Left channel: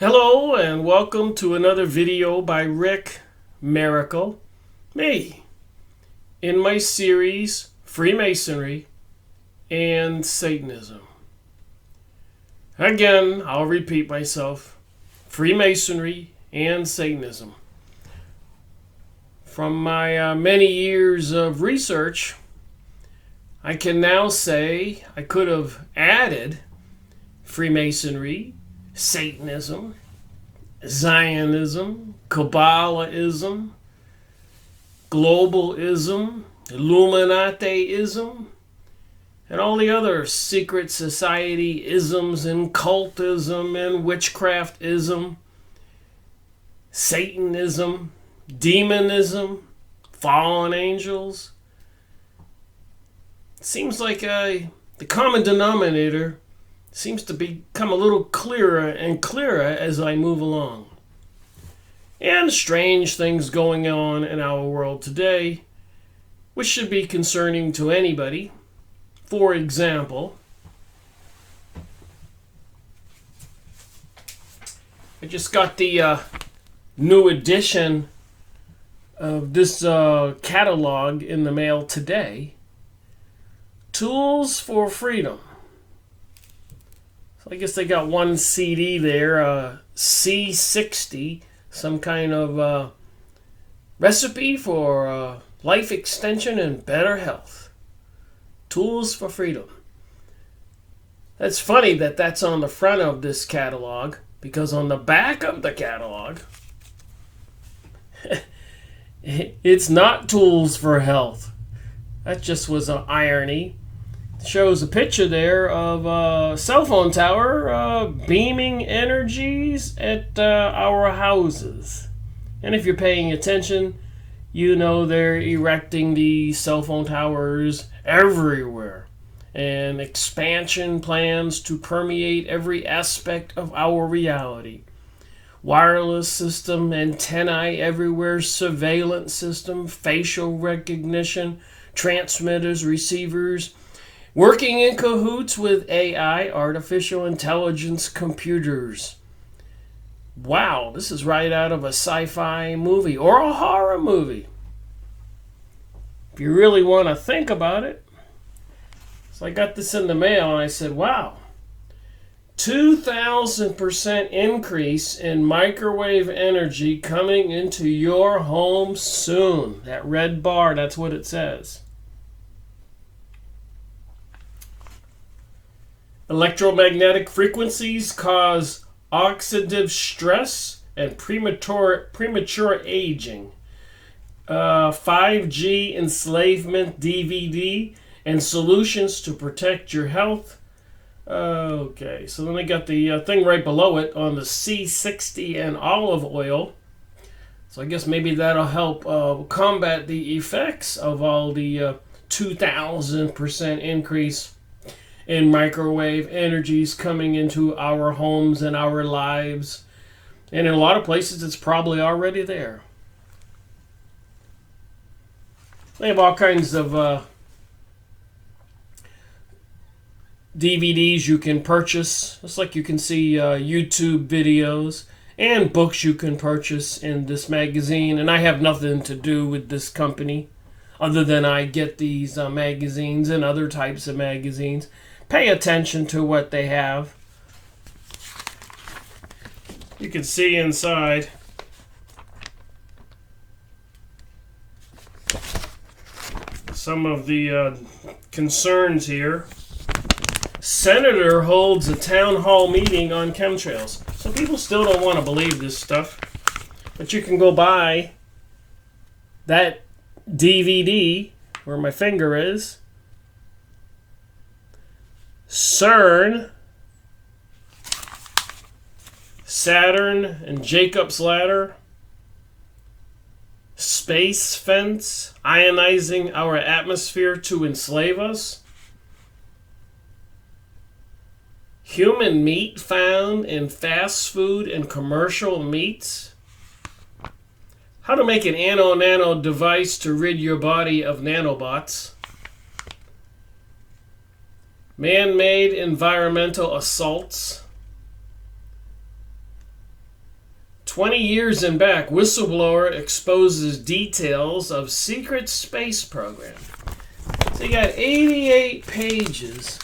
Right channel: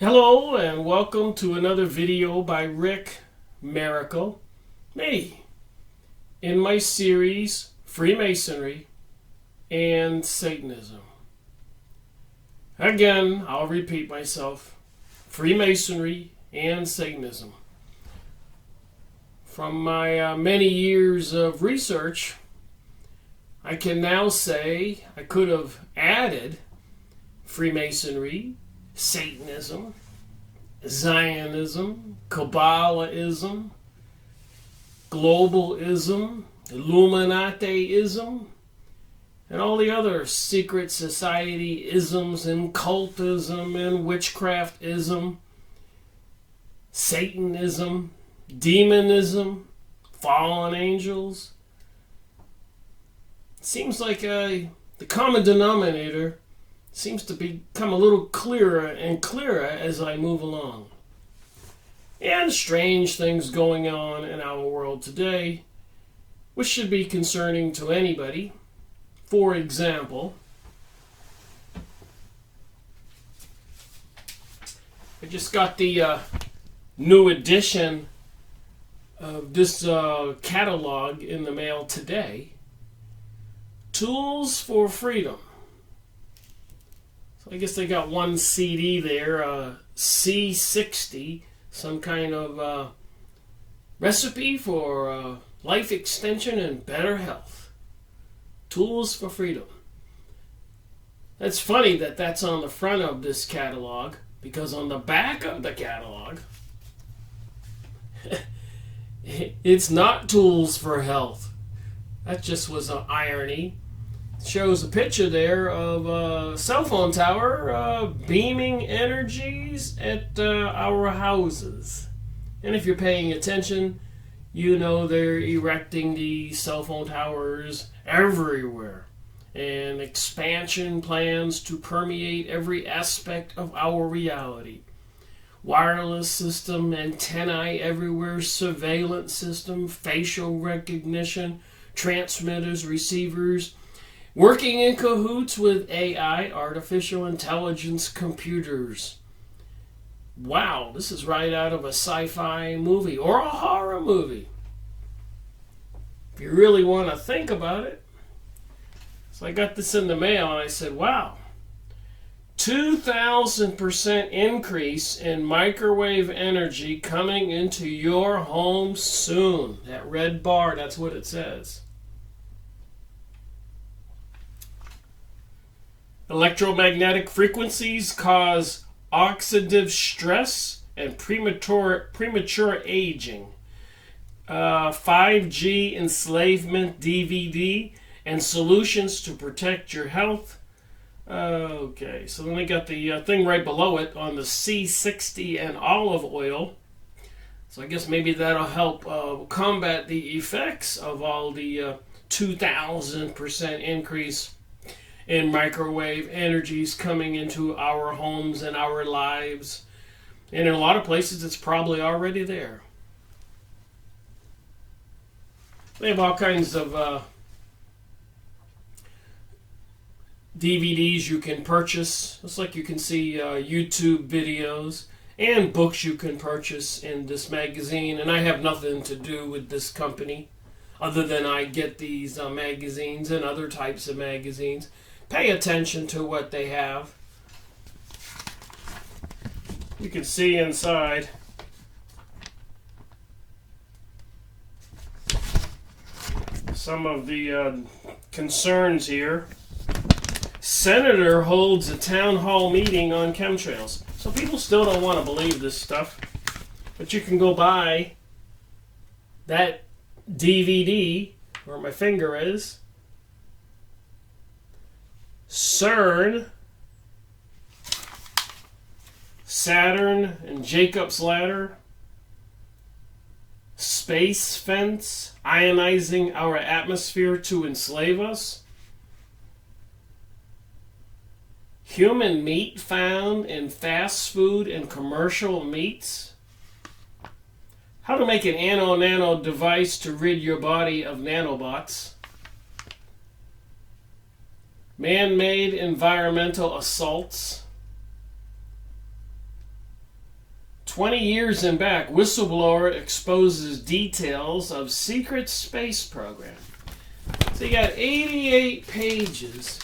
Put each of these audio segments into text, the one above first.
Hello and welcome to another video by Rick Miracle, me, in my series Freemasonry and Satanism. Again, I'll repeat myself, Freemasonry and Satanism. From my many years of research, I can now say I could have added Freemasonry, Satanism, Zionism, Kabbalahism, Globalism, Illuminateism, and all the other secret society isms and cultism and witchcraftism, Satanism, demonism, fallen angels. It seems like the common denominator seems to become a little clearer and clearer as I move along. And strange things going on in our world today, which should be concerning to anybody. For example, I just got the new edition of this catalog in the mail today. Tools for Freedom. I guess they got one CD there, C60, some kind of recipe for life extension and better health. Tools for Freedom. It's funny that that's on the front of this catalog, because on the back of the catalog, it's not Tools for Health. That just was an irony. Shows a picture there of a cell phone tower beaming energies at our houses. And if you're paying attention, you know they're erecting the cell phone towers everywhere. And expansion plans to permeate every aspect of our reality. Wireless system, antennae everywhere, surveillance system, facial recognition, transmitters, receivers, working in cahoots with AI, artificial intelligence computers. Wow, this is right out of a sci-fi movie or a horror movie. If you really want to think about it. So I got this in the mail and I said, wow, 2,000% increase in microwave energy coming into your home soon. That red bar, that's what it says. Electromagnetic frequencies cause oxidative stress and premature aging. 5G enslavement DVD and solutions to protect your health. Okay, so then they got the thing right below it on the C60 and olive oil. So I guess maybe that'll help combat the effects of all the 2,000% increase in microwave energies coming into our homes and our lives. And in a lot of places, it's probably already there. They have all kinds of DVDs you can purchase. It's like you can see YouTube videos and books you can purchase in this magazine. And I have nothing to do with this company other than I get these magazines and other types of magazines. Pay attention to what they have. You can see inside. Some of the concerns here. Senator holds a town hall meeting on chemtrails. So people still don't want to believe this stuff. But you can go buy that DVD where my finger is. CERN, Saturn and Jacob's Ladder, Space Fence, ionizing our atmosphere to enslave us, human meat found in fast food and commercial meats, how to make an nano device to rid your body of nanobots, man-made environmental assaults, 20 years and back, whistleblower exposes details of secret space program. So you got 88 pages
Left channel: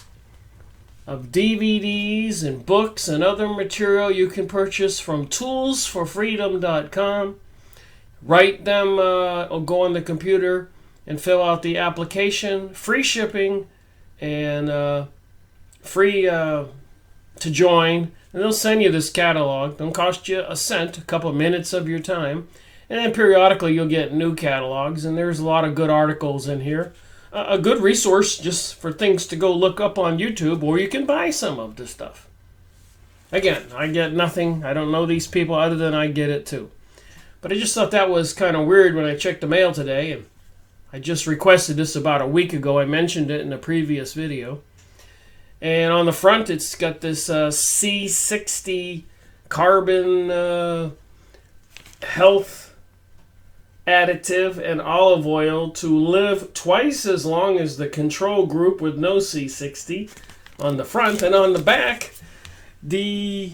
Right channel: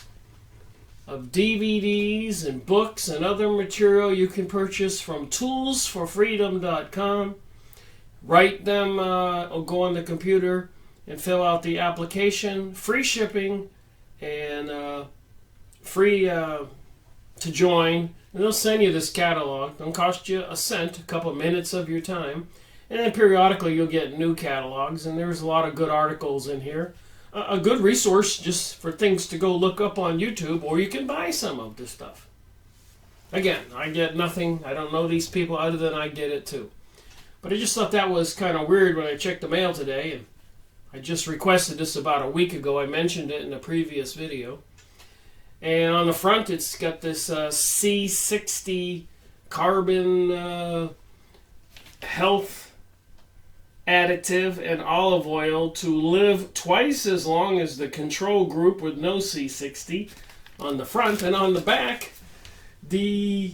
of DVDs and books and other material you can purchase from toolsforfreedom.com. Write them, or go on the computer and fill out the application. Free shipping and free to join. And they'll send you this catalog. Don't cost you a cent, a couple of minutes of your time. And then periodically you'll get new catalogs. And there's a lot of good articles in here. A good resource just for things to go look up on YouTube, or you can buy some of the stuff. Again, I get nothing. I don't know these people other than I get it too. But I just thought that was kind of weird when I checked the mail today. And I just requested this about a week ago. I mentioned it in a previous video. And on the front, it's got this C60 carbon health additive and olive oil to live twice as long as the control group with no C60 on the front. And on the back, the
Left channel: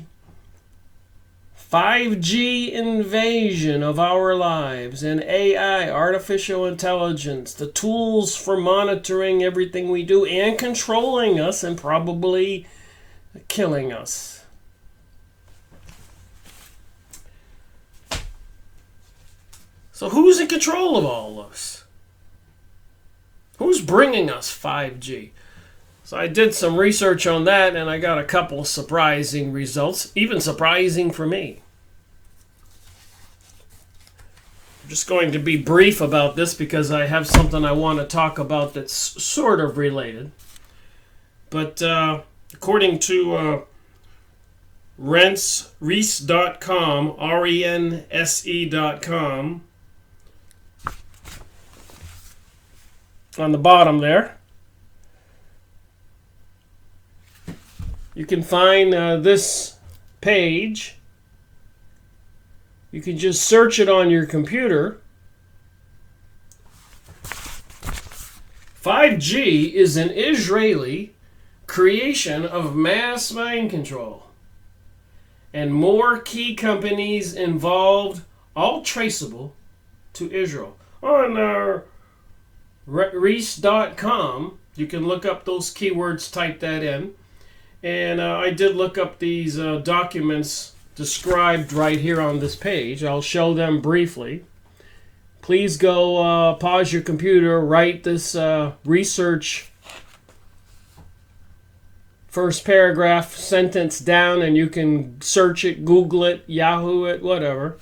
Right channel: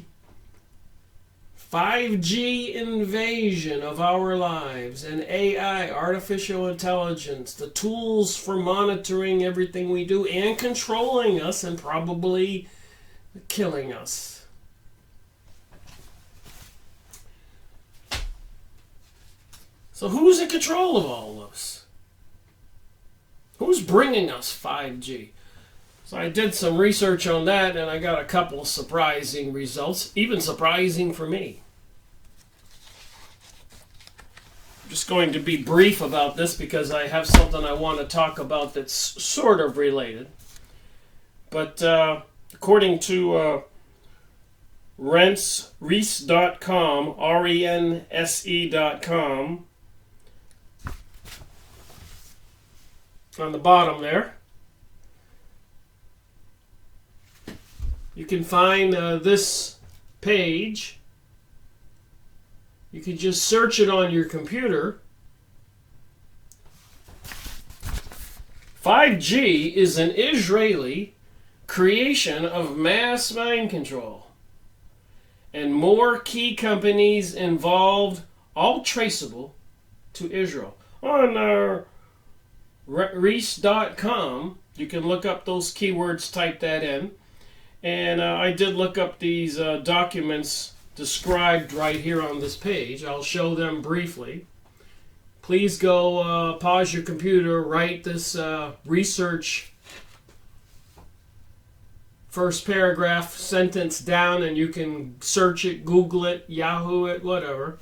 5G invasion of our lives and AI, artificial intelligence, the tools for monitoring everything we do and controlling us and probably killing us. So who's in control of all this? Who's bringing us 5G? So I did some research on that, and I got a couple surprising results, even surprising for me. I'm just going to be brief about this because I have something I want to talk about that's sort of related. But according to Reese.com, RENSE.com, on the bottom there, you can find this page. You can just search it on your computer. 5G is an Israeli creation of mass mind control, and more key companies involved, all traceable to Israel. On Reese.com, you can look up those keywords, type that in. And I did look up these documents described right here on this page. I'll show them briefly. Please go pause your computer, write this research first paragraph sentence down, and you can search it, Google it, Yahoo it, whatever.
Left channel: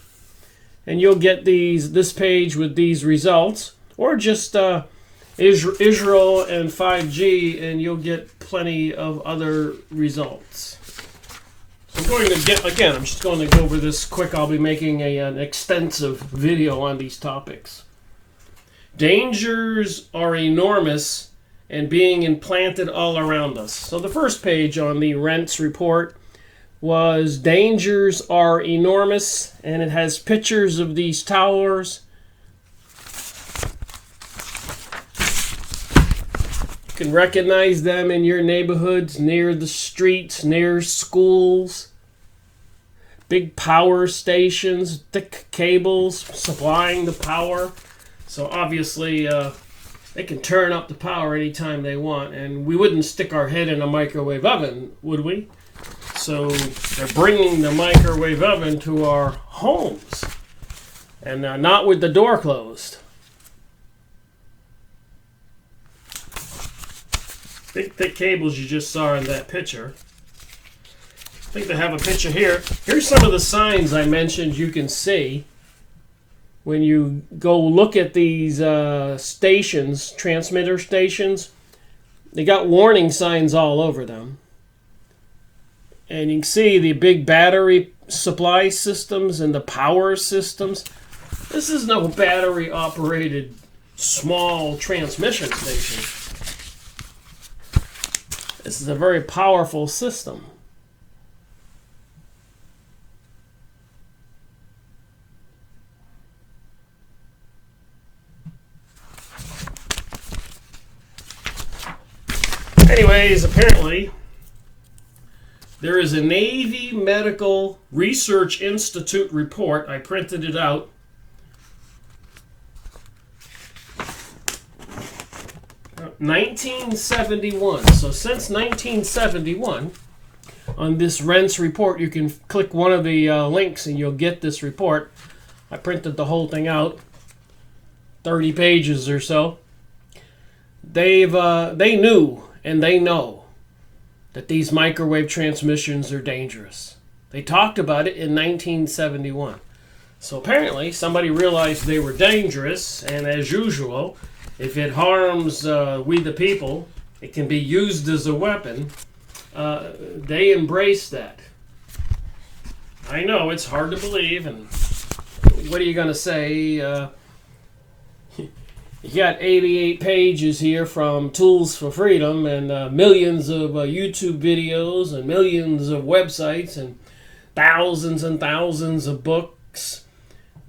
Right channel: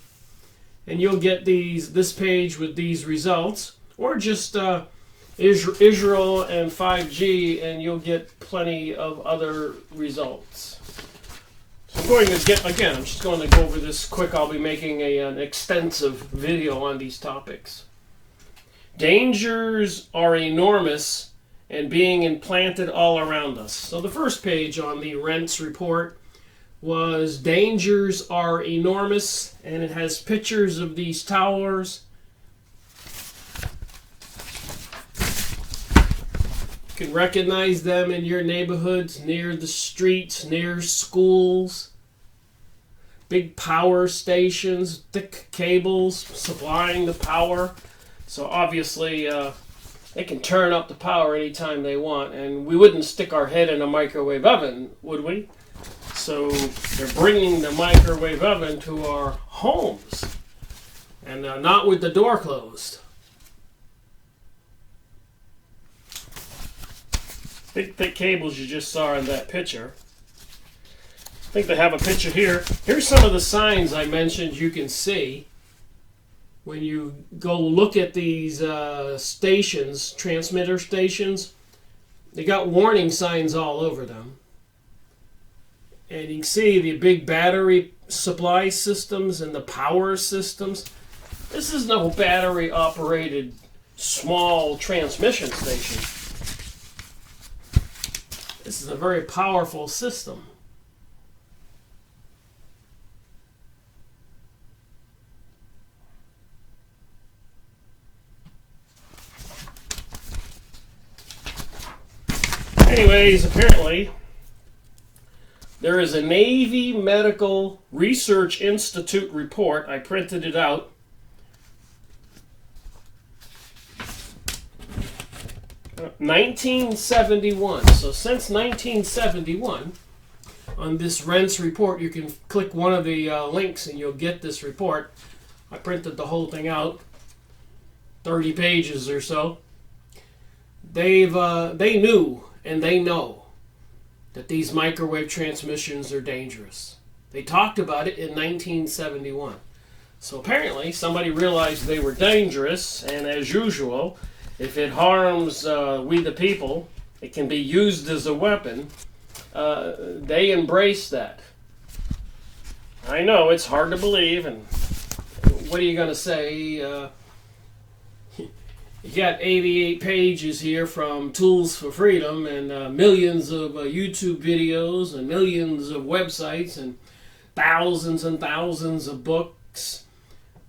And you'll get this page with these results. Or just Israel and 5G, and you'll get plenty of other results. So I'm going to I'm just going to go over this quick. I'll be making an extensive video on these topics. Dangers are enormous and being implanted all around us. So the first page on the Rents report was dangers are enormous, and it has pictures of these towers. You can recognize them in your neighborhoods, near the streets, near schools. Big power stations, thick cables supplying the power. So obviously they can turn up the power anytime they want, and we wouldn't stick our head in a microwave oven, would we? So they're bringing the microwave oven to our homes, and not with the door closed. Big thick cables you just saw in that picture. I think they have a picture here. Here's some of the signs I mentioned you can see when you go look at these stations, transmitter stations. They got warning signs all over them. And you can see the big battery supply systems and the power systems. This is no battery operated small transmission station. This is a very powerful system. Anyways, apparently There is a Navy Medical Research Institute report. I printed it out. (1971). So since 1971, on this Rents report, you can click one of the links and you'll get this report. I printed the whole thing out, 30 pages or so. They knew and they know that these microwave transmissions are dangerous. They talked about it in 1971. So apparently somebody realized they were dangerous, and as usual, if it harms we the people, it can be used as a weapon. They embrace that. I know it's hard to believe, and what are you going to say? You got 88 pages here from Tools for Freedom, and millions of YouTube videos, and millions of websites, and thousands of books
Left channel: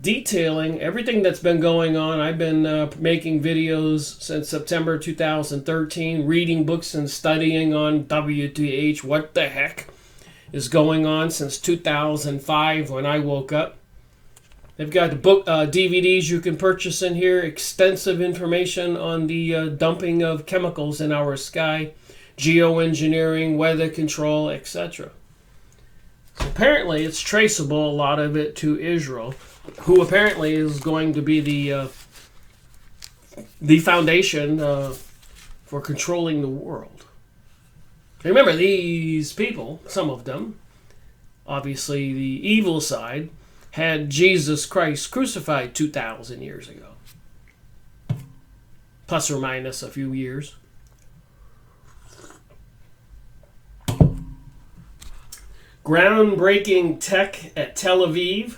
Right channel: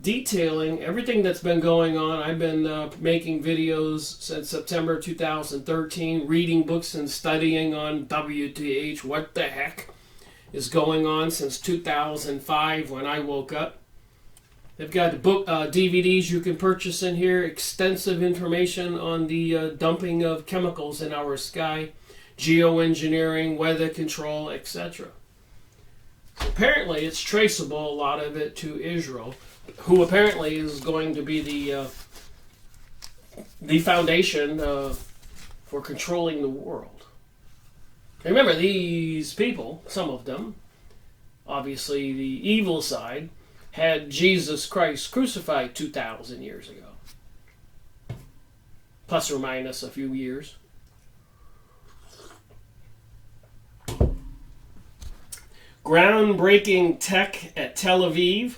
detailing everything that's been going on. I've been making videos since September 2013, reading books and studying on WTH, what the heck is going on, since 2005 when I woke up. They've got the book DVDs you can purchase in here, extensive information on the dumping of chemicals in our sky, geoengineering, weather control, etc. Apparently it's traceable, a lot of it, to Israel, who apparently is going to be the foundation for controlling the world. Remember, these people, some of them, obviously the evil side, had Jesus Christ crucified 2,000 years ago. Plus or minus a few years. Groundbreaking tech at Tel Aviv.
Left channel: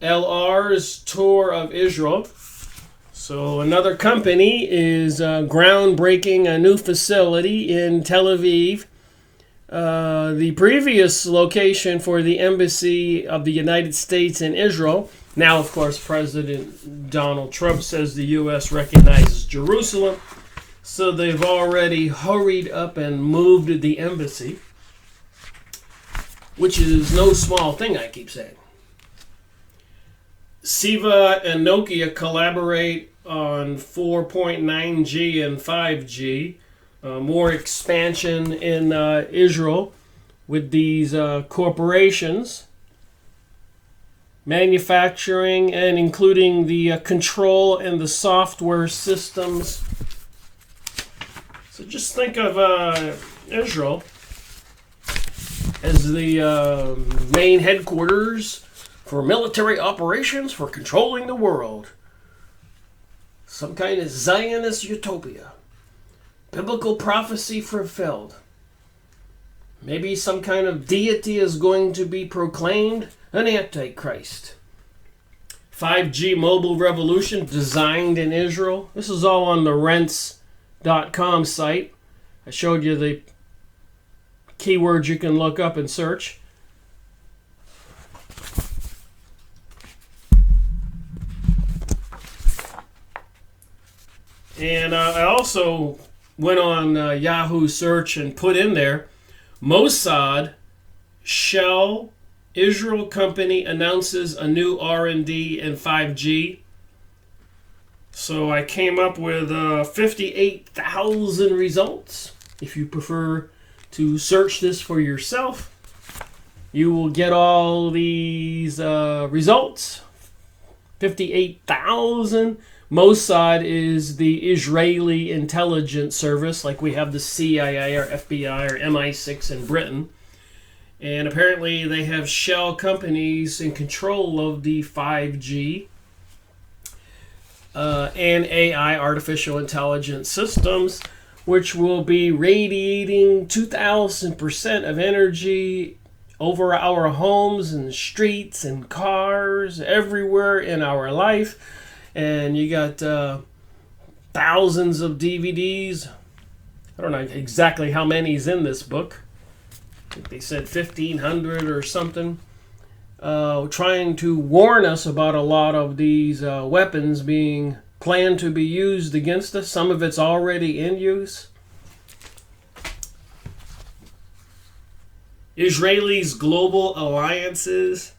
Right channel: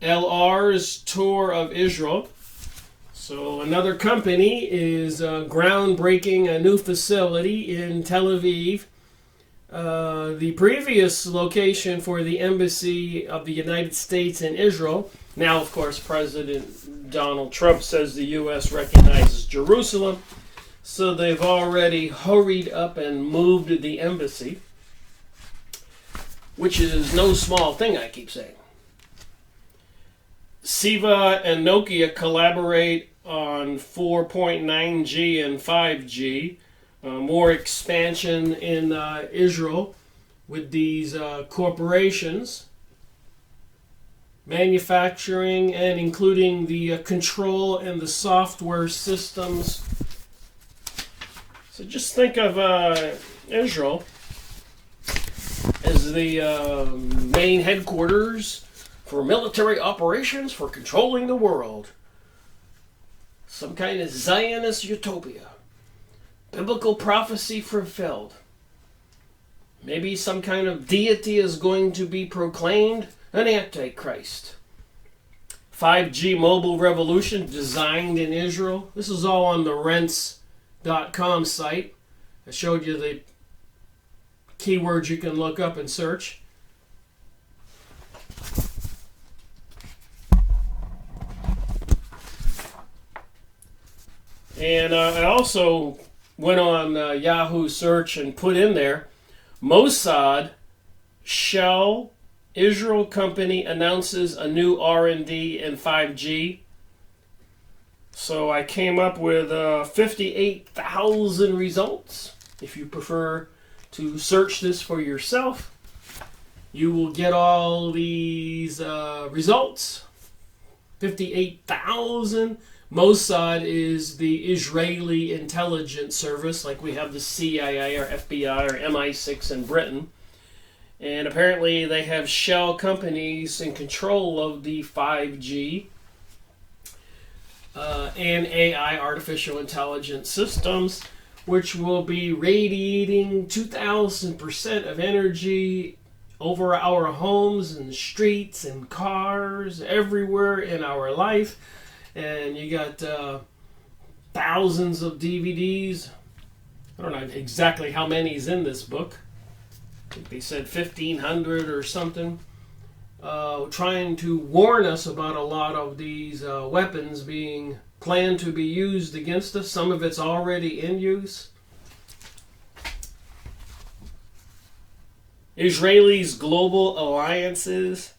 LR's tour of Israel. So another company is groundbreaking a new facility in Tel Aviv. The previous location for the Embassy of the United States in Israel. Now, of course, President Donald Trump says the U.S. recognizes Jerusalem. So they've already hurried up and moved the embassy, which is no small thing, I keep saying. Siva and Nokia collaborate on 4.9G and 5G. More expansion in Israel with these corporations. Manufacturing and including the control and the software systems. So just think of Israel as the main headquarters for military operations for controlling the world. Some kind of Zionist utopia. Biblical prophecy fulfilled. Maybe some kind of deity is going to be proclaimed, an antichrist. 5G mobile revolution designed in Israel. This is all on the rents.com site. I showed you the keywords you can look up and search. And I also went on Yahoo search and put in there, Mossad Shell Israel company announces a new R&D in 5G. So I came up with 58,000 results. If you prefer to search this for yourself, you will get all these results. 58,000. Mossad is the Israeli intelligence service, like we have the CIA or FBI or MI6 in Britain. And apparently they have shell companies in control of the 5G and AI, artificial intelligence systems, which will be radiating 2,000% of energy over our homes and streets and cars, everywhere in our life. And you got thousands of DVDs. I don't know exactly how many is in this book. I think they said 1,500 or something. Trying to warn us about a lot of these weapons being planned to be used against us. Some of it's already in use. Israelis' global alliances.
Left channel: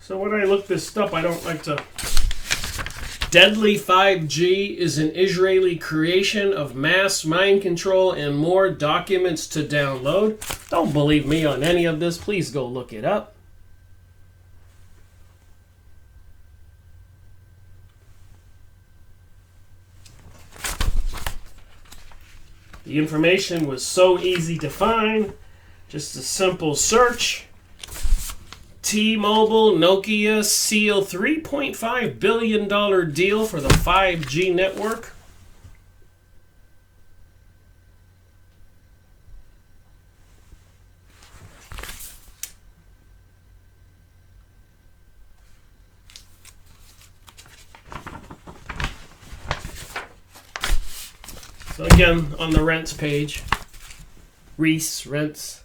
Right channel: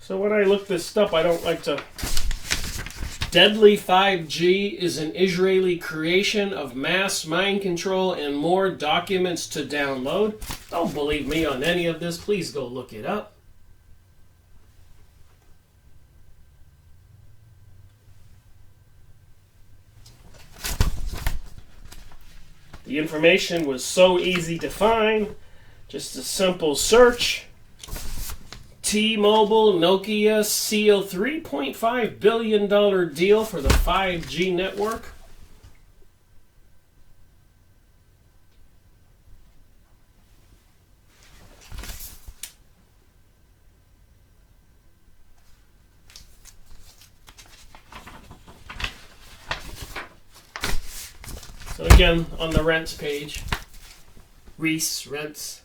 So when I look this up, I don't like to... Deadly 5G is an Israeli creation of mass mind control and more documents to download. Don't believe me on any of this. Please go look it up. The information was so easy to find. Just a simple search. T-Mobile, Nokia seal $3.5 billion deal for the 5G network. So again, on the rents page, Reese Rents.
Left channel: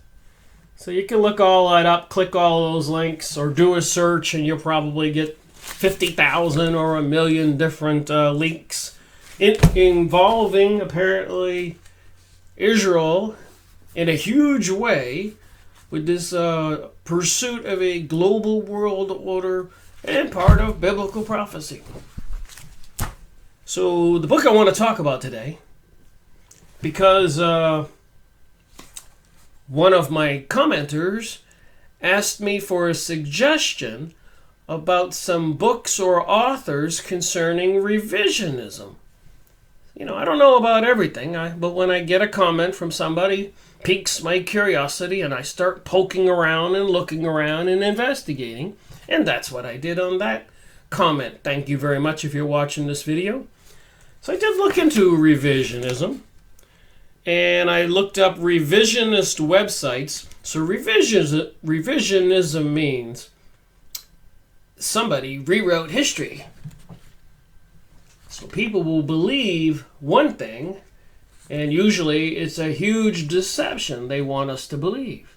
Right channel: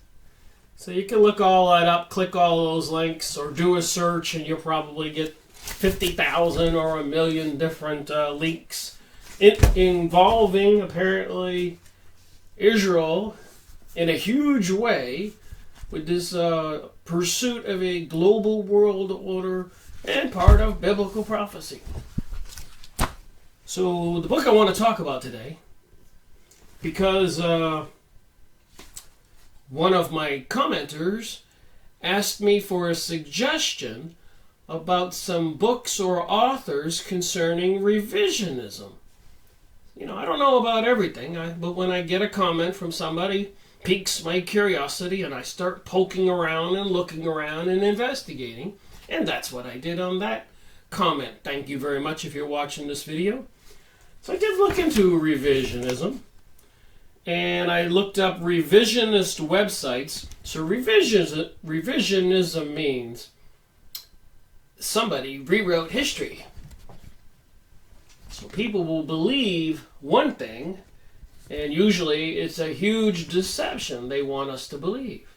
So you can look all that up, click all those links, or do a search, and you'll probably get 50,000 or 1,000,000 different links involving, apparently, Israel in a huge way with this pursuit of a global world order and part of biblical prophecy. So the book I want to talk about today, because one of my commenters asked me for a suggestion about some books or authors concerning revisionism. You know, I don't know about everything, but when I get a comment from somebody, piques my curiosity, and I start poking around and looking around and investigating. And that's what I did on that comment. Thank you very much if you're watching this video. So I did look into revisionism. And I looked up revisionist websites. So revisionism means somebody rewrote history. So people will believe one thing, and usually it's a huge deception they want us to believe.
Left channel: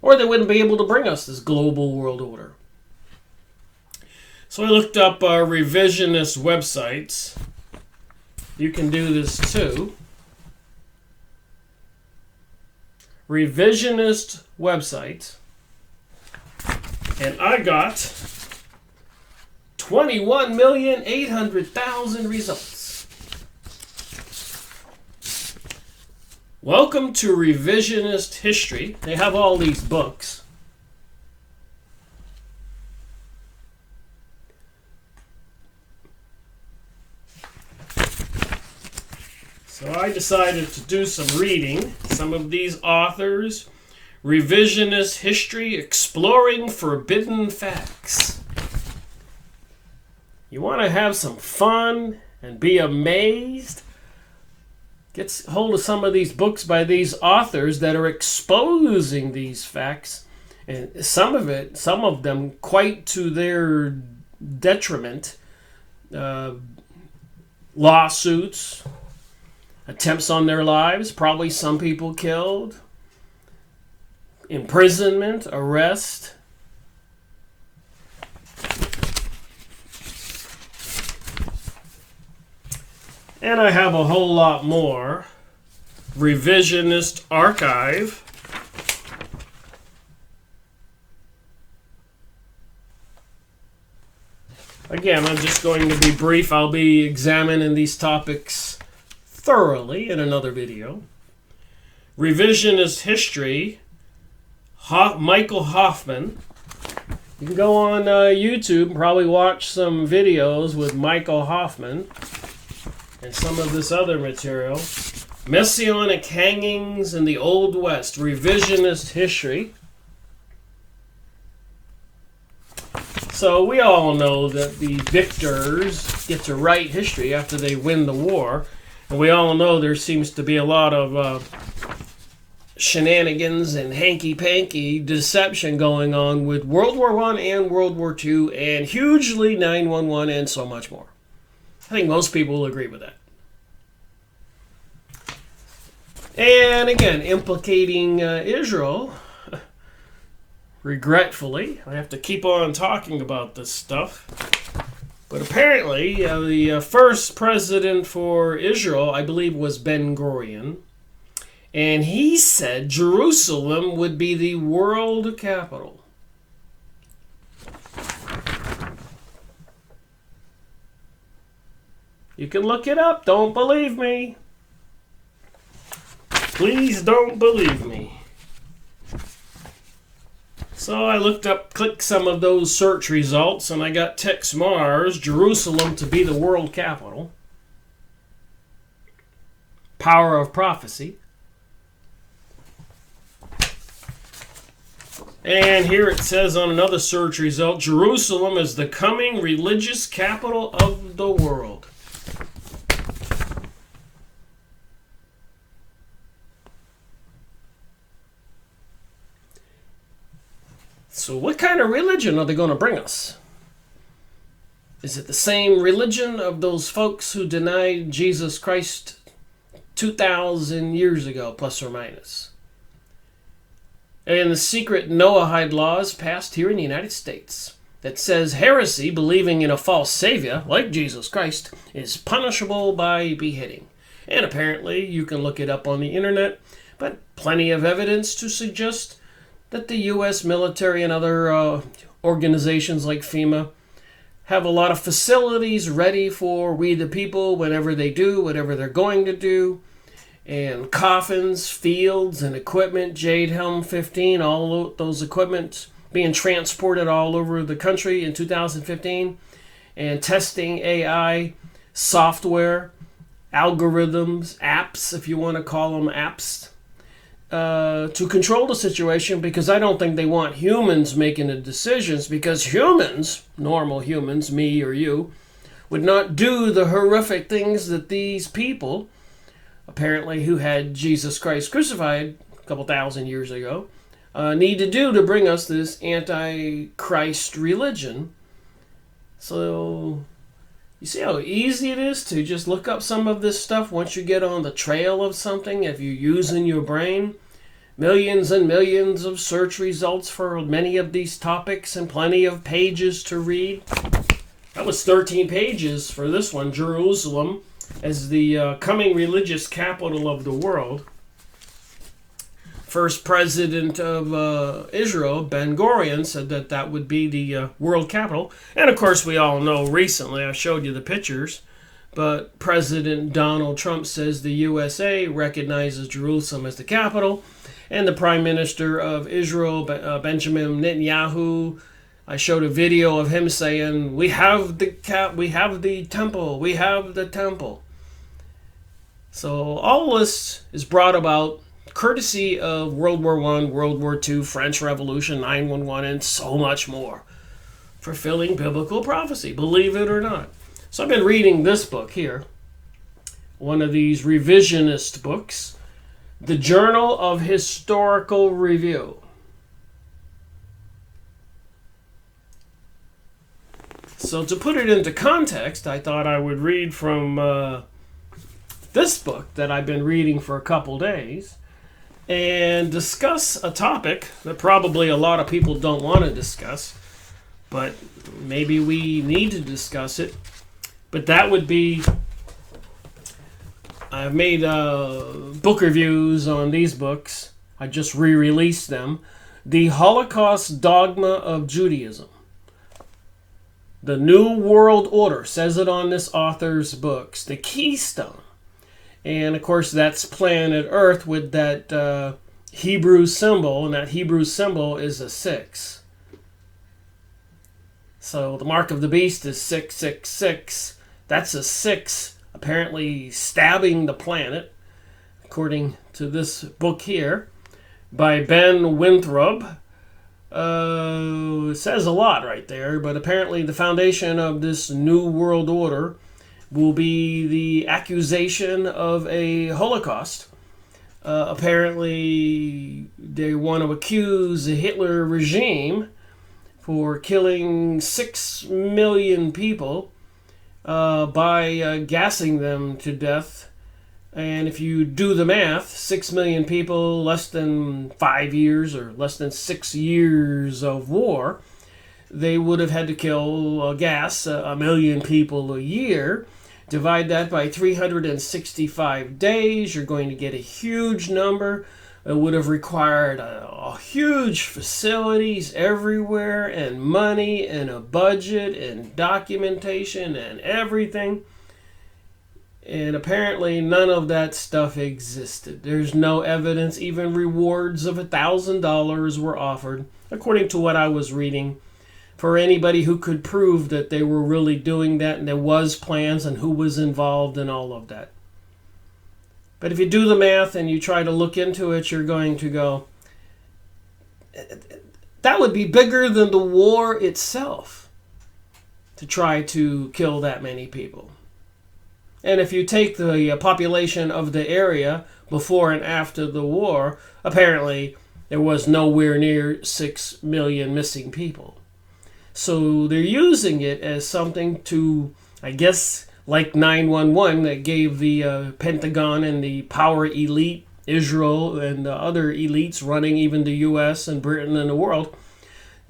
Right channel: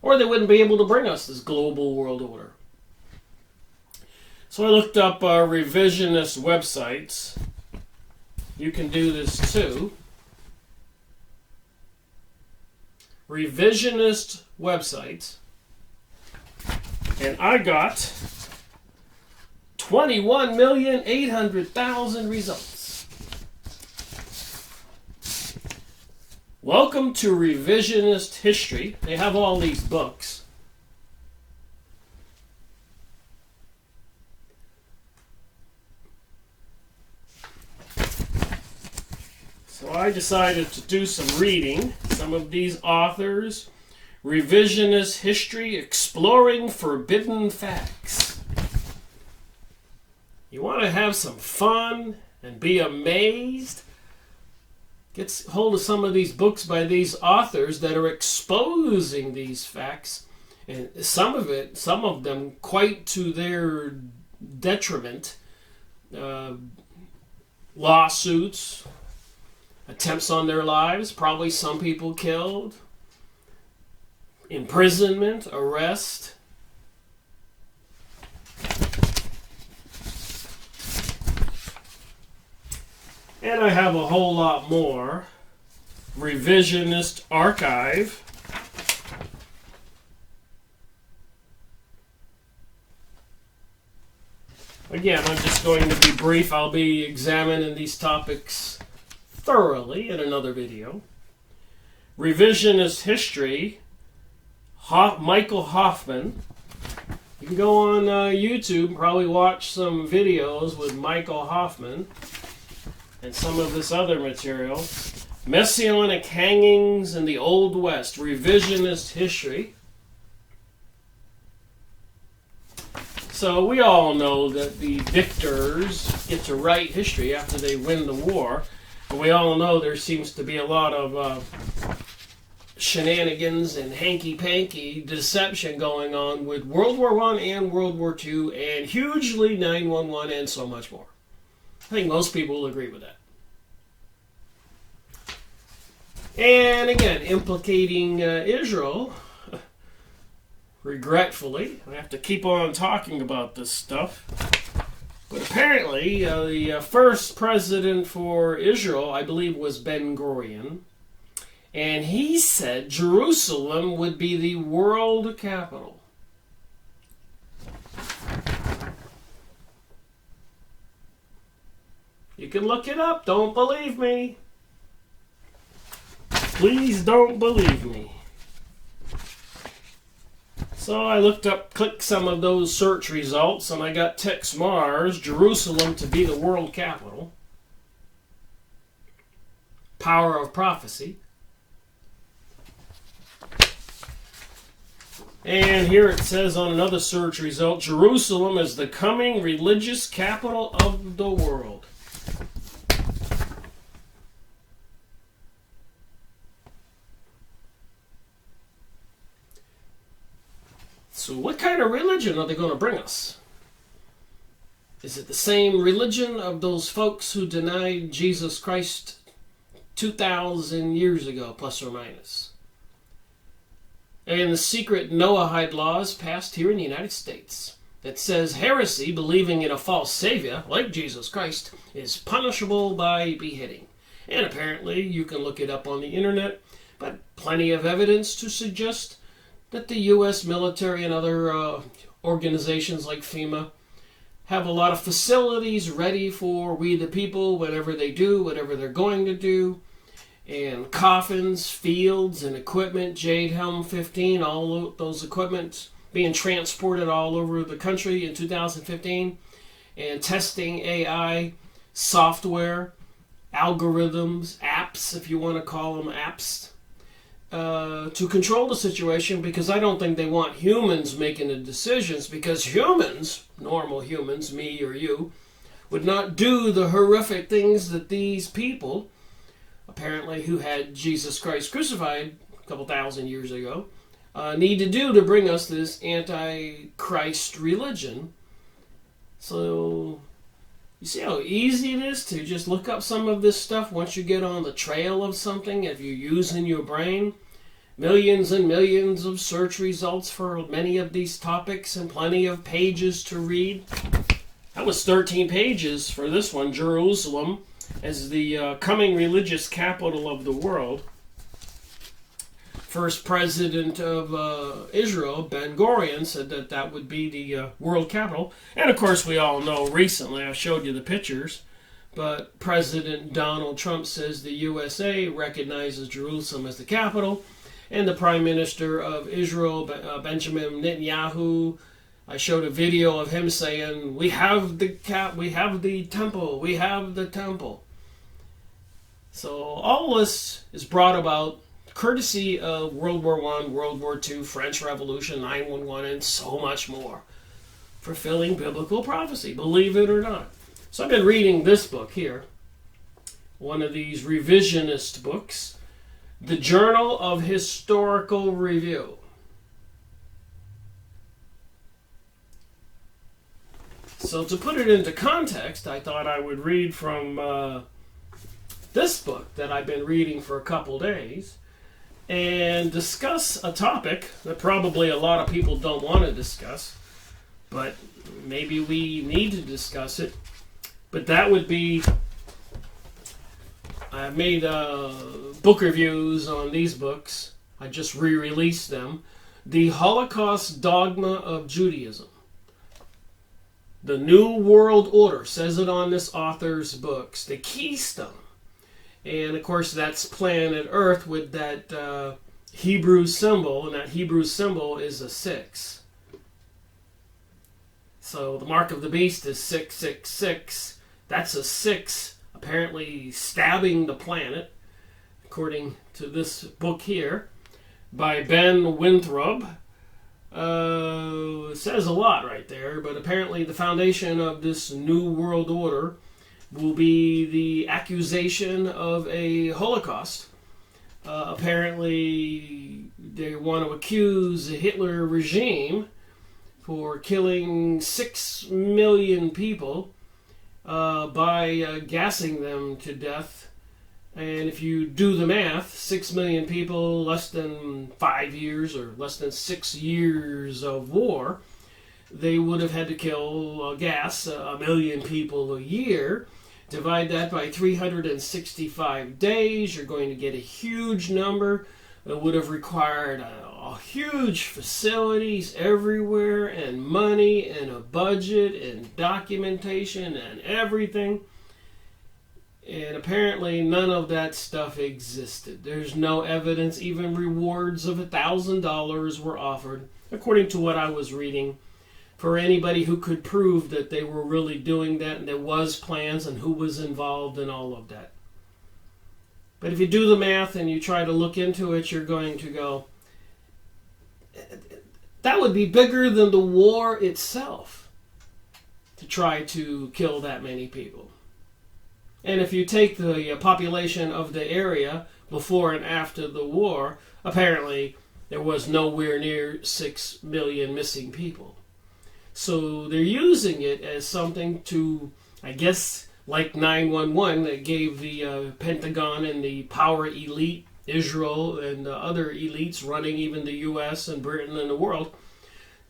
Or they wouldn't be able to bring us this global world order. So I looked up revisionist websites. You can do this too. Revisionist websites, and I got 21,800,000 results. Welcome to Revisionist History. They have all these books. So I decided to do some reading. Some of these authors. Revisionist History, Exploring Forbidden Facts. You want to have some fun and be amazed? Get hold of some of these books by these authors that are exposing these facts. And some of them quite to their detriment. Lawsuits. Attempts on their lives, probably some people killed, imprisonment, arrest. And I have a whole lot more. Revisionist Archive. Again, I'm just going to be brief. I'll be examining these topics thoroughly in another video. Revisionist History, Michael Hoffman. You can go on YouTube and probably watch some videos with Michael Hoffman and some of this other material. Messianic Hangings in the Old West, Revisionist History. So we all know that the victors get to write history after they win the war. And we all know there seems to be a lot of shenanigans and hanky-panky deception going on with World War I and World War II and hugely 9/11 and so much more. I think most people will agree with that. And again, implicating Israel, regretfully. I have to keep on talking about this stuff. But apparently, the first president for Israel, I believe, was Ben-Gurion. And he said Jerusalem would be the world capital. You can look it up. Don't believe me. Please don't believe me. So I clicked some of those search results, and I got Tex Mars, Jerusalem to be the world capital. Power of prophecy. And here it says on another search result, Jerusalem is the coming religious capital of the world. So what kind of religion are they going to bring us? Is it the same religion of those folks who denied Jesus Christ 2,000 years ago, plus or minus? And the secret Noahide laws passed here in the United States that says heresy, believing in a false savior, like Jesus Christ, is punishable by beheading. And apparently, you can look it up on the internet, but plenty of evidence to suggest that the U.S. military and other organizations like FEMA have a lot of facilities ready for we the people, whatever they do, whatever they're going to do. And coffins, fields, and equipment, Jade Helm 15, all those equipment being transported all over the country in 2015. And testing AI, software, algorithms, apps, if you want to call them apps, to control the situation, because I don't think they want humans making the decisions, because humans, normal humans, me or you, would not do the horrific things that these people, apparently who had Jesus Christ crucified a couple thousand years ago, need to do to bring us this anti-Christ religion. So you see how easy it is to just look up some of this stuff once you get on the trail of something, if you're using your brain. Millions and millions of search results for many of these topics and plenty of pages to read. That was 13 pages for this one, Jerusalem as the coming religious capital of the world. First president of Israel, Ben-Gurion, said that that would be the world capital. And of course, we all know recently, I showed you the pictures, but President Donald Trump says the USA recognizes Jerusalem as the capital. And the Prime Minister of Israel, Benjamin Netanyahu, I showed a video of him saying, we have the temple, we have the temple. So all this is brought about courtesy of World War I, World War II, French Revolution, 9/11, and so much more. Fulfilling biblical prophecy, believe it or not. So I've been reading this book here, one of these revisionist books, The Journal of Historical Review. So to put it into context, I thought I would read from this book that I've been reading for a couple days and discuss a topic that probably a lot of people don't want to discuss, but maybe we need to discuss it. But that would be, I've made book reviews on these books. I just re-released them. The Holocaust Dogma of Judaism. The New World Order, says it on this author's books. The Keystone. And of course that's planet Earth with that Hebrew symbol, and that Hebrew symbol is a 6. So the mark of the beast is 666. That's a 6 apparently stabbing the planet, according to this book here, by Ben Winthrop. It says a lot right there, but apparently the foundation of this New World Order will be the accusation of a Holocaust. Apparently they want to accuse the Hitler regime for killing 6 million people by gassing them to death. And if you do the math, 6 million people, less than 5 years or less than 6 years of war, they would have had to kill gas 1 million people a year. Divide that by 365 days, you're going to get a huge number. It would have required huge facilities everywhere, and money, and a budget, and documentation, and everything. And apparently none of that stuff existed. There's no evidence. Even rewards of $1,000 were offered, according to what I was reading, for anybody who could prove that they were really doing that and there was plans and who was involved and all of that. But if you do the math and you try to look into it, you're going to go, that would be bigger than the war itself to try to kill that many people. And if you take the population of the area before and after the war, apparently there was nowhere near 6 million missing people. So they're using it as something to, I guess, like 9/11 that gave the Pentagon and the power elite, Israel and other elites running even the U.S. and Britain and the world,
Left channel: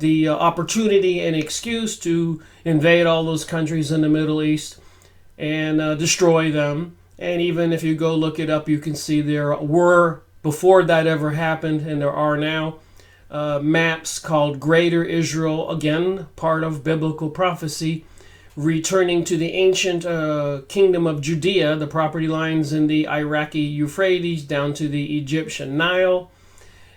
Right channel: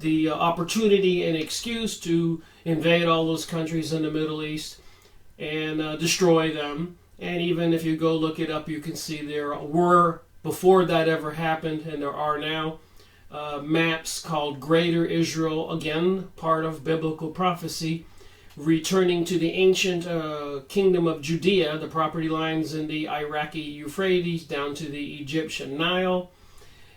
the opportunity and excuse to invade all those countries in the Middle East and destroy them. And even if you go look it up, you can see there were, before that ever happened, and there are now, maps called Greater Israel, again, part of biblical prophecy, returning to the ancient kingdom of Judea, the property lines in the Iraqi Euphrates down to the Egyptian Nile.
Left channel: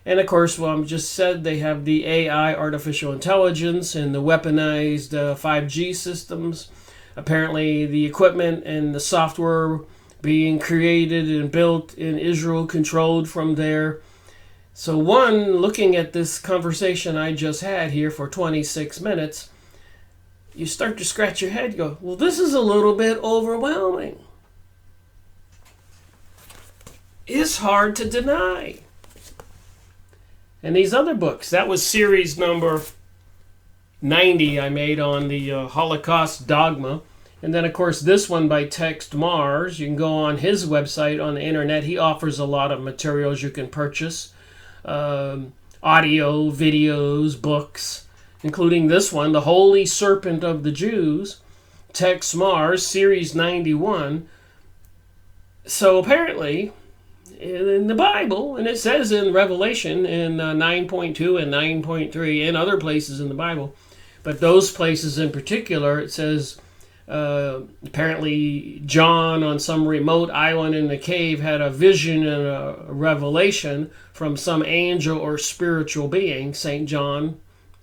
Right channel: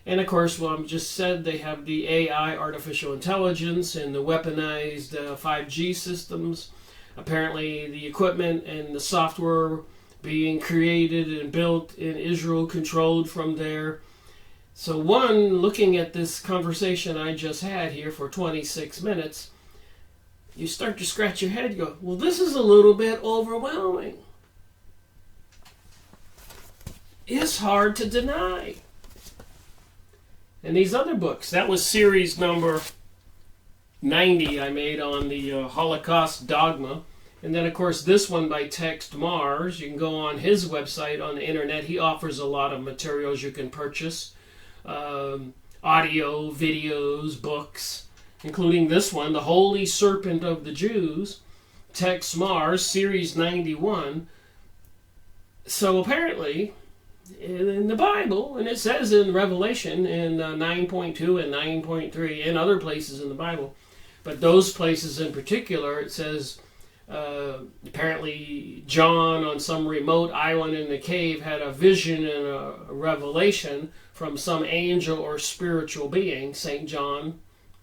And of course, well, I just said they have the AI, artificial intelligence, and the weaponized 5G systems. Apparently the equipment and the software being created and built in Israel, controlled from there. So one, looking at this conversation I just had here for 26 minutes, you start to scratch your head and go, well, this is a little bit overwhelming. It's hard to deny. And these other books, that was series number 90 I made on the Holocaust dogma. And then, of course, this one by Text Mars. You can go on his website on the internet. He offers a lot of materials you can purchase. Audio, videos, books, including this one, The Holy Serpent of the Jews, Text Mars, Series 91. So apparently, in the Bible, and it says in Revelation in 9.2 and 9.3 and other places in the Bible, but those places in particular, it says apparently John on some remote island in the cave had a vision and a revelation from some angel or spiritual being, St. John,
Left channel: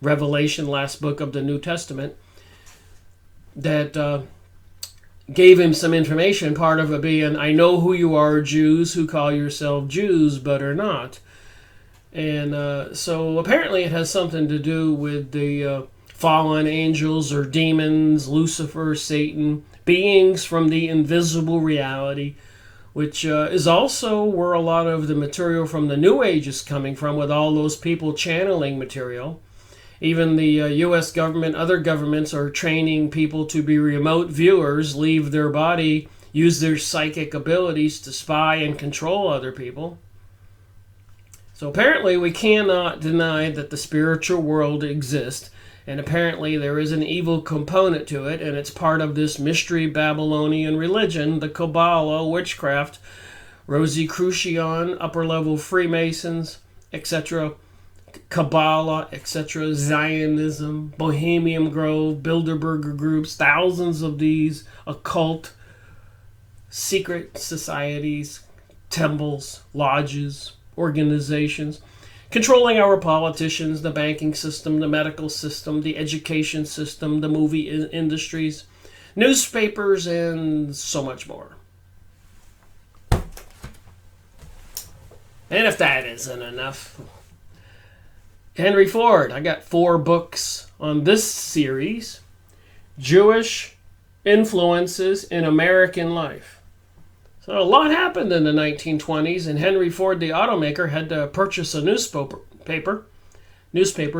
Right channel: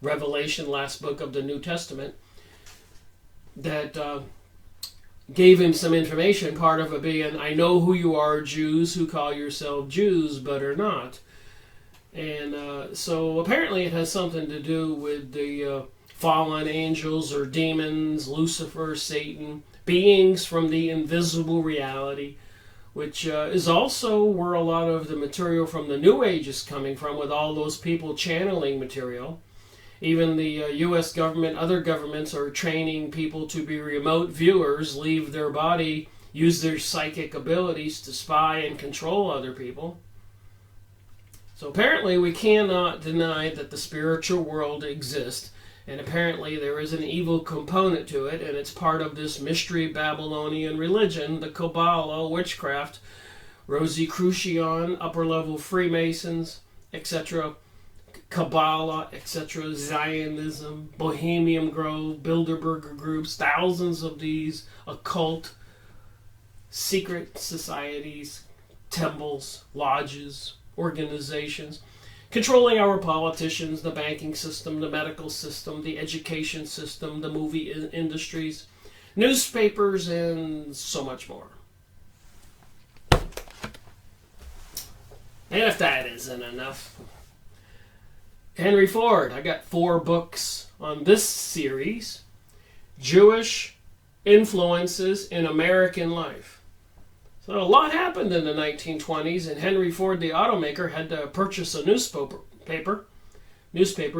Revelation, last book of the New Testament, that gave him some information, part of it being, I know who you are, Jews who call yourselves Jews but are not. And so apparently it has something to do with the fallen angels or demons, Lucifer, Satan, beings from the invisible reality, which is also where a lot of the material from the New Age is coming from, with all those people channeling material. Even the U.S. government, other governments are training people to be remote viewers, leave their body, use their psychic abilities to spy and control other people. So apparently we cannot deny that the spiritual world exists, and apparently there is an evil component to it, and it's part of this mystery Babylonian religion, the Kabbalah, witchcraft, Rosicrucian, upper-level Freemasons, etc., Kabbalah, etc., Zionism, Bohemian Grove, Bilderberger groups, thousands of these occult secret societies, temples, lodges, organizations, controlling our politicians, the banking system, the medical system, the education system, the movie industries, newspapers, and so much more. And if that isn't enough, Henry Ford, I got 4 books on this series, Jewish Influences in American Life. So a lot happened in the 1920s, and Henry Ford, the automaker, had to purchase a newspaper,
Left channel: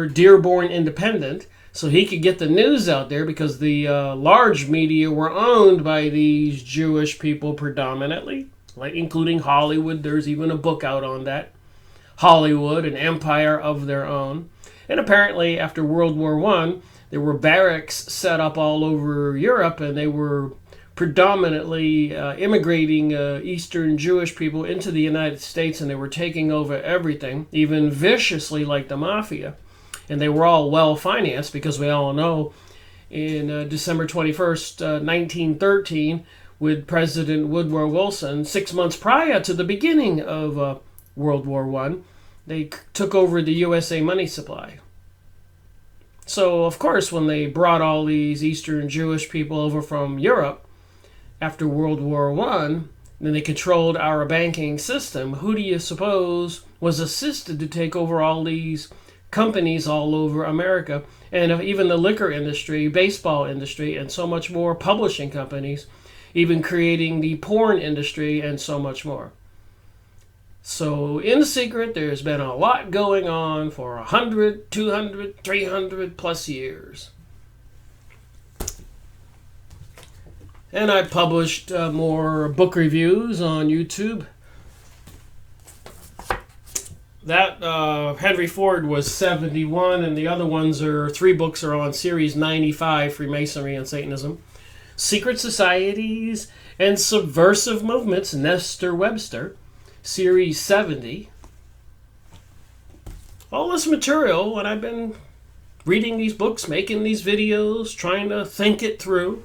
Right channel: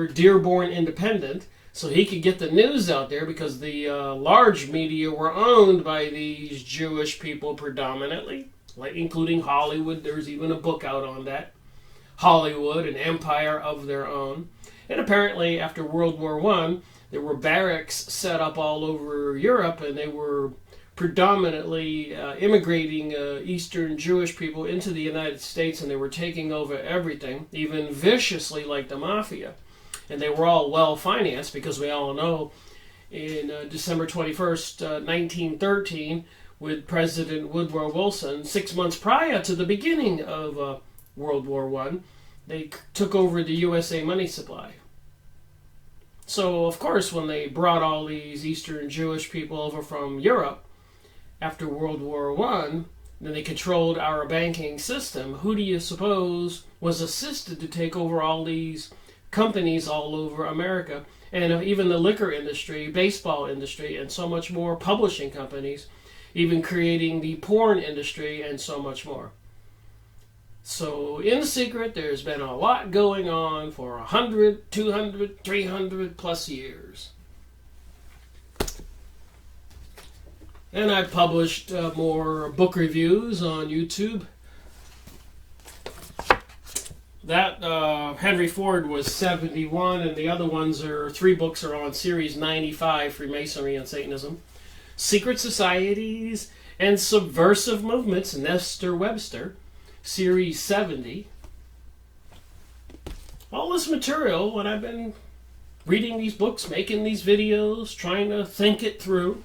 Dearborn Independent, so he could get the news out there, because the large media were owned by these Jewish people predominantly, like including Hollywood. There's even a book out on that. Hollywood, an empire of their own. And apparently after World War I, There were barracks set up all over Europe, and they were predominantly immigrating Eastern Jewish people into the United States, and they were taking over everything, even viciously like the mafia. And they were all well financed, because we all know in December 21st, 1913, with President Woodrow Wilson, 6 months prior to the beginning of World War I, they took over the USA money supply. So, of course, when they brought all these Eastern Jewish people over from Europe after World War I, then they controlled our banking system. Who do you suppose was assisted to take over all these companies all over America? And even the liquor industry, baseball industry, and so much more, publishing companies, even creating the porn industry, and so much more. So, in secret, there's been a lot going on for 100, 200, 300 plus years. And I published more book reviews on YouTube. That Henry Ford was 71, and the other ones are 3 books are on Series 95, Freemasonry and Satanism. Secret Societies and Subversive Movements, Nestor Webster, Series 70. All this material, when I've been reading these books, making these videos, trying to think it through,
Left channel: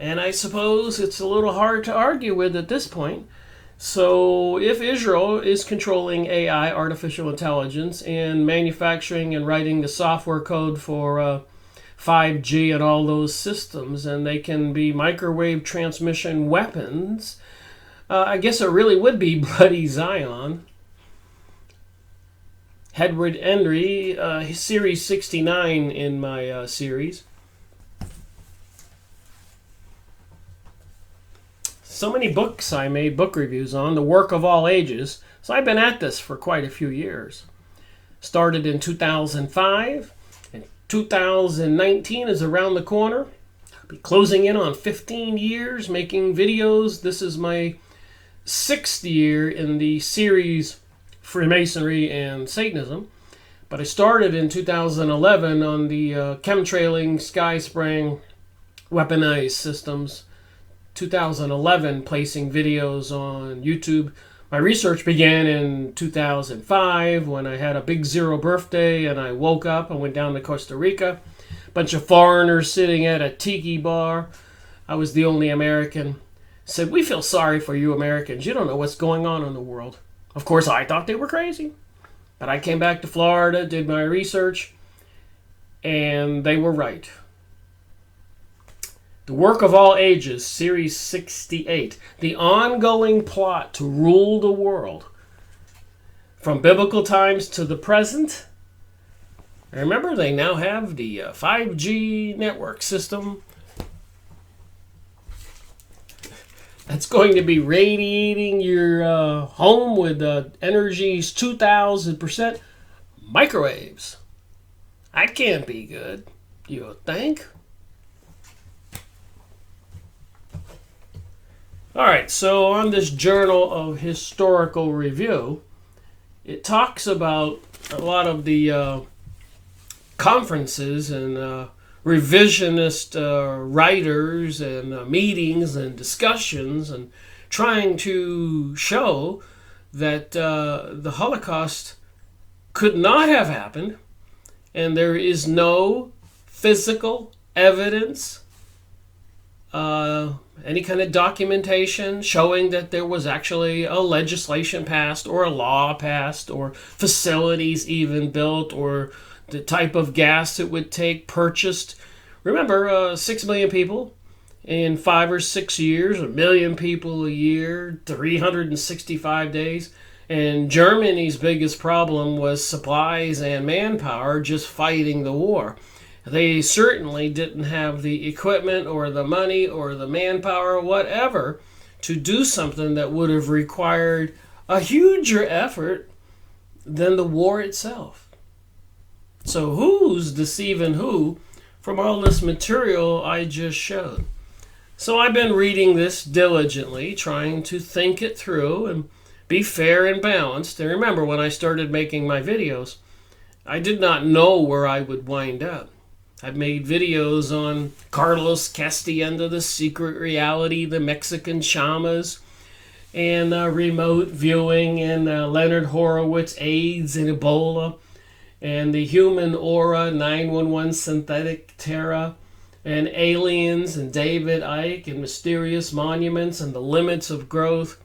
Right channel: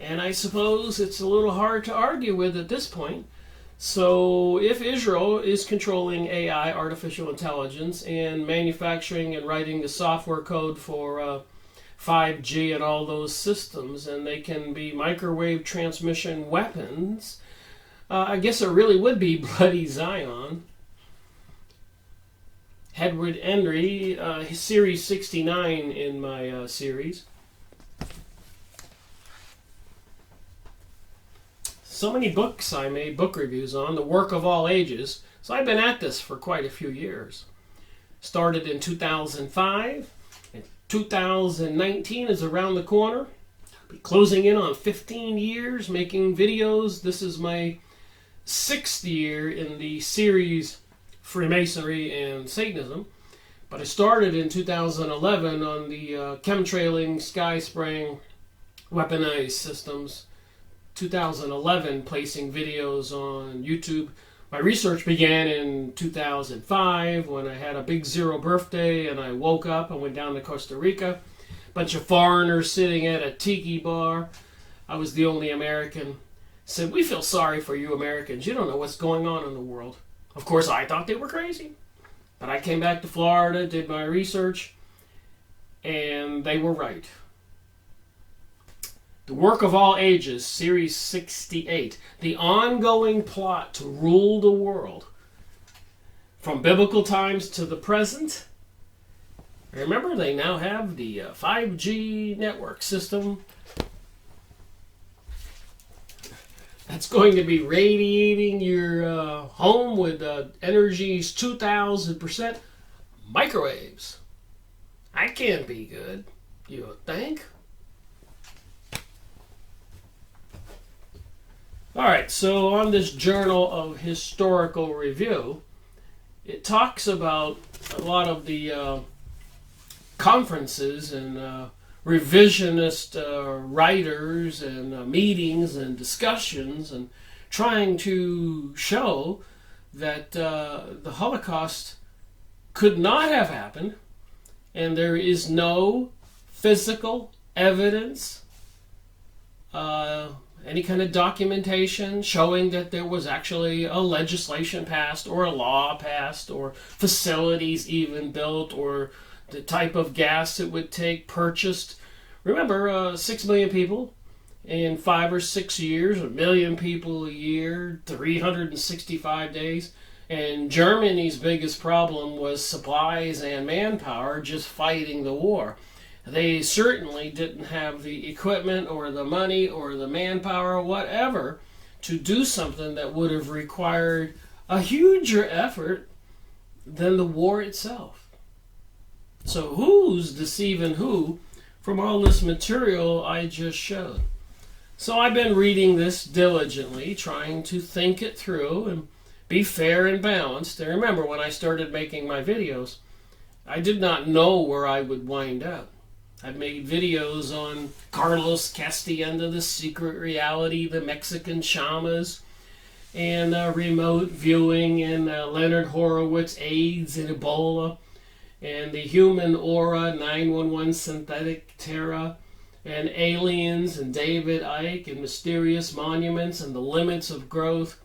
and I suppose it's a little hard to argue with at this point. So if Israel is controlling AI, artificial intelligence, and manufacturing and writing the software code for 5G and all those systems, and they can be microwave transmission weapons, I guess it really would be Bloody Zion. Edward Henry, Series 69 in my series. So many books I made book reviews on, the work of all ages. So I've been at this for quite a few years. Started in 2005, and 2019 is around the corner. I'll be closing in on 15 years making videos. This is my 6th year in the series Freemasonry and Satanism. But I started in 2011 on the chemtrailing, sky spraying, weaponized systems. 2011, placing videos on YouTube. My research began in 2005 when I had a big 0 birthday, and I woke up and went down to Costa Rica. Bunch of foreigners sitting at a tiki bar. I was the only American. Said, "We feel sorry for you Americans. You don't know what's going on in the world." Of course, I thought they were crazy. But I came back to Florida, did my research, and they were right. The Work of All Ages, Series 68. The ongoing plot to rule the world. From biblical times to the present. Remember, they now have the 5G network system. That's going to be radiating your home with energies 2,000%. Microwaves. That can't be good, you would think. Alright, so on this Journal of Historical Review, it talks about a lot of the conferences and revisionist writers and meetings and discussions, and trying to show that the Holocaust could not have happened, and there is no physical evidence, any kind of documentation showing that there was actually a legislation passed or a law passed or facilities even built or the type of gas it would take purchased. Remember, 6 million people in 5 or 6 years, 1 million people a year, 365 days. And Germany's biggest problem was supplies and manpower, just fighting the war. They certainly didn't have the equipment or the money or the manpower or whatever to do something that would have required a huger effort than the war itself. So who's deceiving who from all this material I just showed? So I've been reading this diligently, trying to think it through and be fair and balanced. And remember, when I started making my videos, I did not know where I would wind up. I've made videos on Carlos Castienda, the secret reality, the Mexican shamas, and remote viewing, and Leonard Horowitz, AIDS and Ebola, and the human aura, 911 synthetic terror, and aliens, and David Icke, and mysterious monuments, and the limits of growth.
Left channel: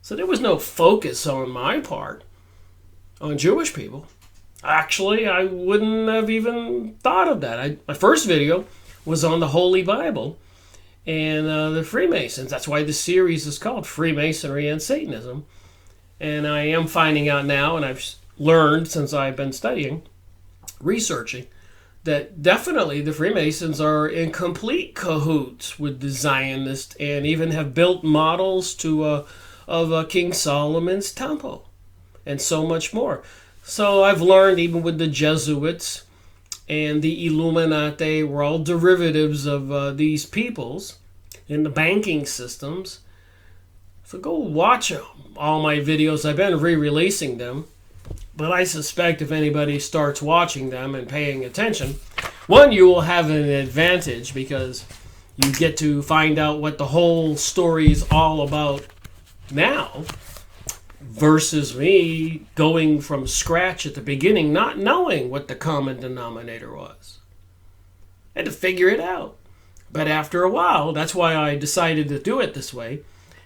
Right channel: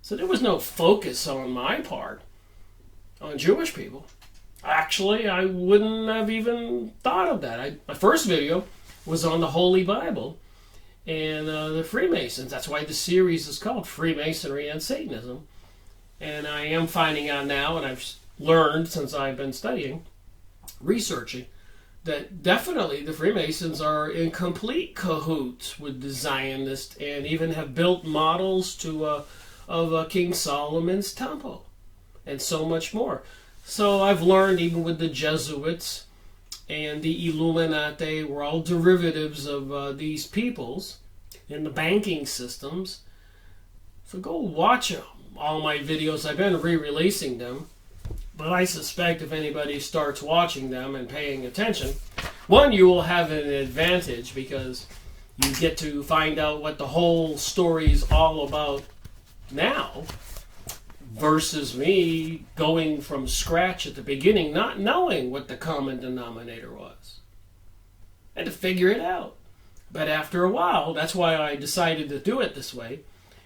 So there was no focus on my part on Jewish people. Actually, I wouldn't have even thought of that. My first video was on the Holy Bible and the Freemasons. That's why the series is called Freemasonry and Satanism. And I am finding out now, and I've learned since I've been studying, researching, that definitely the Freemasons are in complete cahoots with the Zionists, and even have built models of King Solomon's temple and so much more. So I've learned even with the Jesuits and the Illuminati were all derivatives of these peoples in the banking systems. So go watch all my videos. I've been re-releasing them, but I suspect if anybody starts watching them and paying attention, one, you will have an advantage because you get to find out what the whole story is all about now, versus me going from scratch at the beginning, not knowing what the common denominator was. I had to figure it out. But after a while, that's why I decided to do it this way,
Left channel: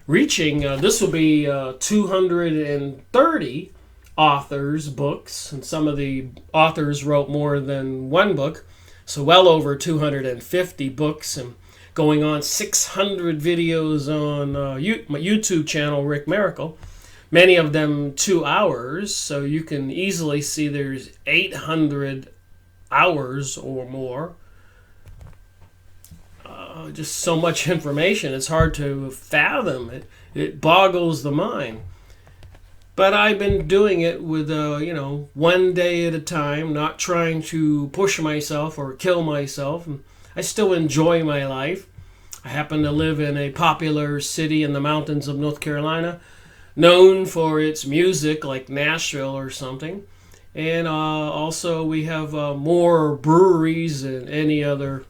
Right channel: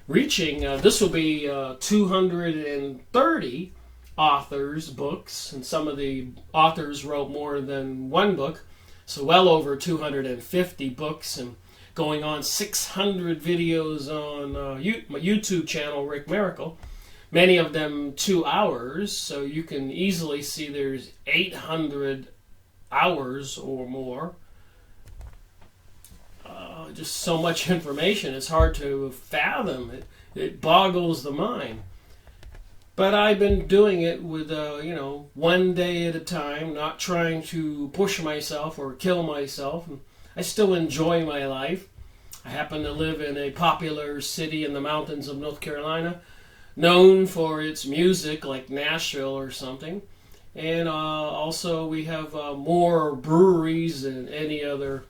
reaching, this will be 230 authors' books, and some of the authors wrote more than one book, so well over 250 books, and going on 600 videos on my YouTube channel, Rick Miracle. Many of them 2 hours, so you can easily see there's 800 hours or more. Just so much information, it's hard to fathom. It boggles the mind. But I've been doing it with, one day at a time, not trying to push myself or kill myself. I still enjoy my life. I happen to live in a popular city in the mountains of North Carolina, known for its music, like Nashville or something. And also we have more breweries than any other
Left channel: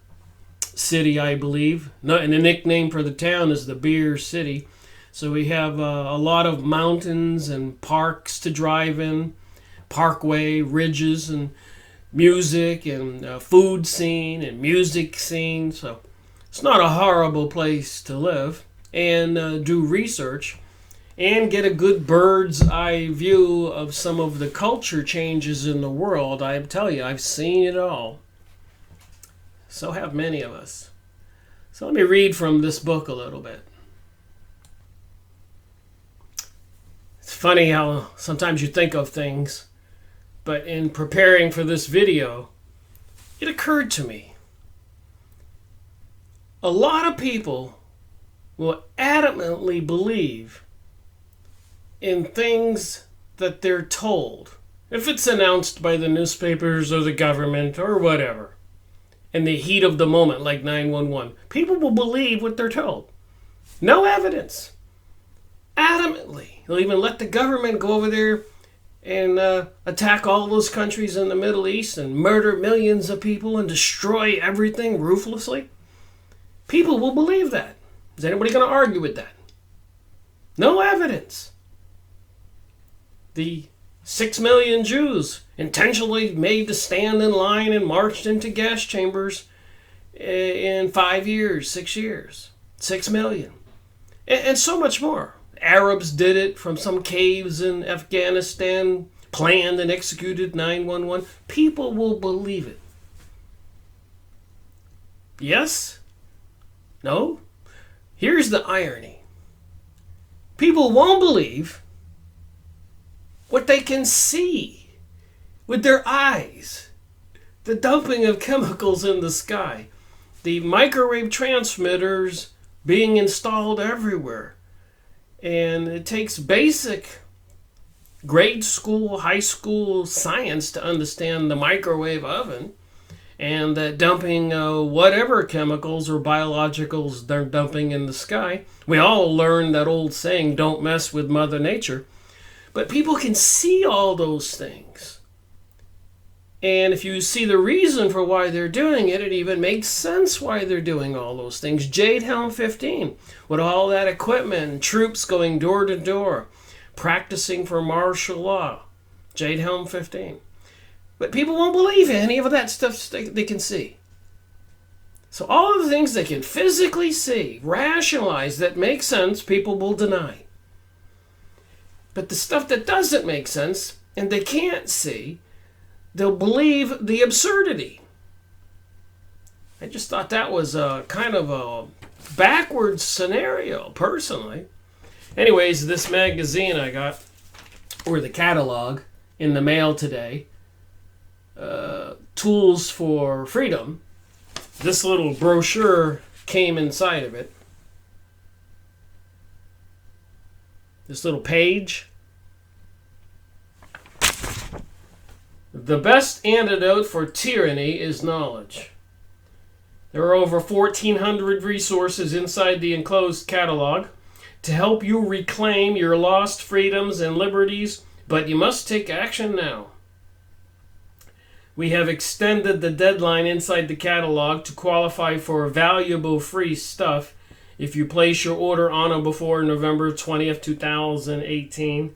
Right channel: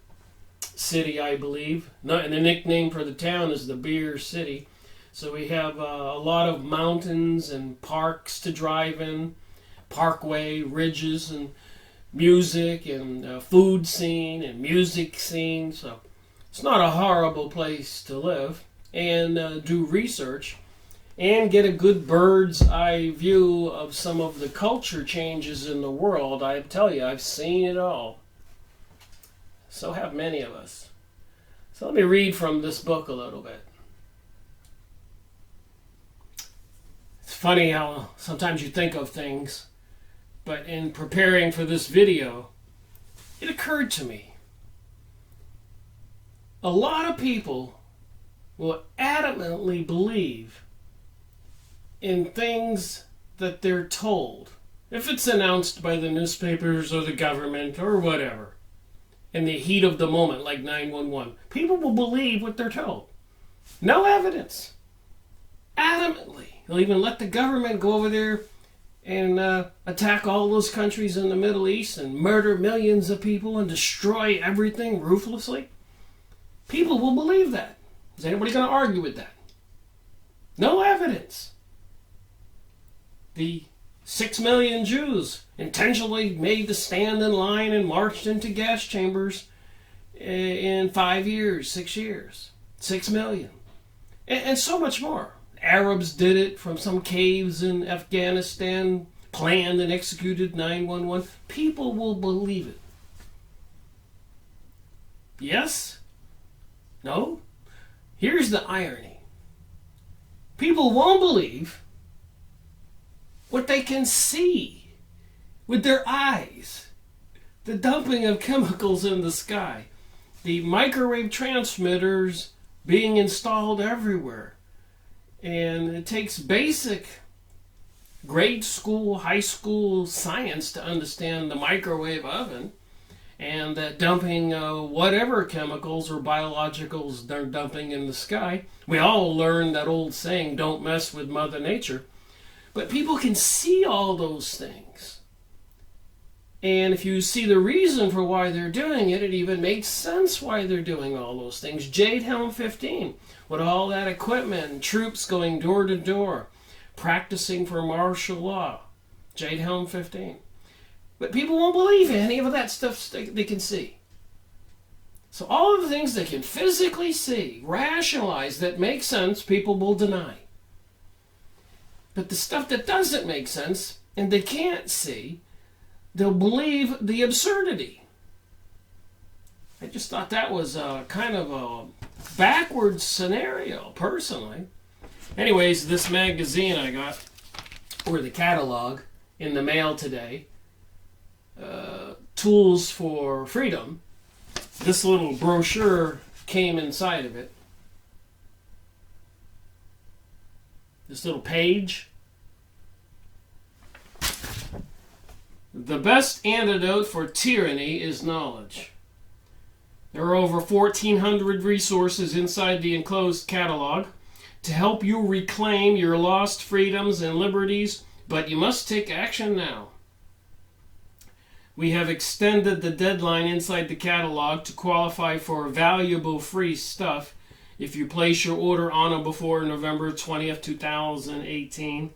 city, I believe. And the nickname for the town is the Beer City. So we have a lot of mountains and parks to drive in, parkway, ridges, and music, and food scene, and music scene. So it's not a horrible place to live and do research and get a good bird's eye view of some of the culture changes in the world. I tell you, I've seen it all. So have many of us. So let me read from this book a little bit. It's funny how sometimes you think of things, but in preparing for this video, it occurred to me. A lot of people will adamantly believe in things that they're told, if it's announced by the newspapers or the government or whatever, in the heat of the moment, like 911. People will believe what they're told. No evidence. Adamantly. They'll even let the government go over there and attack all those countries in the Middle East and murder millions of people and destroy everything ruthlessly. People will believe that. Is anybody going to argue with that? No evidence. The 6 million Jews intentionally made to stand in line and marched into gas chambers in 5 years, 6 years. 6 million. And so much more. Arabs did it from some caves in Afghanistan, planned and executed 911. People will believe it. Yes? No? Here's the irony. People won't believe what they can see with their eyes. The dumping of chemicals in the sky. The microwave transmitters being installed everywhere. And it takes basic grade school, high school science to understand the microwave oven and that dumping whatever chemicals or biologicals they're dumping in the sky. We all learned that old saying, don't mess with Mother Nature. But people can see all those things. And if you see the reason for why they're doing it, it even makes sense why they're doing all those things. Jade Helm 15, with all that equipment, troops going door to door, practicing for martial law. Jade Helm 15. But people won't believe any of that stuff they can see. So all of the things they can physically see, rationalize, that make sense, people will deny. But the stuff that doesn't make sense and they can't see, they'll believe the absurdity. I just thought that was a kind of a backwards scenario, personally. Anyways, this magazine I got, or the catalog, in the mail today, Tools for Freedom. This little brochure came inside of it. This little page. The best antidote for tyranny is knowledge. There are over 1,400 resources inside the enclosed catalog to help you reclaim your lost freedoms and liberties, but you must take action now. We have extended the deadline inside the catalog to qualify for valuable free stuff if you place your order on or before November 20th, 2018.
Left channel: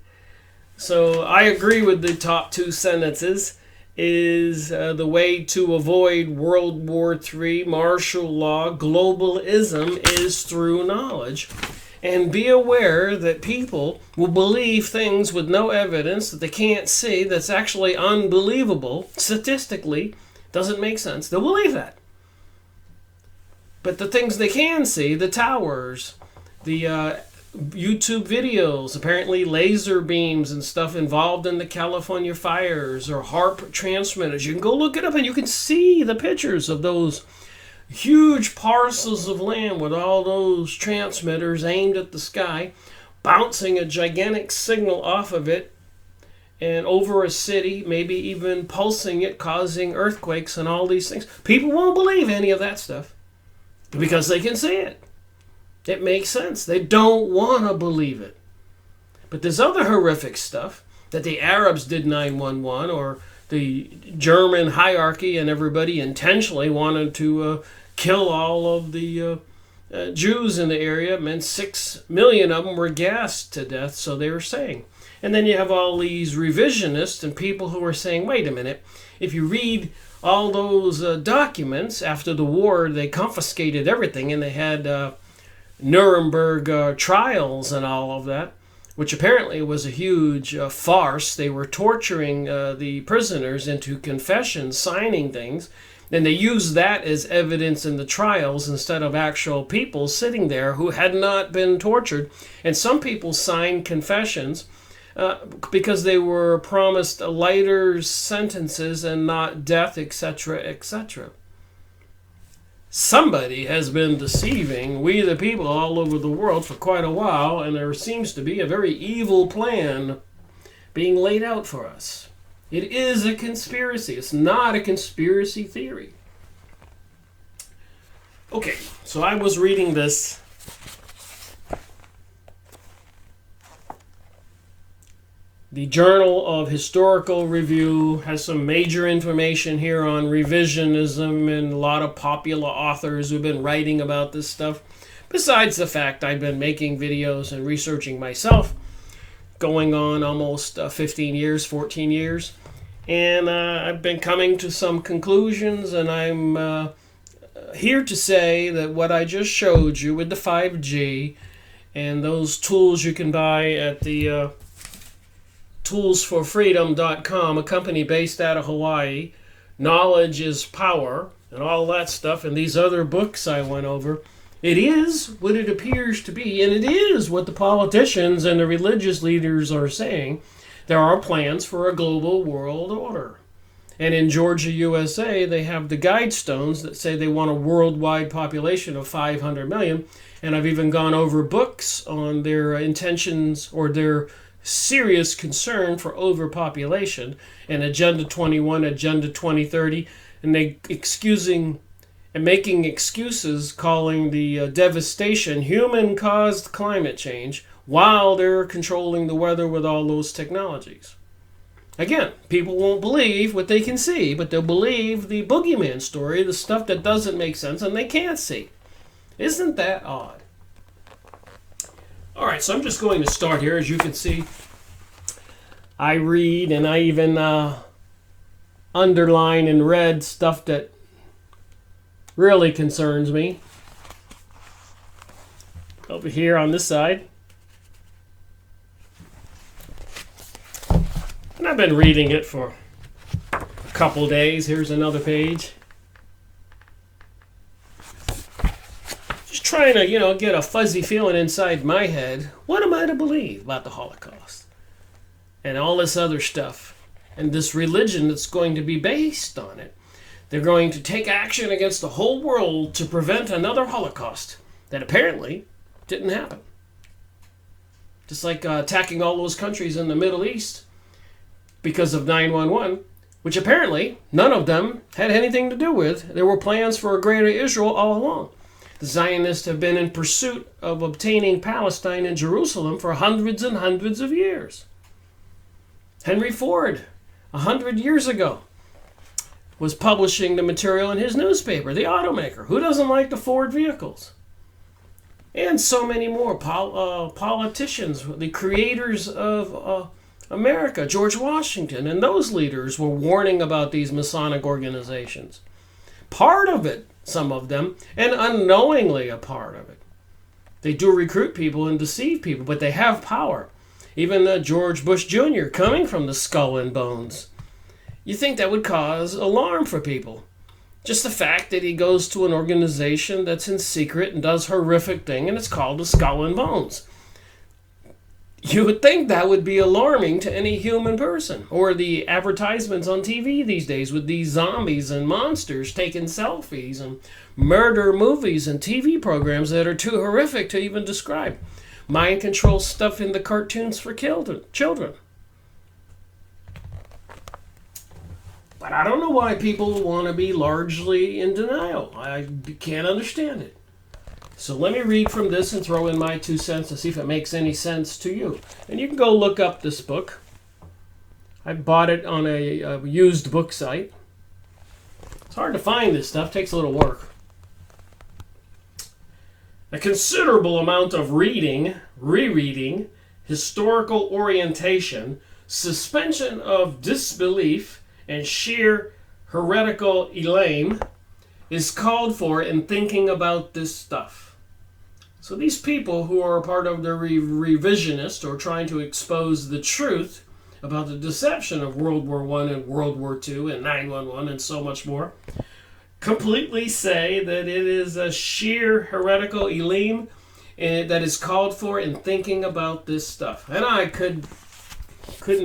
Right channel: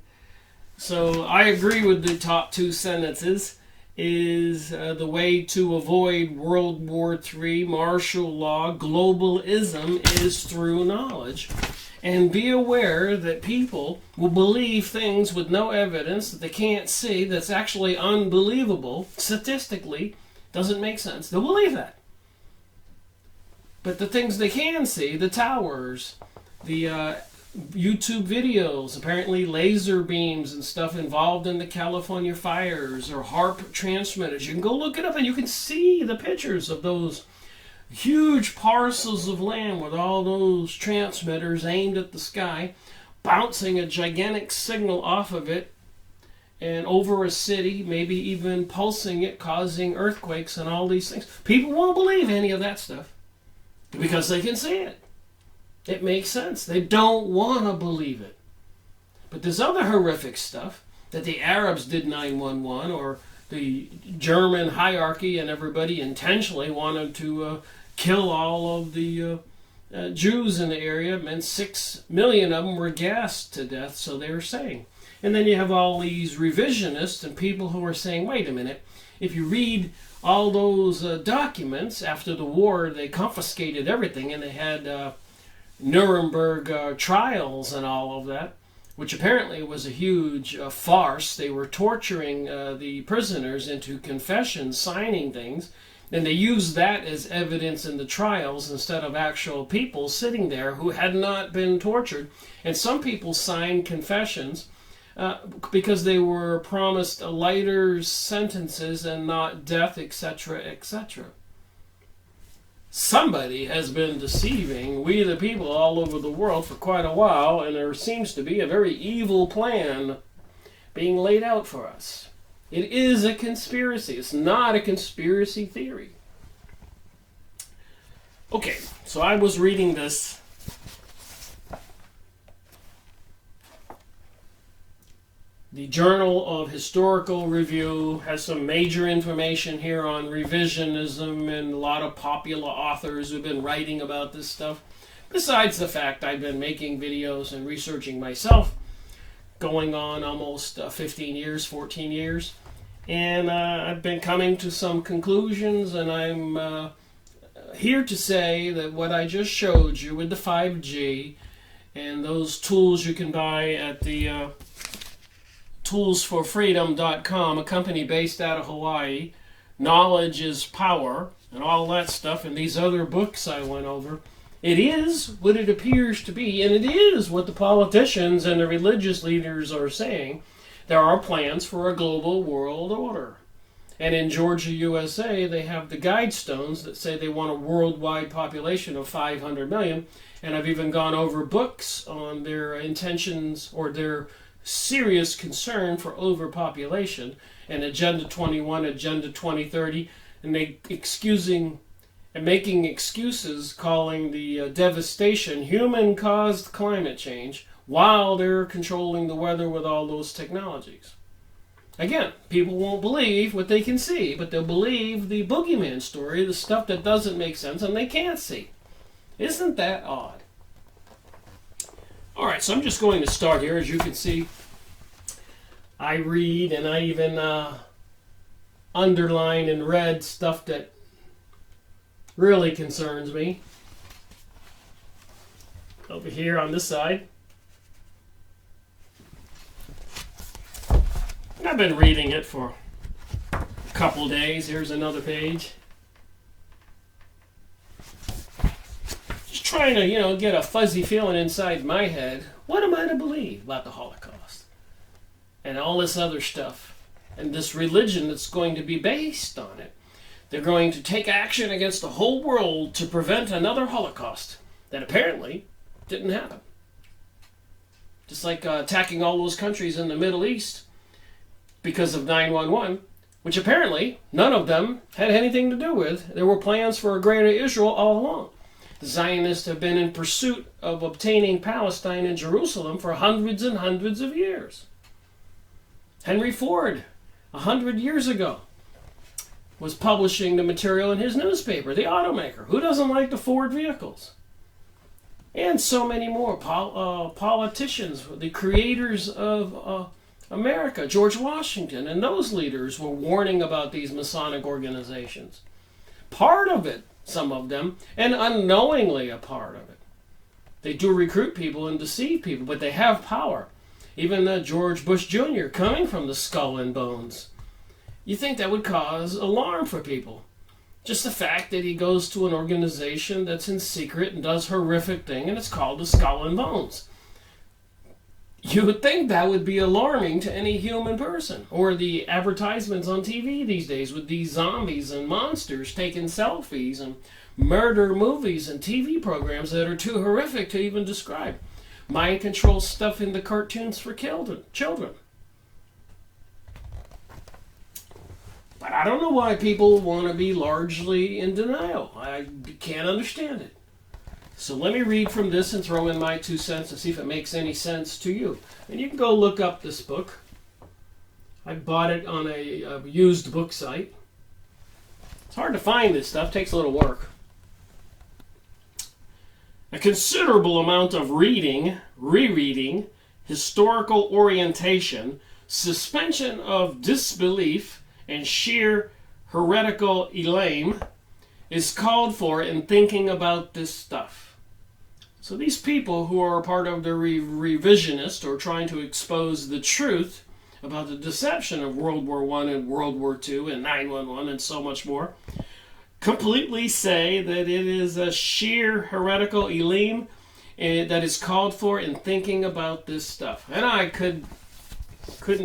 So I agree with the top two sentences. Is the way to avoid World War III, martial law, globalism is through knowledge. And be aware that people will believe things with no evidence that they can't see, that's actually unbelievable, statistically, doesn't make sense. They'll believe that. But the things they can see, the towers, the YouTube videos, apparently laser beams and stuff involved in the California fires, or HARP transmitters. You can go look it up and you can see the pictures of those huge parcels of land with all those transmitters aimed at the sky, bouncing a gigantic signal off of it and over a city, maybe even pulsing it, causing earthquakes and all these things. People won't believe any of that stuff because they can see it. It makes sense. They don't want to believe it. But there's other horrific stuff that the Arabs did 9/11, or the German hierarchy and everybody intentionally wanted to kill all of the Jews in the area. It meant 6 million of them were gassed to death, so they were saying. And then you have all these revisionists and people who are saying, wait a minute, if you read all those documents after the war, they confiscated everything and they had Nuremberg trials and all of that, which apparently was a huge farce. They were torturing the prisoners into confessions, signing things, and they used that as evidence in the trials instead of actual people sitting there who had not been tortured. And some people signed confessions because they were promised lighter sentences and not death, etc., etc. Somebody has been deceiving we the people all over the world for quite a while, and there seems to be a very evil plan being laid out for us. It is a conspiracy. It's not a conspiracy theory. Okay, so I was reading this. The Journal of Historical Review has some major information here on revisionism and a lot of popular authors who've been writing about this stuff. Besides the fact I've been making videos and researching myself, going on almost 15 years, 14 years. And I've been coming to some conclusions, and I'm here to say that what I just showed you with the 5G and those tools you can buy at the toolsforfreedom.com, a company based out of Hawaii, Knowledge is Power, and all that stuff, and these other books I went over, it is what it appears to be, and it is what the politicians and the religious leaders are saying. There are plans for a global world order. And in Georgia, USA, they have the guidestones that say they want a worldwide population of 500 million, and I've even gone over books on their intentions or their serious concern for overpopulation, and Agenda 21, Agenda 2030, and they making excuses, calling the devastation human-caused climate change while they're controlling the weather with all those technologies. Again, people won't believe what they can see, but they'll believe the boogeyman story, the stuff that doesn't make sense and they can't see. Isn't that odd? All right, so I'm just going to start here. As you can see, I read and I even underline in red stuff that really concerns me. Over here on this side. And I've been reading it for a couple days. Here's another page. Just trying to, get a fuzzy feeling inside my head. What am I to believe about the Holocaust? And all this other stuff. And this religion that's going to be based on it. They're going to take action against the whole world to prevent another Holocaust that apparently didn't happen. Just like attacking all those countries in the Middle East because of 9/11, which apparently none of them had anything to do with. There were plans for a greater Israel all along. The Zionists have been in pursuit of obtaining Palestine and Jerusalem for hundreds and hundreds of years. Henry Ford, 100 years ago, was publishing the material in his newspaper, the automaker. Who doesn't like the Ford vehicles? And so many more politicians, the creators of America, George Washington, and those leaders were warning about these Masonic organizations. Part of it, some of them, and unknowingly a part of it. They do recruit people and deceive people, but they have power. Even George Bush Jr. coming from the Skull and Bones. You think that would cause alarm for people. Just the fact that he goes to an organization that's in secret and does horrific thing, and it's called the Skull and Bones. You would think that would be alarming to any human person. Or the advertisements on TV these days with these zombies and monsters taking selfies and murder movies and TV programs that are too horrific to even describe. Mind control stuff in the cartoons for children. But I don't know why people want to be largely in denial. I can't understand it. So let me read from this and throw in my 2 cents to see if it makes any sense to you. And you can go look up this book. I bought it on a used book site. It's hard to find this stuff. It takes a little work. A considerable amount of reading, rereading, historical orientation, suspension of disbelief, and sheer heretical elame is called for in thinking about this stuff. So these people who are a part of the revisionist or trying to expose the truth about the deception of World War I and World War II and 9/11 and so much more, completely say that it is a sheer heretical elime that is called for in thinking about this stuff. And I couldn't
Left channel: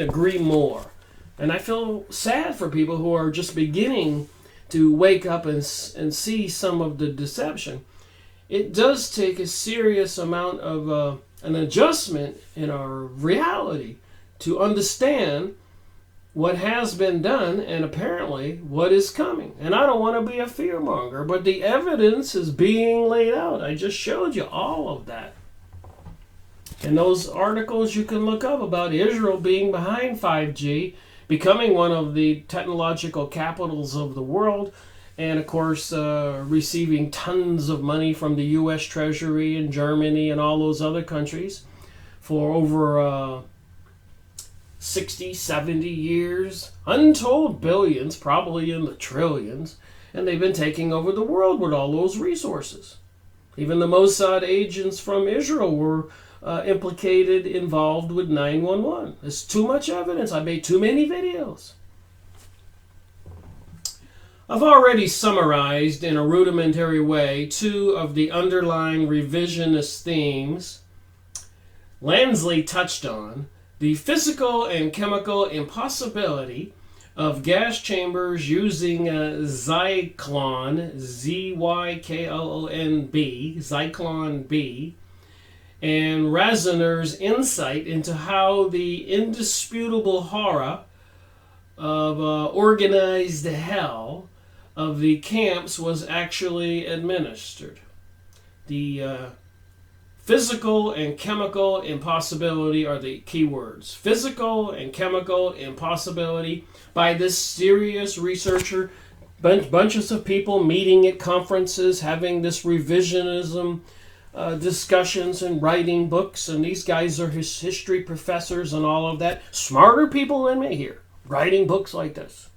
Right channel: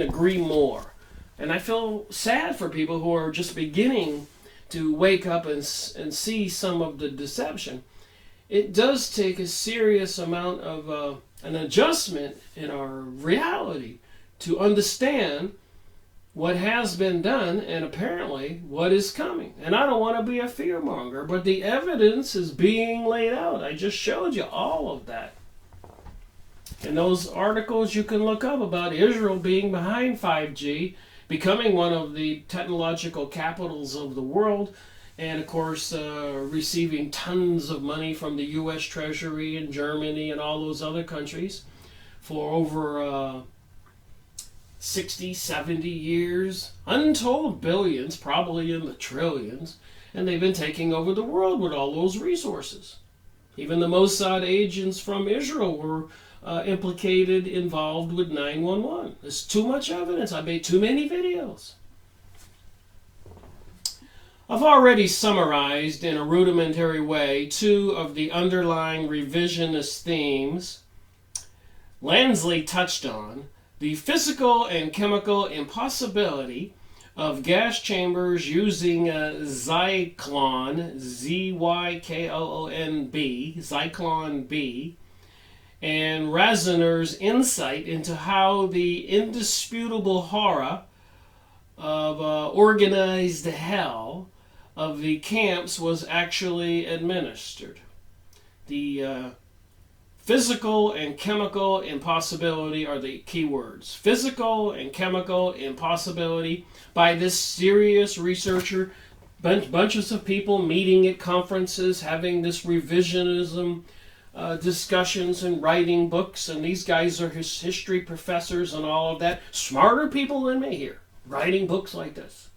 agree more. And I feel sad for people who are just beginning to wake up and see some of the deception. It does take a serious amount of an adjustment in our reality to understand what has been done and apparently what is coming. And I don't want to be a fearmonger, but the evidence is being laid out. I just showed you all of that. And those articles you can look up about Israel being behind 5G, becoming one of the technological capitals of the world, and of course receiving tons of money from the U.S. Treasury and Germany and all those other countries for over 60, 70 years, untold billions, probably in the trillions, and they've been taking over the world with all those resources. Even the Mossad agents from Israel were implicated, involved with 9/11. There's too much evidence. I made too many videos. I've already summarized in a rudimentary way 2 of the underlying revisionist themes Lansley touched on: the physical and chemical impossibility of gas chambers using Zyklon, Z-Y-K-L-O-N-B, Zyklon B, and Raziner's insight into how the indisputable horror of organized hell of the camps was actually administered. The Physical and chemical impossibility are the key words. Physical and chemical impossibility by this serious researcher. Bunches of people meeting at conferences, having this revisionism discussions and writing books. And these guys are his history professors and all of that. Smarter people than me here, writing books like this.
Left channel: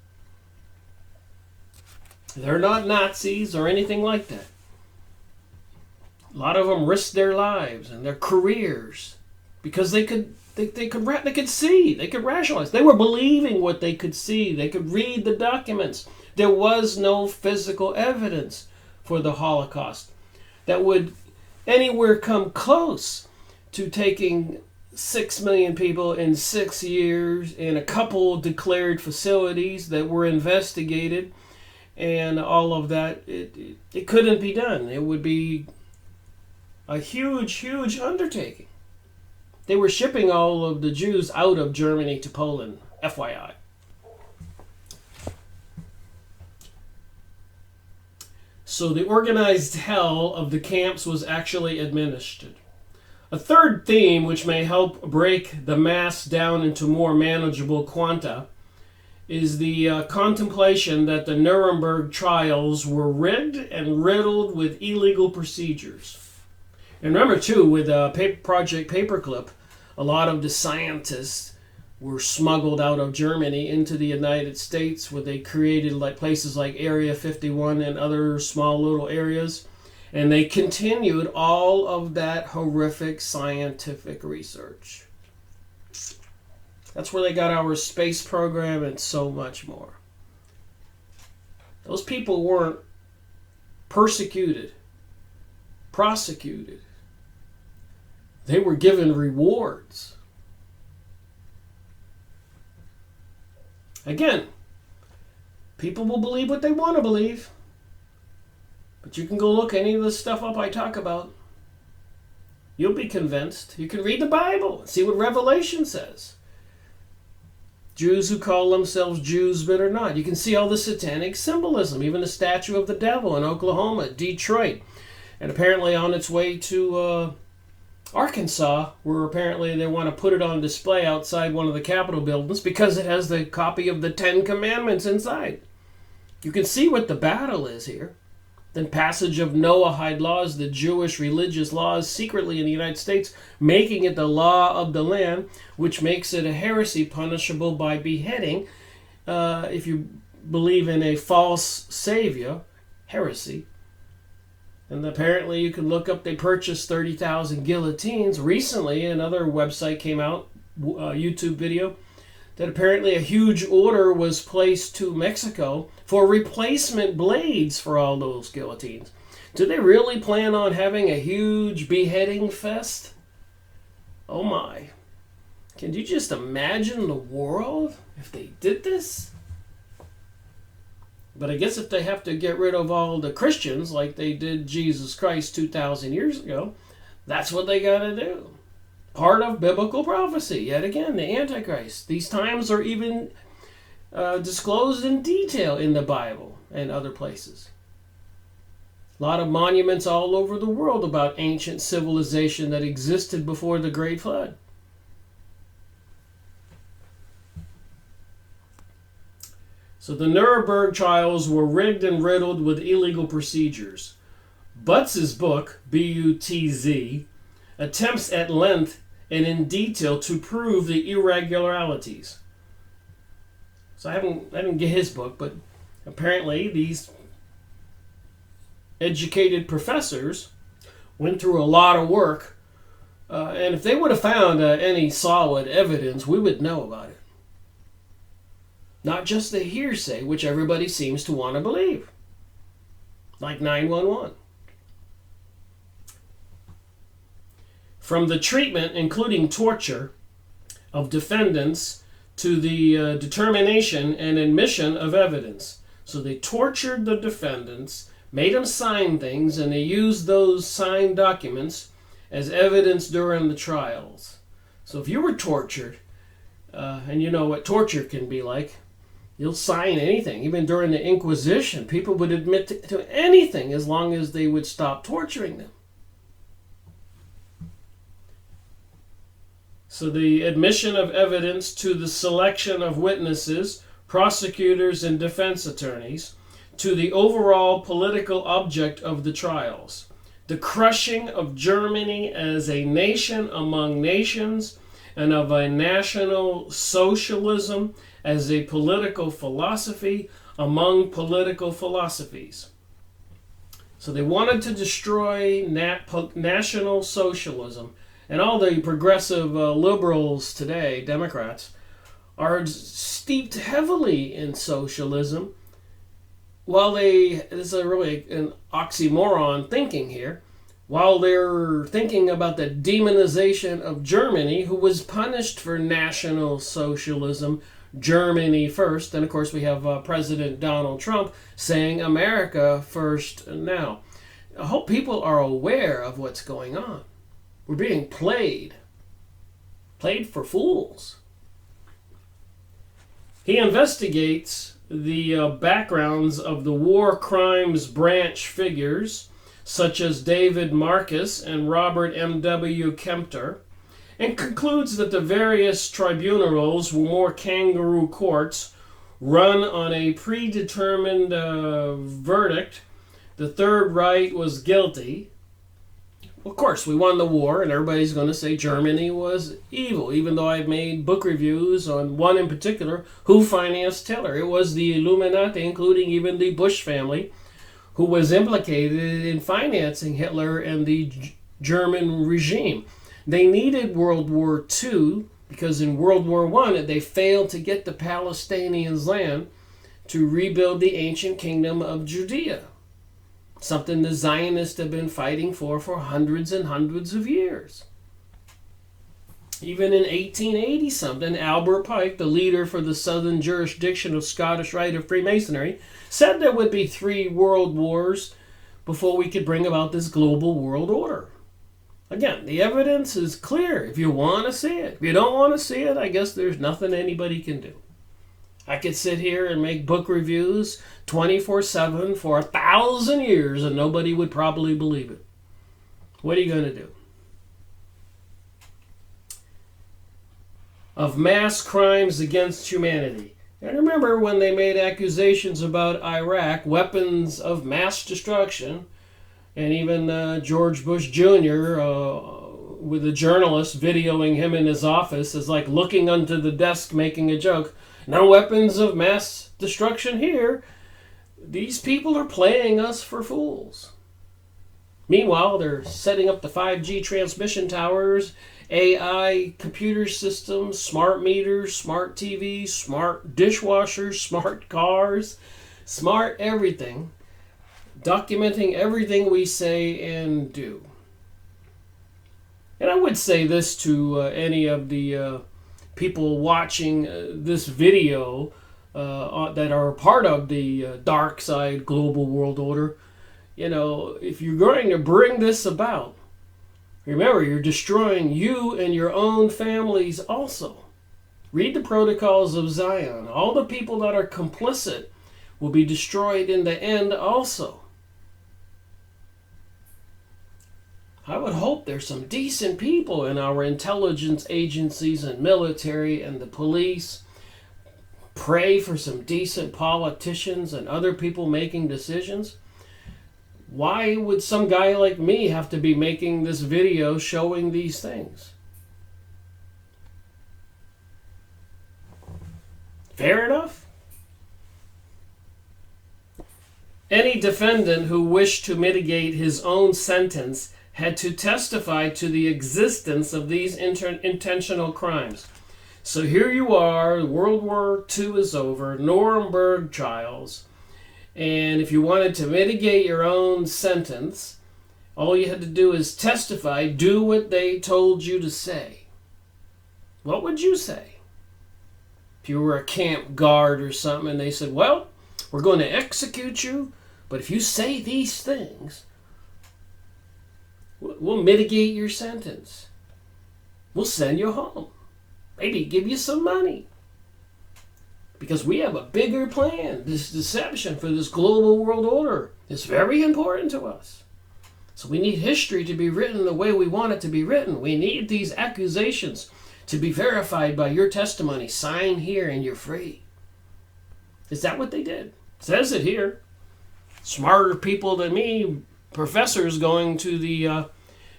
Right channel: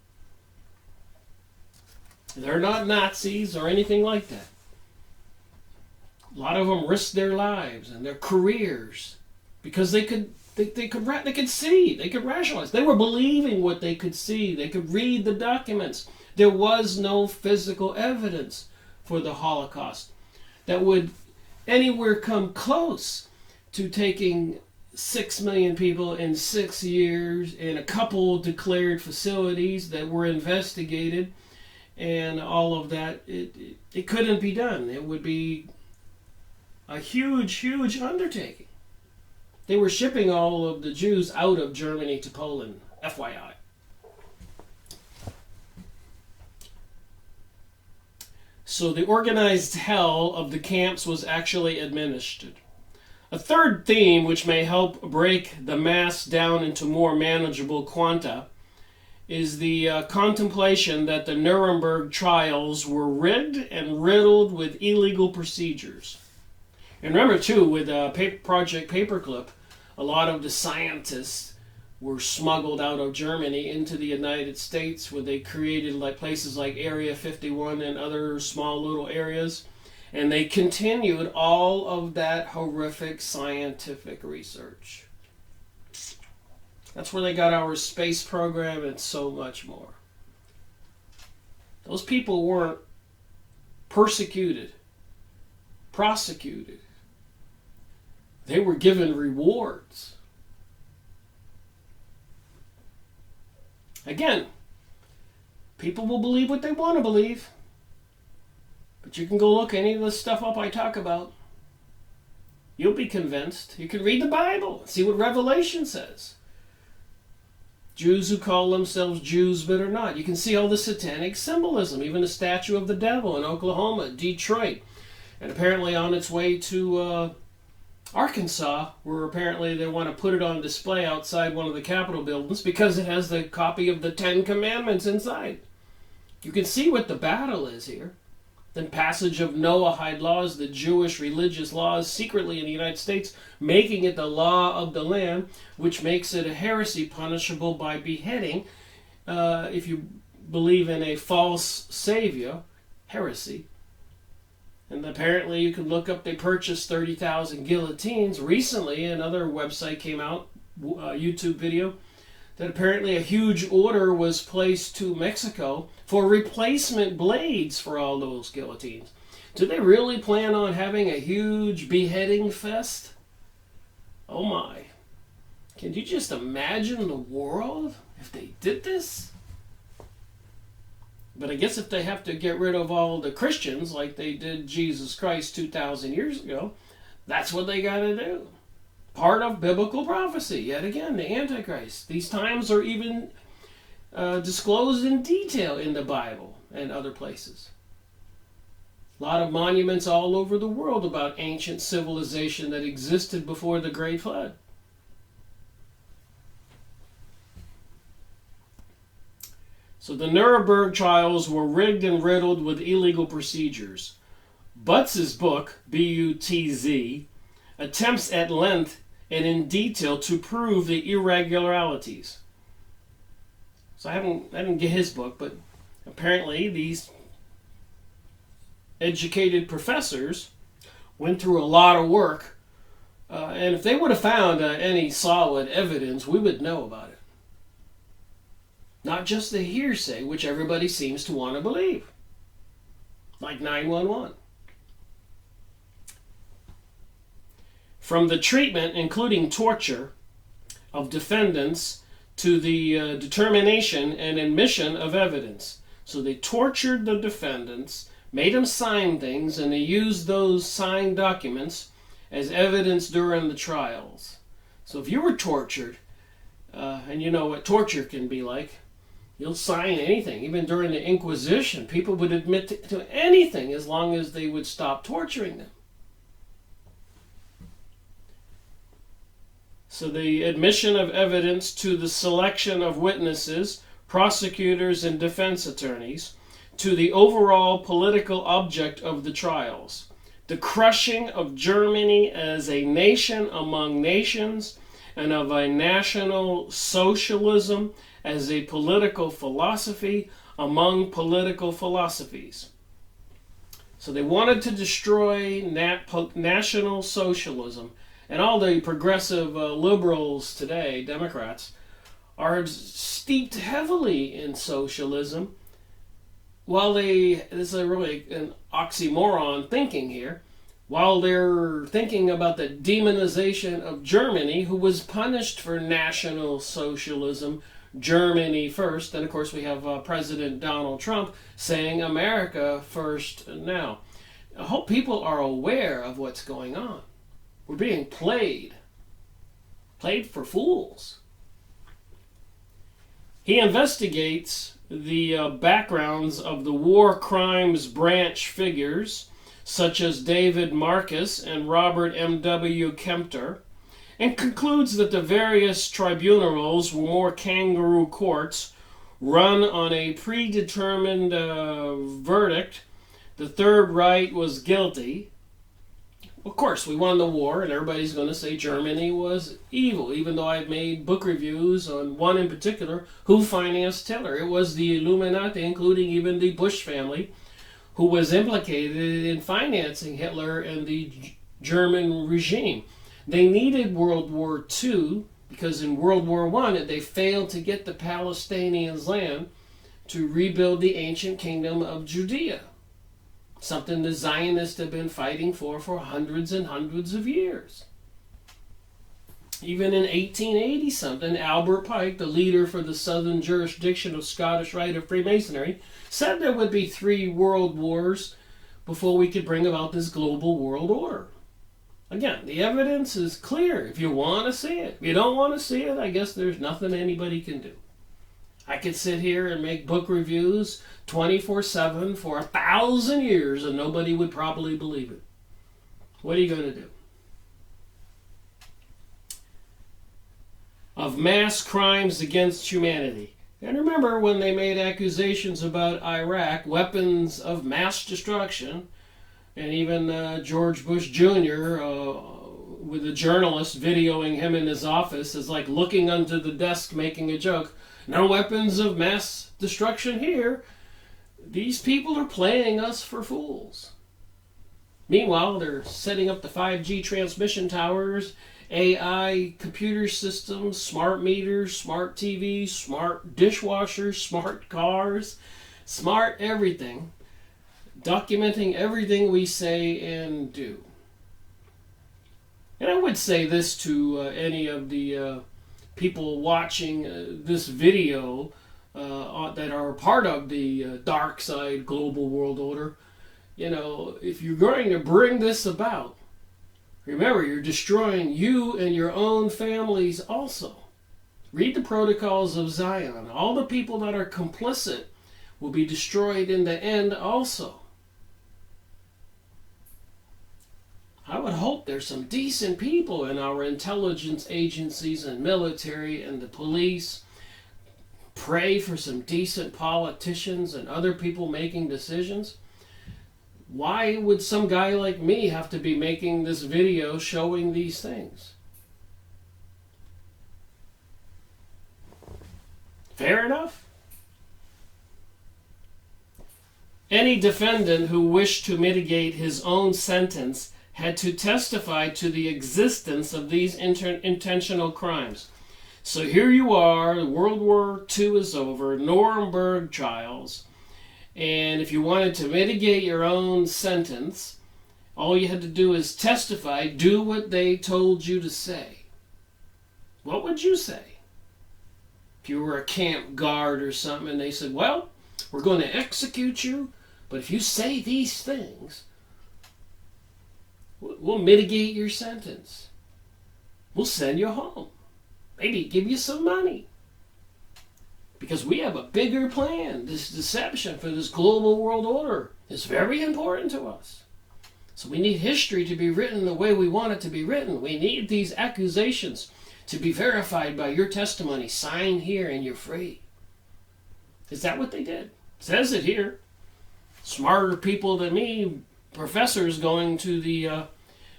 They're not Nazis or anything like that. A lot of them risked their lives and their careers because they could see, they could rationalize. They were believing what they could see. They could read the documents. There was no physical evidence for the Holocaust that would anywhere come close to taking 6 million people in 6 years in a couple declared facilities that were investigated and all of that. It couldn't be done. It would be a huge undertaking. They were shipping all of the Jews out of Germany to Poland, FYI. So the organized hell of the camps was actually administered. A third theme which may help break the mass down into more manageable quanta is the contemplation that the Nuremberg trials were rigged and riddled with illegal procedures. And remember too, with Project Paperclip, a lot of the scientists were smuggled out of Germany into the United States, where they created like places like Area 51 and other small little areas. And they continued all of that horrific scientific research. That's where they got our space program and so much more. Those people weren't persecuted, prosecuted. They were given rewards. Again, people will believe what they want to believe. But you can go look any of the stuff up I talk about. You'll be convinced. You can read the Bible and see what Revelation says. Jews who call themselves Jews but are not. You can see all the satanic symbolism, even the statue of the devil in Oklahoma, Detroit, and apparently on its way to Arkansas, where apparently they want to put it on display outside one of the Capitol buildings because it has the copy of the 10 Commandments inside. You can see what the battle is here. Then passage of Noahide laws, the Jewish religious laws secretly in the United States, making it the law of the land, which makes it a heresy punishable by beheading. If you believe in a false savior, heresy. And apparently you can look up, they purchased 30,000 guillotines. Recently, another website came out, a YouTube video, that apparently a huge order was placed to Mexico for replacement blades for all those guillotines. Do they really plan on having a huge beheading fest? Oh my. Can you just imagine the world if they did this? But I guess if they have to get rid of all the Christians like they did Jesus Christ 2,000 years ago, that's what they got to do. Part of biblical prophecy. Yet again, the Antichrist. These times are even disclosed in detail in the Bible and other places. A lot of monuments all over the world about ancient civilization that existed before the Great Flood. So the Nuremberg trials were rigged and riddled with illegal procedures. Buttz's book, B-U-T-Z, attempts at length and in detail to prove the irregularities. So I didn't get his book, but apparently these educated professors went through a lot of work, and if they would have found any solid evidence, we would know about it. Not just the hearsay, which everybody seems to want to believe. Like 911. From the treatment, including torture, of defendants to the determination and admission of evidence. So they tortured the defendants, made them sign things, and they used those signed documents as evidence during the trials. So if you were tortured, and you know what torture can be like, you'll sign anything. Even during the Inquisition, people would admit to anything as long as they would stop torturing them. So the admission of evidence to the selection of witnesses, prosecutors, and defense attorneys, to the overall political object of the trials, the crushing of Germany as a nation among nations, and of a national socialism as a political philosophy among political philosophies. So they wanted to destroy national socialism. And all the progressive liberals today, Democrats, are steeped heavily in socialism. While this is really an oxymoron thinking here, while they're thinking about the demonization of Germany, who was punished for National Socialism, Germany first, and of course we have President Donald Trump saying America first now. I hope people are aware of what's going on. We're being played for fools. He investigates the backgrounds of the war crimes branch figures, such as David Marcus and Robert M.W. Kempter, and concludes that the various tribunals were more kangaroo courts run on a predetermined verdict. The Third Reich was guilty. Of course, we won the war, and everybody's going to say Germany was evil, even though I've made book reviews on one in particular, who financed Hitler. It was the Illuminati, including even the Bush family, who was implicated in financing Hitler and the German regime. They needed World War II because in World War I they failed to get the Palestinians land to rebuild the ancient kingdom of Judea, something the Zionists have been fighting for hundreds and hundreds of years. Even in 1880 something, Albert Pike, the leader for the southern jurisdiction of Scottish Rite of Freemasonry, said there would be 3 world wars before we could bring about this global world order. Again, the evidence is clear if you want to see it. If you don't want to see it, I guess there's nothing anybody can do. I could sit here and make book reviews 24/7 for 1,000 years and nobody would probably believe it. What are you going to do? Of mass crimes against humanity. And remember when they made accusations about Iraq, weapons of mass destruction, and even George Bush Jr., with a journalist videoing him in his office, is like looking under the desk making a joke. No weapons of mass destruction here. These people are playing us for fools. Meanwhile, they're setting up the 5G transmission towers, AI computer systems, smart meters, smart TVs, smart dishwashers, smart cars, smart everything, documenting everything we say and do. And I would say this to any of the people watching this video that are part of the dark side global world order. You know, if you're going to bring this about, remember, you're destroying you and your own families also. Read the Protocols of Zion. All the people that are complicit will be destroyed in the end also. I would hope there's some decent people in our intelligence agencies and military and the police. Pray for some decent politicians and other people making decisions. Why would some guy like me have to be making this video showing these things? Fair enough? Any defendant who wished to mitigate his own sentence had to testify to the existence of these intentional crimes. So here you are, World War II is over, Nuremberg trials, and if you wanted to mitigate your own sentence, all you had to do is testify, do what they told you to say. What would you say? If you were a camp guard or something and they said, well, we're going to execute you, but if you say these things, we'll mitigate your sentence. We'll send you home. Maybe give you some money. Because we have a bigger plan. This deception for this global world order is very important to us. So we need history to be written the way we want it to be written. We need these accusations to be verified by your testimony. Sign here and you're free. Is that what they did? It says it here. Smarter people than me, professors going to the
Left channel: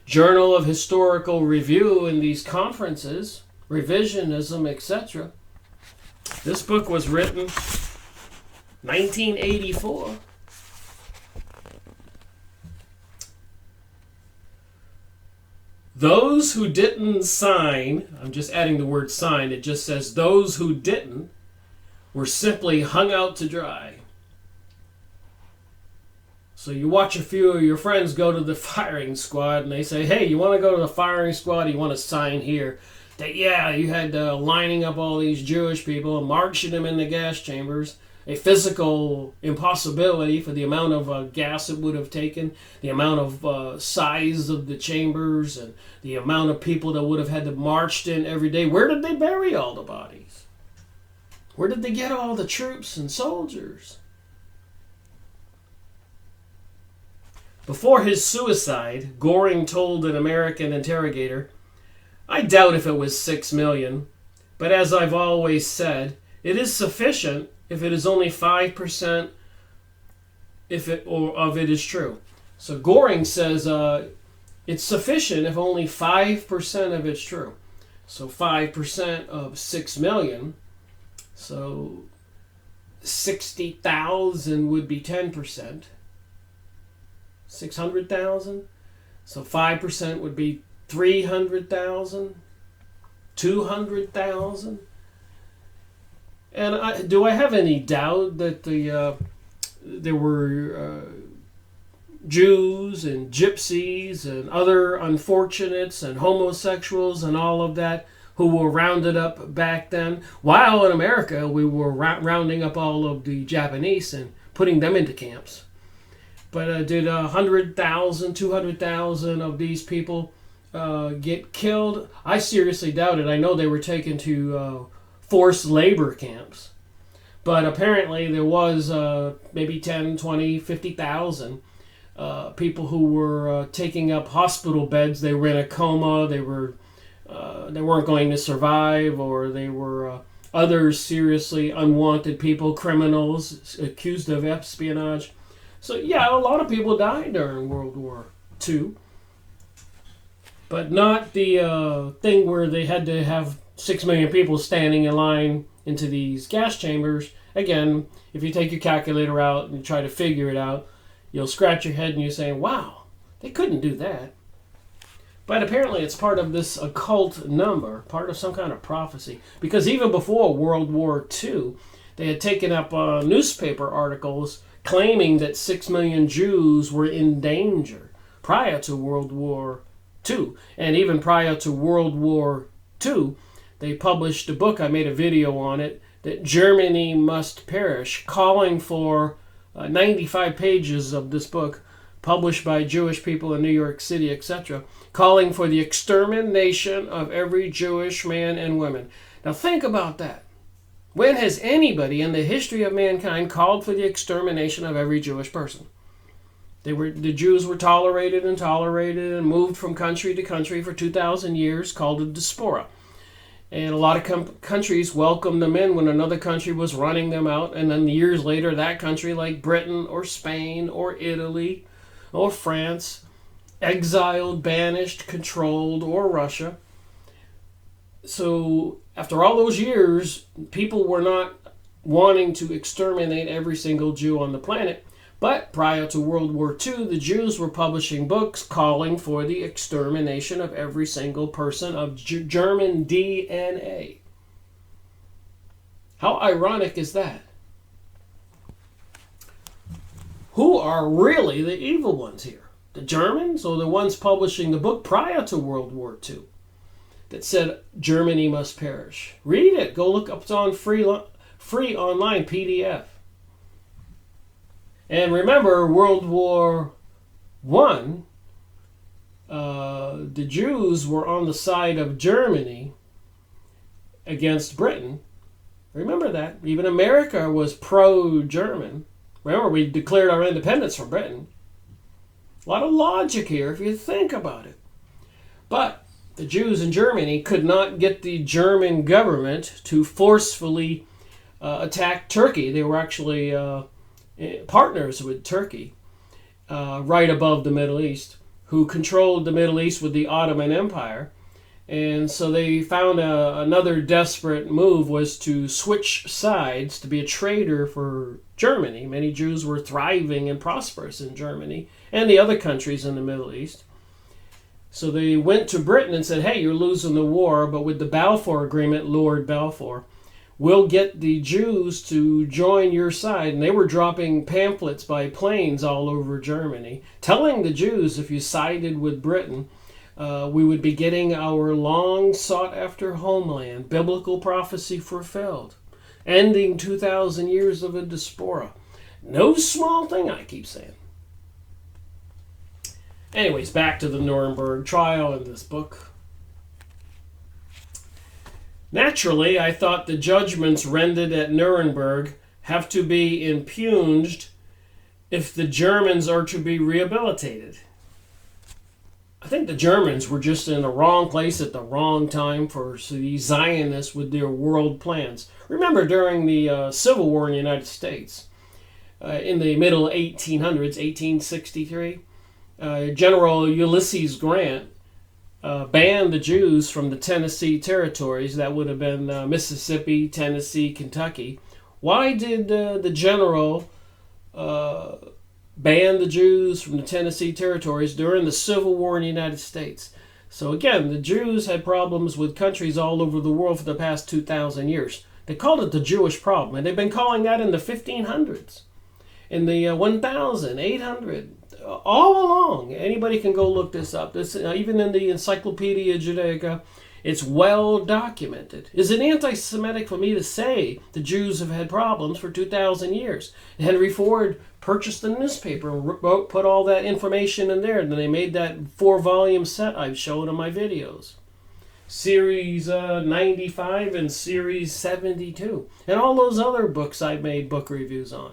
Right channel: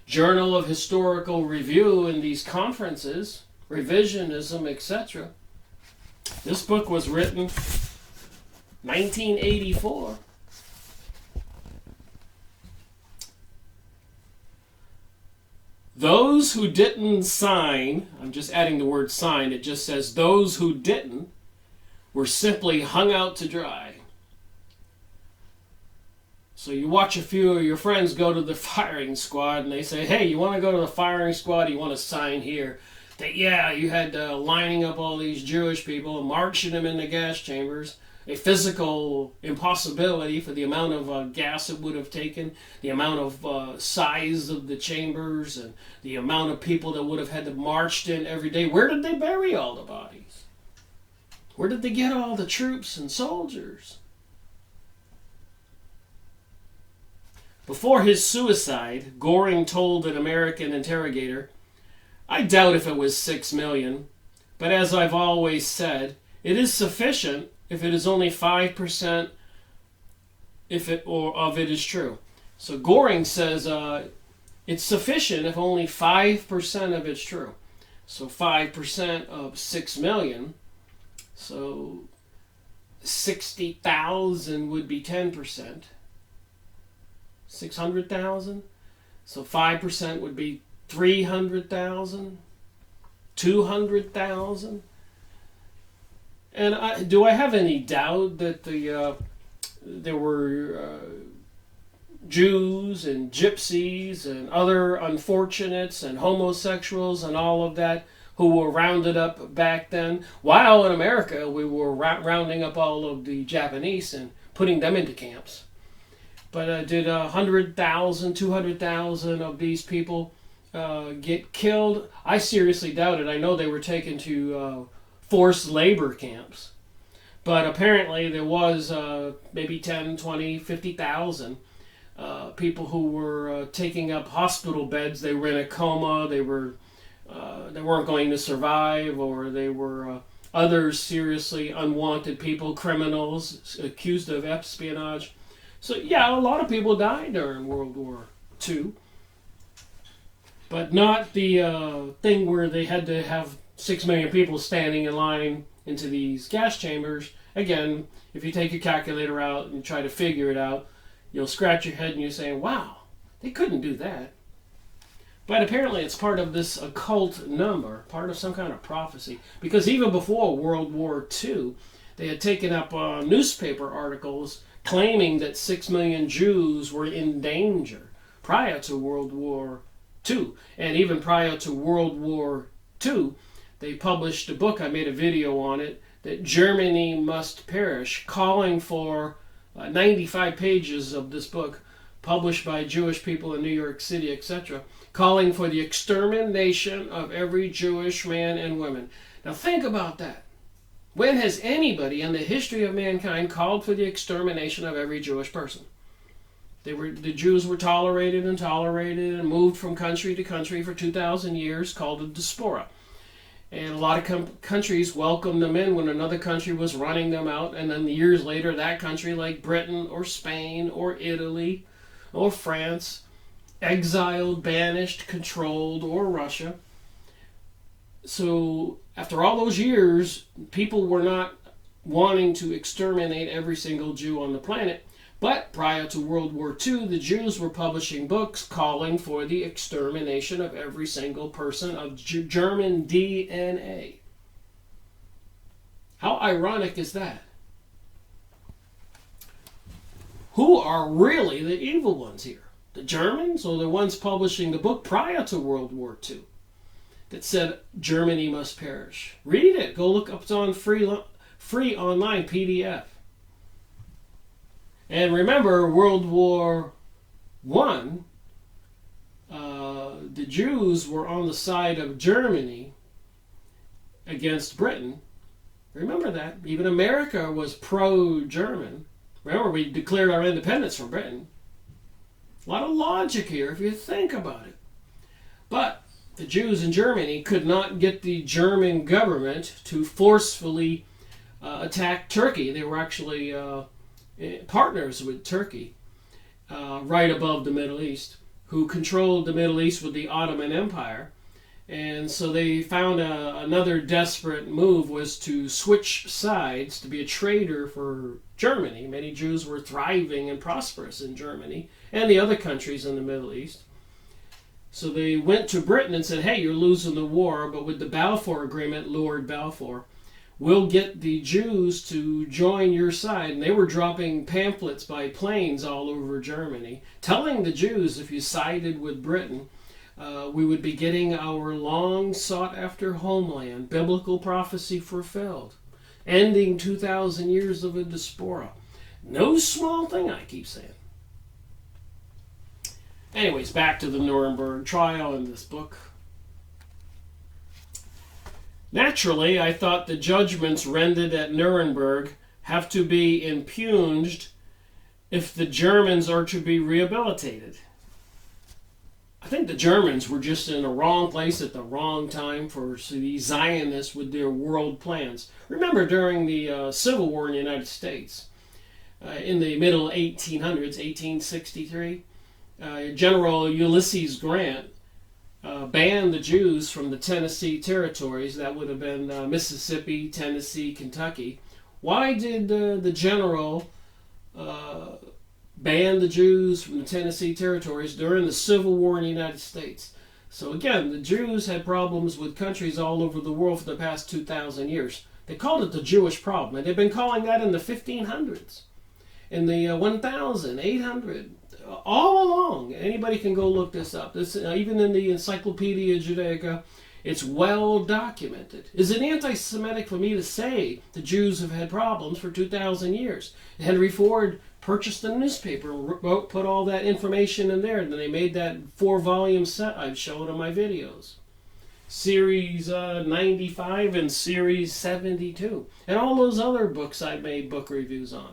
Journal of Historical Review in these conferences, revisionism, etc. This book was written 1984. Those who didn't sign, I'm just adding the word sign, it just says those who didn't were simply hung out to dry. So you watch a few of your friends go to the firing squad and they say, hey, you want to go to the firing squad? You want to sign here? Yeah, you had lining up all these Jewish people and marching them in the gas chambers. A physical impossibility for the amount of gas it would have taken, the amount of size of the chambers, and the amount of people that would have had to marched in every day. Where did they bury all the bodies? Where did they get all the troops and soldiers? Before his suicide, Goring told an American interrogator, I doubt if it was 6 million, but as I've always said, it is sufficient if it is only 5% of it is true. So Goring says it's sufficient if only 5% of it's true. So 5% of 6 million, so 60,000 would be 10%. 600,000. So 5% would be 300,000, 200,000. And do I have any doubt that there were Jews and gypsies and other unfortunates and homosexuals and all of that who were rounded up back then? While in America we were rounding up all of the Japanese and putting them into camps. But did 100,000, 200,000 of these people get killed? I seriously doubt it. I know they were taken to forced labor camps. But apparently there was maybe 10, 20, 50,000 people who were taking up hospital beds. They were in a coma. They weren't going to survive, or they were other seriously unwanted people, criminals accused of espionage. So yeah, a lot of people died during World War II. But not the thing where they had to have 6 million people standing in line into these gas chambers. Again, if you take your calculator out and you try to figure it out, you'll scratch your head and you're saying, wow, they couldn't do that. But apparently it's part of this occult number, part of some kind of prophecy. Because even before World War II, they had taken up newspaper articles claiming that 6 million Jews were in danger prior to World War II. And even prior to World War II, they published a book, I made a video on it, that Germany must perish, calling for 95 pages of this book, published by Jewish people in New York City, etc., calling for the extermination of every Jewish man and woman. Now think about that. When has anybody in the history of mankind called for the extermination of every Jewish person? The Jews were tolerated and moved from country to country for 2,000 years, called a diaspora. And a lot of countries welcomed them in when another country was running them out. And then years later, that country, like Britain or Spain or Italy or France, exiled, banished, controlled, or Russia. So after all those years, people were not wanting to exterminate every single Jew on the planet. But prior to World War II, the Jews were publishing books calling for the extermination of every single person of German DNA. How ironic is that? Who are really the evil ones here? The Germans, or the ones publishing the book prior to World War II that said Germany must perish? Read it. Go look up. It's on free online PDF. And remember, World War I, the Jews were on the side of Germany against Britain. Remember that. Even America was pro-German. Remember, we declared our independence from Britain. A lot of logic here if you think about it. But the Jews in Germany could not get the German government to forcefully attack Turkey. They were actually partners with Turkey, right above the Middle East, who controlled the Middle East with the Ottoman Empire. And so they found another desperate move was to switch sides to be a traitor for Germany. Many Jews were thriving and prosperous in Germany and the other countries in the Middle East. So they went to Britain and said, hey, you're losing the war, but with the Balfour Agreement, Lord Balfour, we'll get the Jews to join your side. And they were dropping pamphlets by planes all over Germany, telling the Jews if you sided with Britain, we would be getting our long sought after homeland, biblical prophecy fulfilled, ending 2,000 years of a diaspora. No small thing, I keep saying. Anyways, back to the Nuremberg trial in this book. Naturally, I thought the judgments rendered at Nuremberg have to be impugned if the Germans are to be rehabilitated. I think the Germans were just in the wrong place at the wrong time for the Zionists with their world plans. Remember, during the Civil War in the United States, in the middle 1800s, 1863, General Ulysses Grant banned the Jews from the Tennessee territories. That would have been Mississippi, Tennessee, Kentucky. Why did the general ban the Jews from the Tennessee territories during the Civil War in the United States? So again, the Jews had problems with countries all over the world for the past 2,000 years. They called it the Jewish problem, and they've been calling that in the 1500s, in the 1800, all along. Anybody can go look this up. This even in the Encyclopedia Judaica, it's well documented. Is it anti-Semitic for me to say the Jews have had problems for 2,000 years? Henry Ford purchased a newspaper and put all that information in there, and then they made that 4-volume set I've shown in my videos. Series 95 and Series 72. And all those other books I've made book reviews on.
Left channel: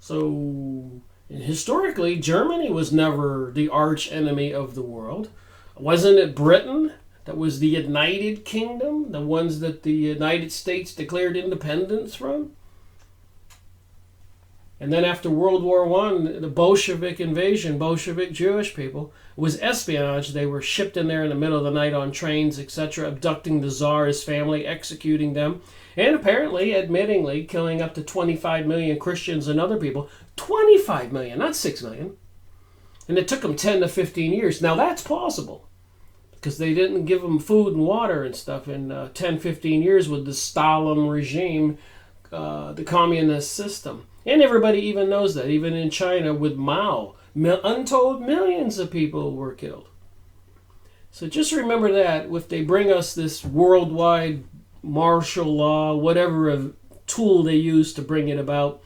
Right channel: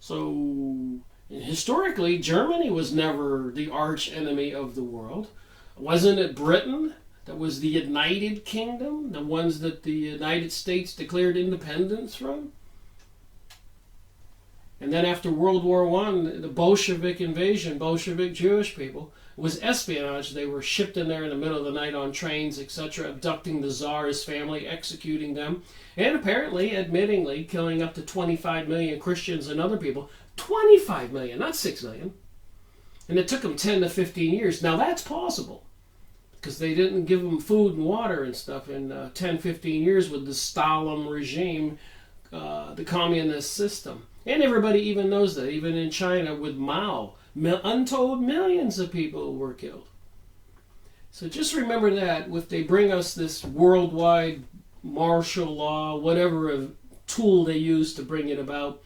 So, historically, Germany was never the arch enemy of the world. Wasn't it Britain that was the United Kingdom, the ones that the United States declared independence from? And then after World War I, the Bolshevik invasion, Bolshevik Jewish people, was espionage. They were shipped in there in the middle of the night on trains, etc., abducting the Tsar's family, executing them, and apparently, admittingly, killing up to 25 million Christians and other people. 25 million, not 6 million. And it took them 10 to 15 years. Now that's possible, because they didn't give them food and water and stuff in 10, 15 years with the Stalin regime, the communist system. And everybody even knows that. Even in China with Mao, untold millions of people were killed. So just remember that if they bring us this worldwide martial law, whatever tool they use to bring it about,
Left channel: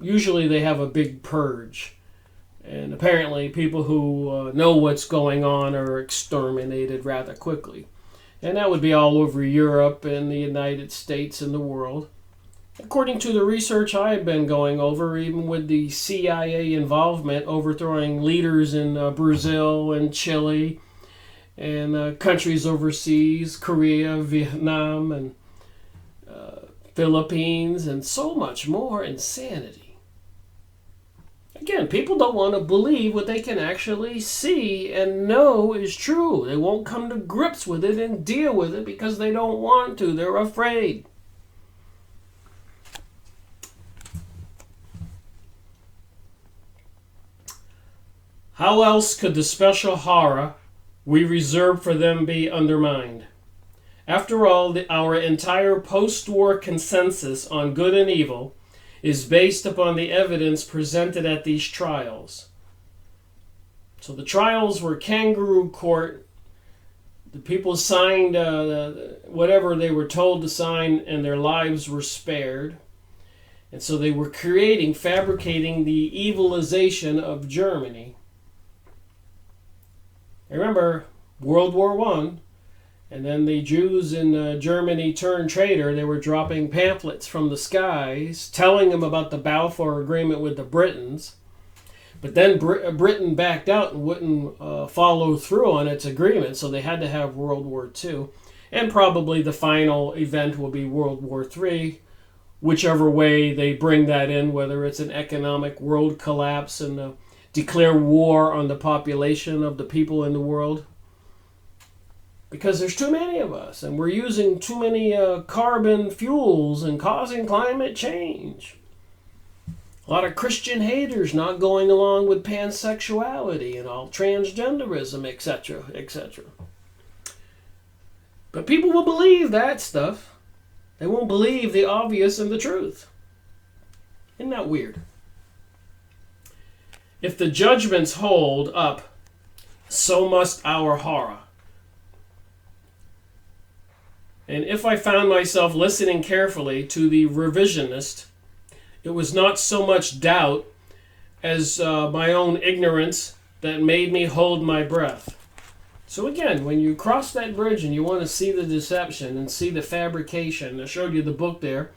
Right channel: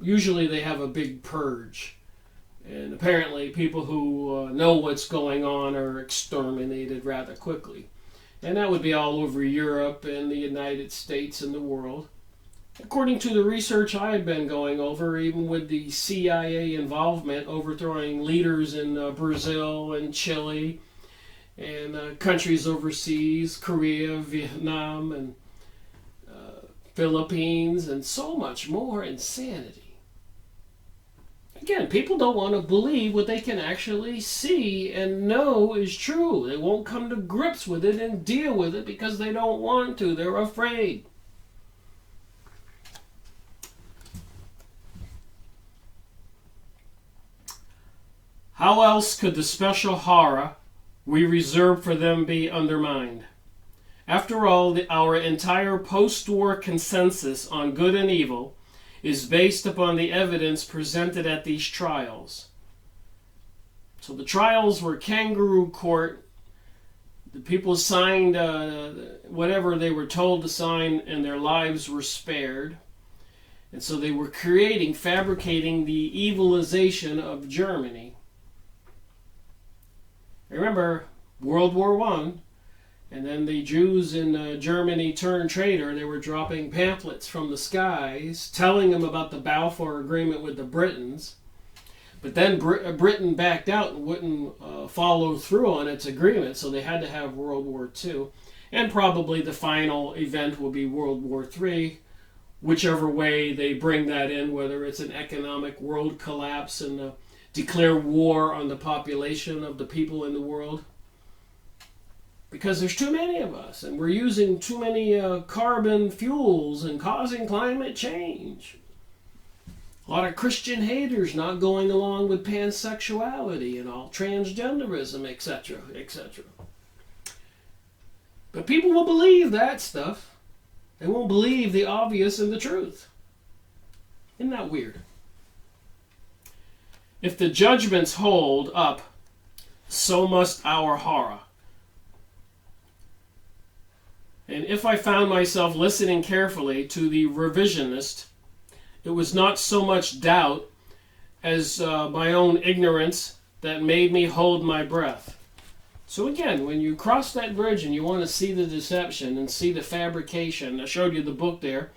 usually they have a big purge. And apparently people who know what's going on are exterminated rather quickly. And that would be all over Europe and the United States and the world. According to the research I've been going over, even with the CIA involvement, overthrowing leaders in Brazil and Chile and countries overseas, Korea, Vietnam, and Philippines, and so much more insanity. Again, people don't want to believe what they can actually see and know is true. They won't come to grips with it and deal with it because they don't want to. They're afraid. How else could the special horror we reserve for them be undermined? After all, our entire post-war consensus on good and evil is based upon the evidence presented at these trials. So the trials were kangaroo court. The people signed whatever they were told to sign, and their lives were spared. And so they were fabricating the evilization of Germany. Remember, World War I, and then the Jews in Germany turned traitor. They were dropping pamphlets from the skies, telling them about the Balfour Agreement with the Britons. But then Britain backed out and wouldn't follow through on its agreement, so they had to have World War II. And probably the final event will be World War III, whichever way they bring that in, whether it's an economic world collapse and declare war on the population of the people in the world. Because there's too many of us, and we're using too many carbon fuels and causing climate change. A lot of Christian haters not going along with pansexuality and all transgenderism, etc., etc. But people will believe that stuff. They won't believe the obvious and the truth. Isn't that weird? If the judgments hold up, so must our horror. And if I found myself listening carefully to the revisionist, it was not so much doubt as my own ignorance that made me hold my breath. So again, when you cross that bridge and you want to see the deception and see the fabrication, I showed you the book there,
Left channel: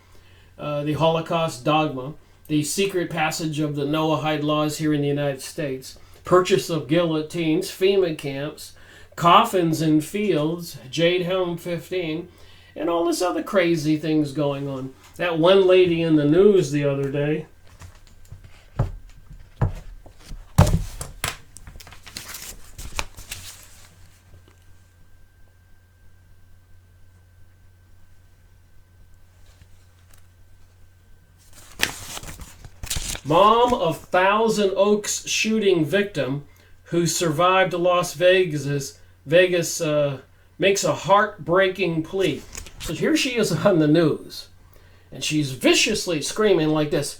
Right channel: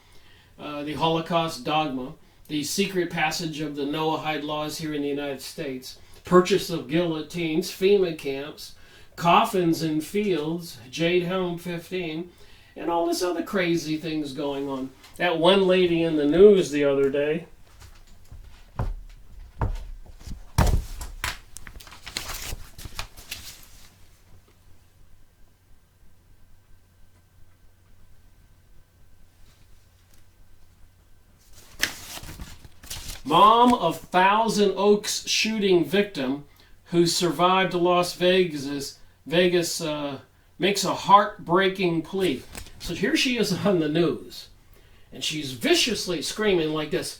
the Holocaust Dogma, the secret passage of the Noahide laws here in the United States, purchase of guillotines, FEMA camps, coffins in fields, Jade Helm 15, and all this other crazy things going on. That one lady in the news the other day, mom of Thousand Oaks shooting victim who survived Las Vegas makes a heartbreaking plea. So here she is on the news, and she's viciously screaming like this,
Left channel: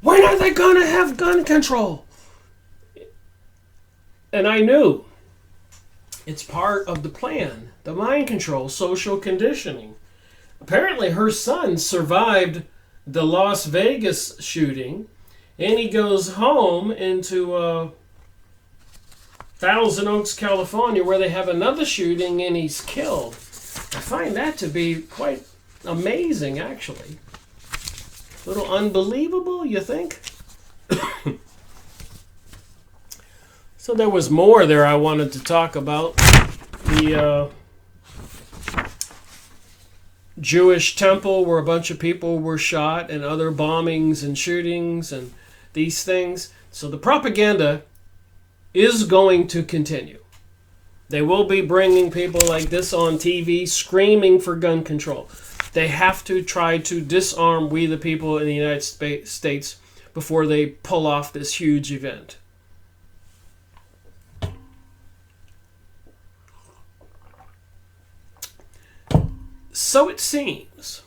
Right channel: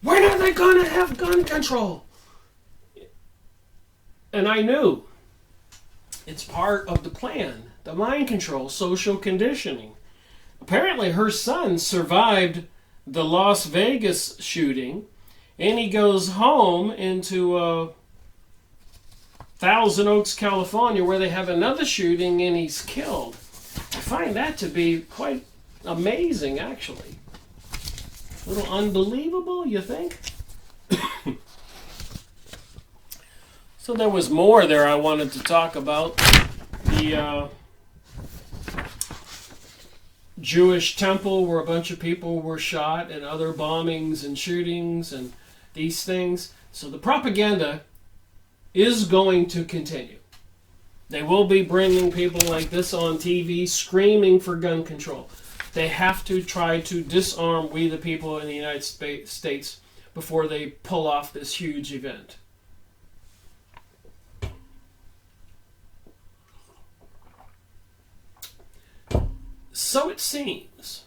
"When are they going to have gun control?" And I knew it's part of the plan, the mind control, social conditioning. Apparently her son survived the Las Vegas shooting, and he goes home into Thousand Oaks, California, where they have another shooting and he's killed. I find that to be quite amazing, actually. A little unbelievable, you think? So there was more there I wanted to talk about. The Jewish temple where a bunch of people were shot and other bombings and shootings and these things. So the propaganda is going to continue. They will be bringing people like this on TV screaming for gun control. They have to try to disarm we the people in the United States before they pull off this huge event. So it seems,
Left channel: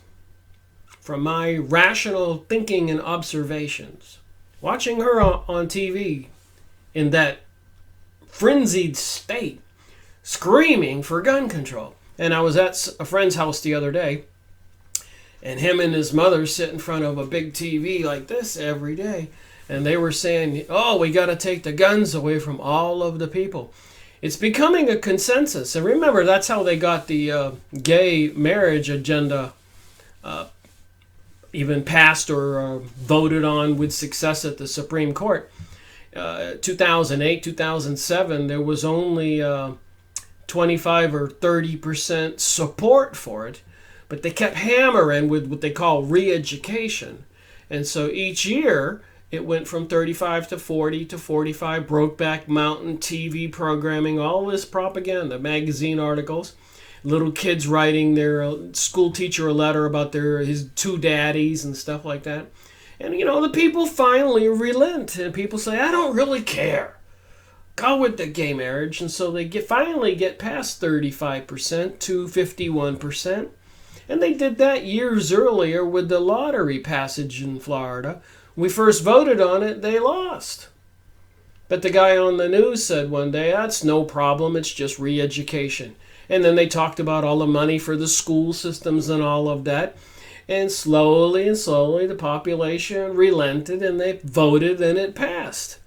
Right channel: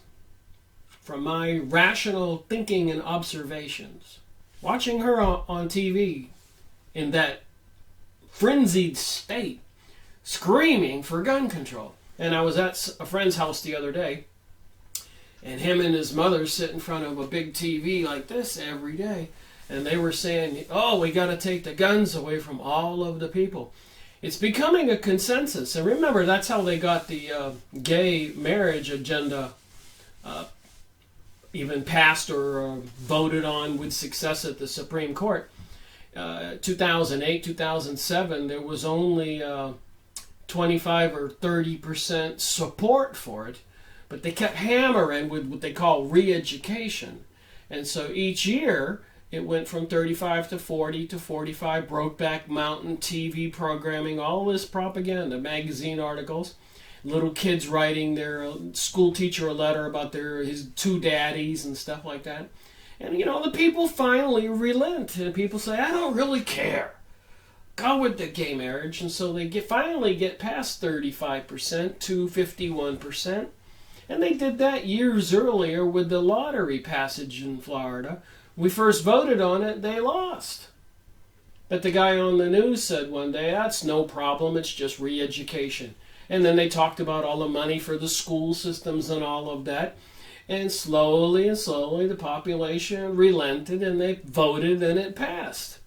from my rational thinking and observations, watching her on TV in that frenzied state, screaming for gun control. And I was at a friend's house the other day, and him and his mother sit in front of a big TV like this every day, and they were saying, "Oh, we got to take the guns away from all of the people." It's becoming a consensus. And remember, that's how they got the gay marriage agenda even passed or voted on with success at the Supreme Court. 2008, 2007, there was only 25 or 30% support for it, but they kept hammering with what they call re-education. And so each year, it went from 35 to 40 to 45, Brokeback Mountain, TV programming, all this propaganda, magazine articles, little kids writing their school teacher a letter about his two daddies and stuff like that. And, the people finally relent, and people say, "I don't really care. Go with the gay marriage." And so they finally get past 35% to 51%. And they did that years earlier with the lottery passage in Florida. We first voted on it, they lost. But the guy on the news said one day, "That's no problem, it's just re-education." And then they talked about all the money for the school systems and all of that. And slowly and slowly the population relented and they voted and it passed.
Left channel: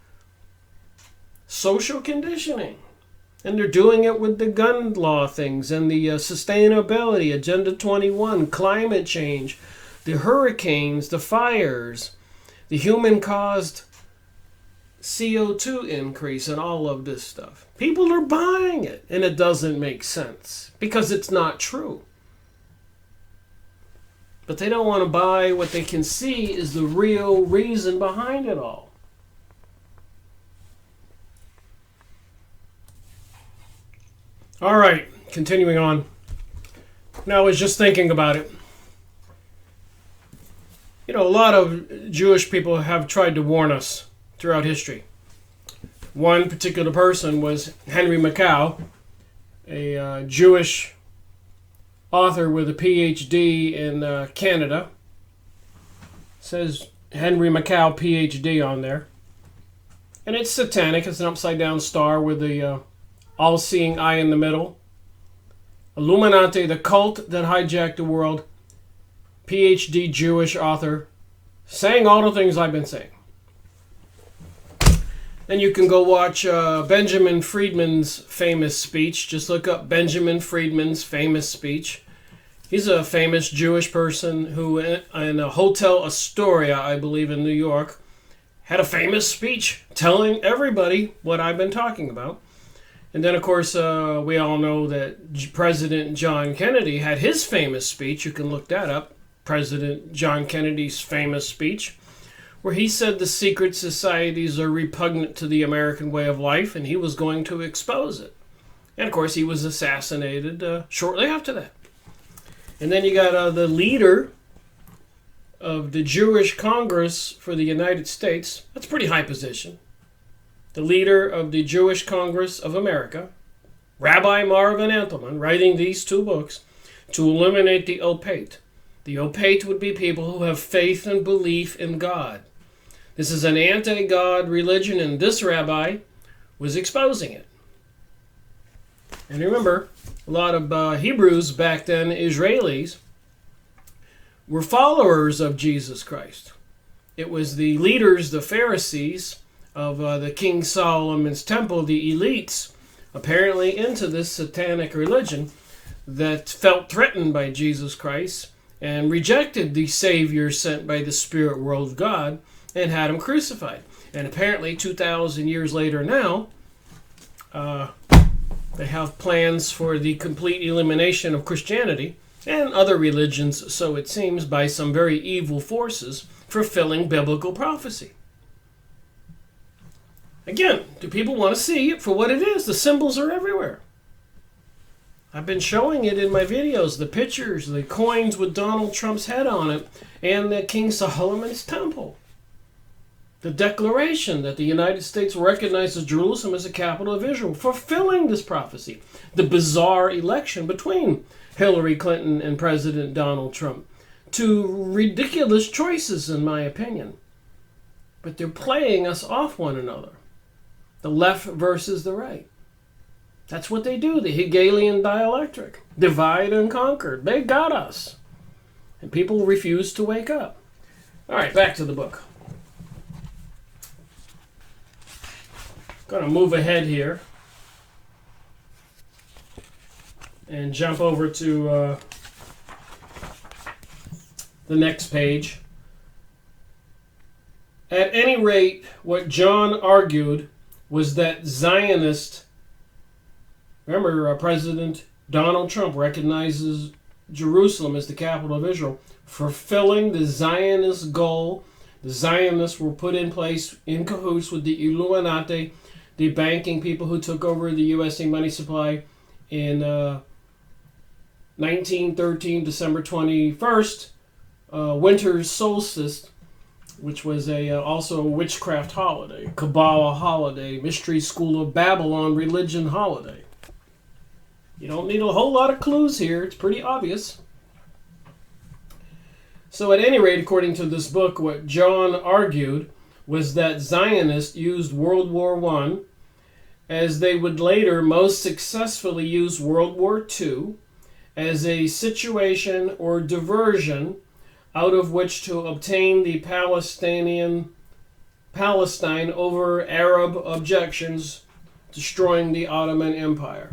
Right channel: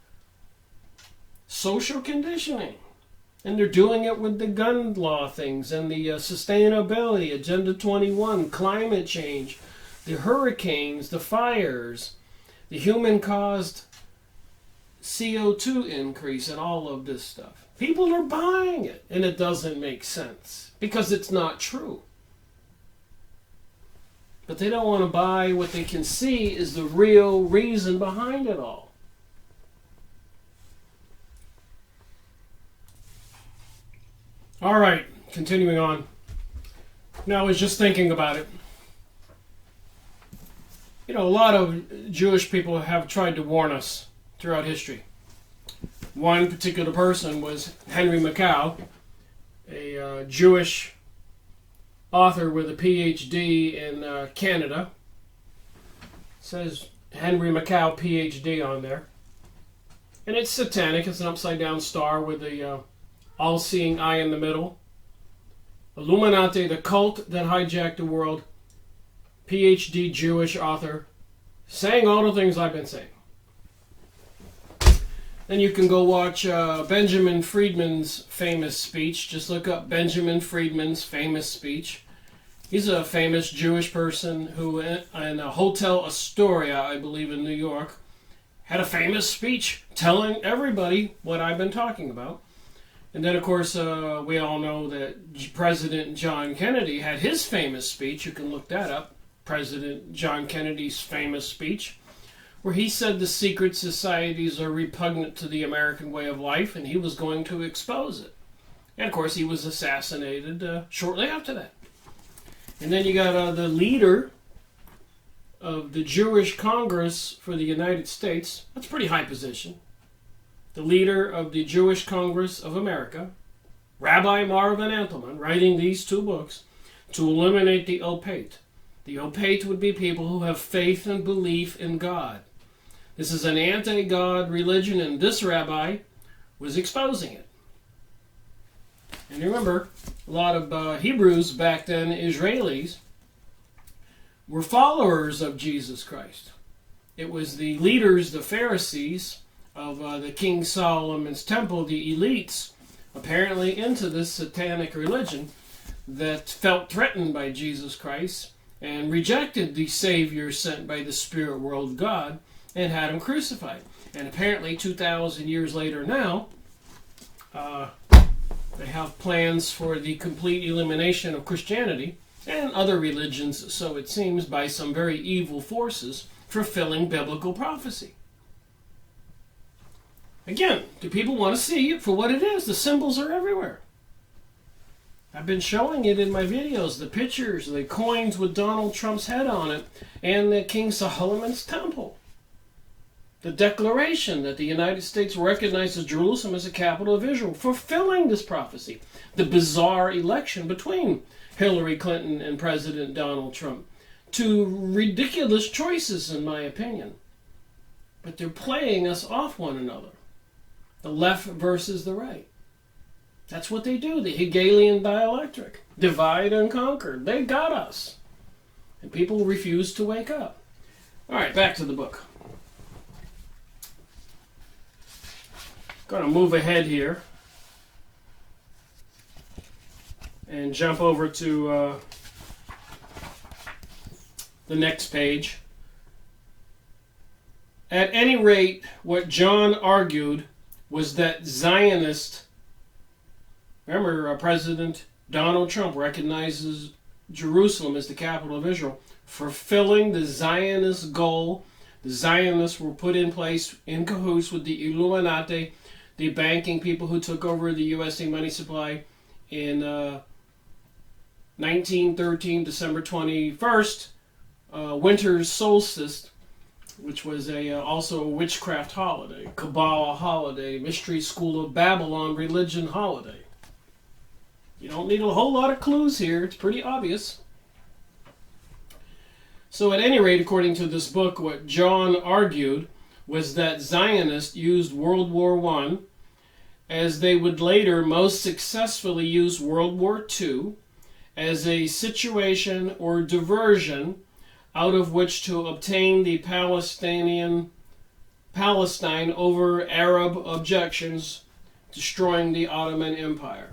Social conditioning. And they're doing it with the gun law things and the sustainability, Agenda 21, climate change, the hurricanes, the fires, the human-caused CO2 increase and all of this stuff. People are buying it, and it doesn't make sense because it's not true. But they don't want to buy what they can see is the real reason behind it all. All right, continuing on. Now, I was just thinking about it. You know, a lot of Jewish people have tried to warn us throughout history. One particular person was Henry Mackay, a Jewish author with a PhD in Canada. It says Henry Mackay, PhD on there. And it's satanic. It's an upside-down star with the all-seeing eye in the middle. Illuminati, the cult that hijacked the world. PhD Jewish author, saying all the things I've been saying. And you can go watch Benjamin Friedman's famous speech. Just look up Benjamin Friedman's famous speech. He's a famous Jewish person who, in a Hotel Astoria, I believe in New York, had a famous speech telling everybody what I've been talking about. And then, of course, we all know that President John Kennedy had his famous speech. You can look that up. President John Kennedy's famous speech, where he said the secret societies are repugnant to the American way of life, and he was going to expose it. And, of course, he was assassinated shortly after that. And then you got the leader of the Jewish Congress for the United States. That's a pretty high position. The leader of the Jewish Congress of America, Rabbi Marvin Entelman, writing these two books to eliminate the opate. The opate would be people who have faith and belief in God. This is an anti-God religion, and this rabbi was exposing it. And remember, a lot of Hebrews back then, Israelis, were followers of Jesus Christ. It was the leaders, the Pharisees of the King Solomon's temple, the elites, apparently into this satanic religion, that felt threatened by Jesus Christ and rejected the Savior sent by the spirit world of God and had him crucified. And apparently 2,000 years later now, they have plans for the complete elimination of Christianity and other religions, so it seems, by some very evil forces fulfilling biblical prophecy. Again, do people want to see it for what it is? The symbols are everywhere. I've been showing it in my videos, the pictures, the coins with Donald Trump's head on it, and the King Solomon's temple. The declaration that the United States recognizes Jerusalem as the capital of Israel, fulfilling this prophecy. The bizarre election between Hillary Clinton and President Donald Trump. Two ridiculous choices, in my opinion. But they're playing us off one another. The left versus the right. That's what they do, the Hegelian dialectic. Divide and conquer. They got us. And people refuse to wake up. All right, back to the book. Going to move ahead here and jump over to the next page. At any rate, what John argued was that Zionists, remember, President Donald Trump recognizes Jerusalem as the capital of Israel, fulfilling the Zionist goal. The Zionists were put in place in cahoots with the Illuminati, the banking people who took over the USA money supply in 1913, December 21st, winter solstice, which was also a witchcraft holiday, Kabbalah holiday, Mystery School of Babylon religion holiday. You don't need a whole lot of clues here. It's pretty obvious. So at any rate, according to this book, what John argued was that Zionists used World War I as they would later most successfully use World War II as a situation or diversion out of which to obtain the Palestine over Arab objections, destroying the Ottoman Empire.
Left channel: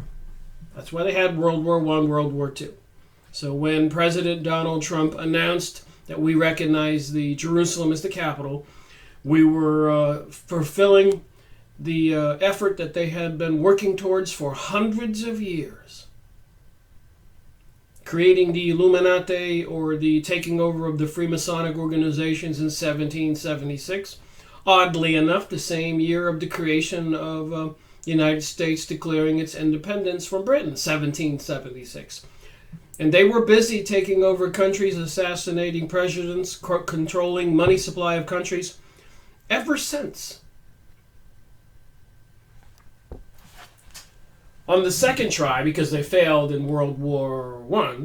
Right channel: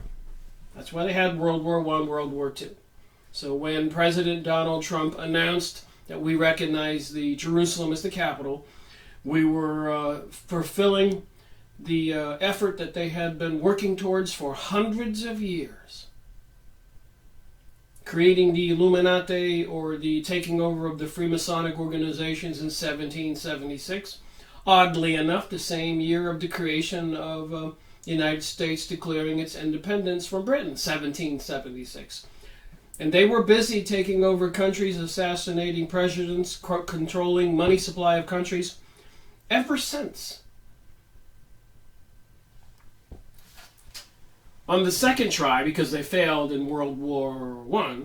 That's why they had World War I, World War II. So when President Donald Trump announced that we recognize the Jerusalem as the capital, We were fulfilling the effort that they had been working towards for hundreds of years. Creating the Illuminati, or the taking over of the Freemasonic organizations, in 1776. Oddly enough, the same year of the creation of the United States declaring its independence from Britain, 1776. And they were busy taking over countries, assassinating presidents, controlling money supply of countries ever since. On the second try, because they failed in World War I,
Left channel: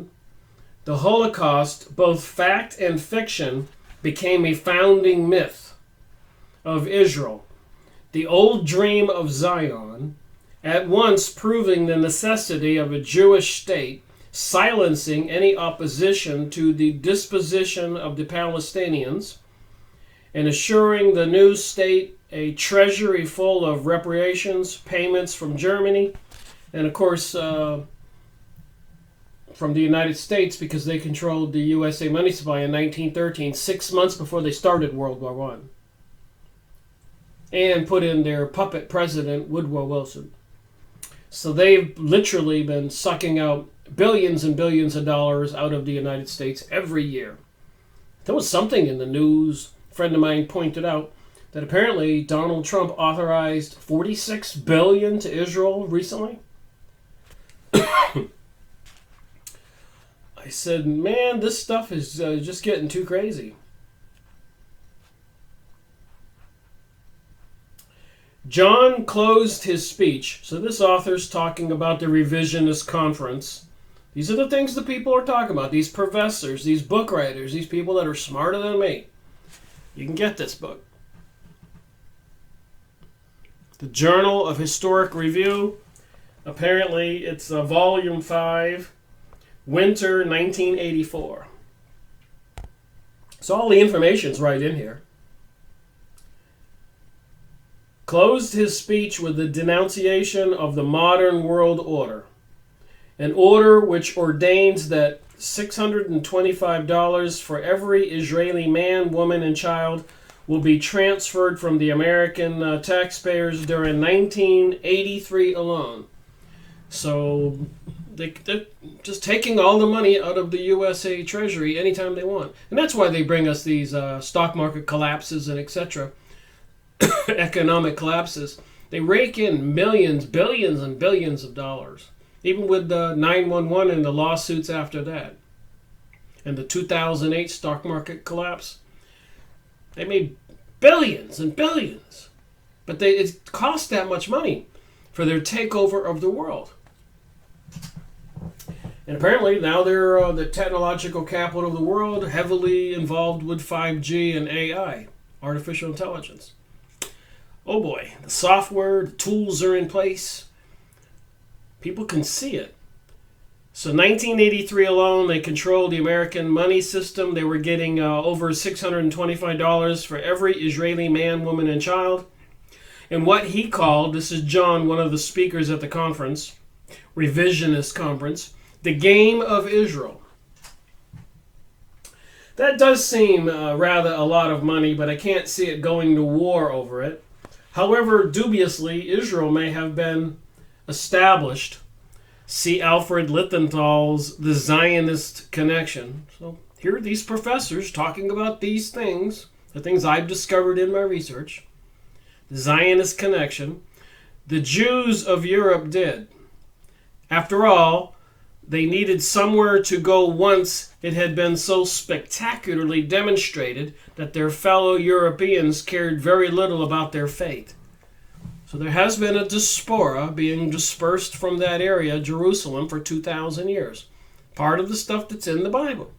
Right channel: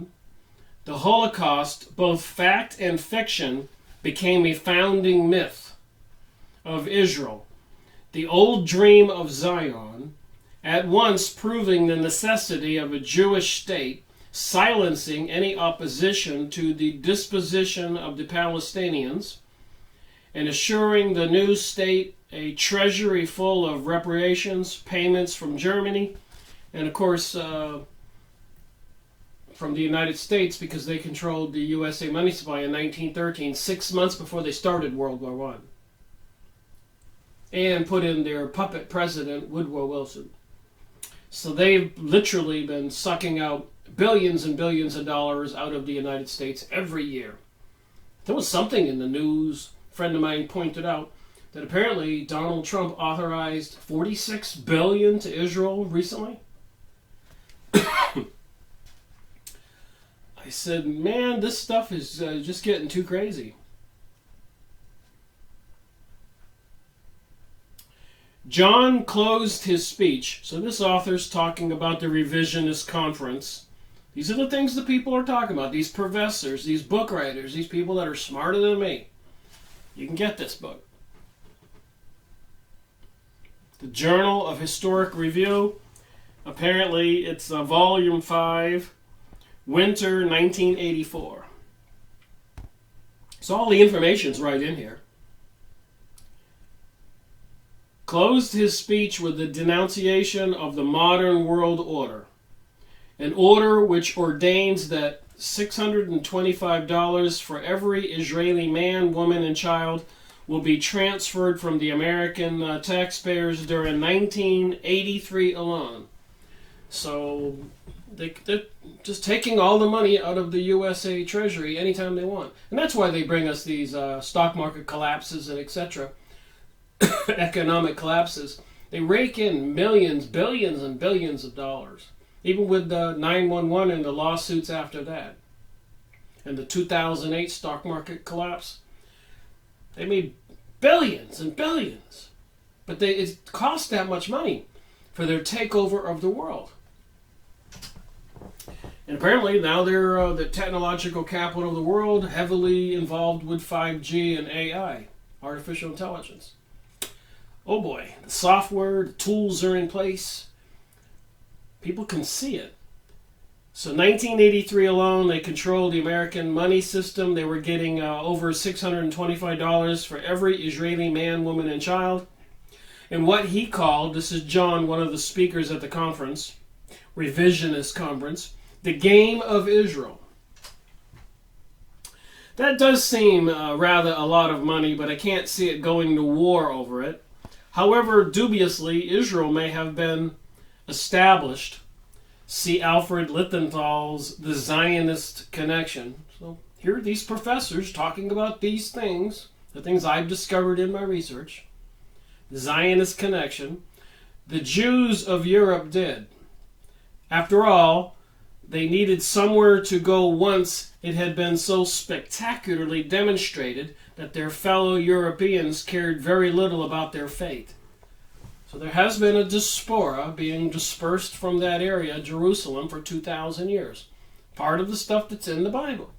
the Holocaust, both fact and fiction, became a founding myth of Israel, the old dream of Zion, at once proving the necessity of a Jewish state, silencing any opposition to the disposition of the Palestinians, and assuring the new state a treasury full of reparations, payments from Germany, and of course from the United States, because they controlled the USA money supply in 1913, 6 months before they started World War I. And put in their puppet president, Woodrow Wilson. So they've literally been sucking out billions and billions of dollars out of the United States every year. There was something in the news, a friend of mine pointed out, that apparently Donald Trump authorized $46 billion to Israel recently. I said, man, this stuff is just getting too crazy. John closed his speech. So this author's talking about the revisionist conference. These are the things that people are talking about. These professors, these book writers, these people that are smarter than me. You can get this book. The Journal of Historic Review. Apparently, it's volume 5, winter 1984. So all the information's right in here. Closed his speech with the denunciation of the modern world order, an order which ordains that $625 for every Israeli man, woman, and child will be transferred from the American taxpayers during 1983 alone. So they're just taking all the money out of the USA Treasury anytime they want. And that's why they bring us these stock market collapses and etc., economic collapses. They rake in millions, billions, and billions of dollars. Even with the 9/11 and the lawsuits after that. And the 2008 stock market collapse. They made billions and billions. But it cost that much money for their takeover of the world. And apparently now they're the technological capital of the world, heavily involved with 5G and AI, artificial intelligence. Oh boy, the software, the tools are in place. People can see it. So 1983 alone, they controlled the American money system. They were getting over $625 for every Israeli man, woman, and child. And what he called, this is John, one of the speakers at the conference, revisionist conference, the game of Israel. That does seem rather a lot of money, but I can't see it going to war over it. However, dubiously, Israel may have been established. See Alfred Lichtenthal's The Zionist Connection. So here are these professors talking about these things, the things I've discovered in my research. The Zionist Connection. The Jews of Europe did. After all, they needed somewhere to go once it had been so spectacularly demonstrated that their fellow Europeans cared very little about their fate. So there has been a diaspora being dispersed from that area, Jerusalem, for 2,000 years. Part of the stuff that's in the Bible.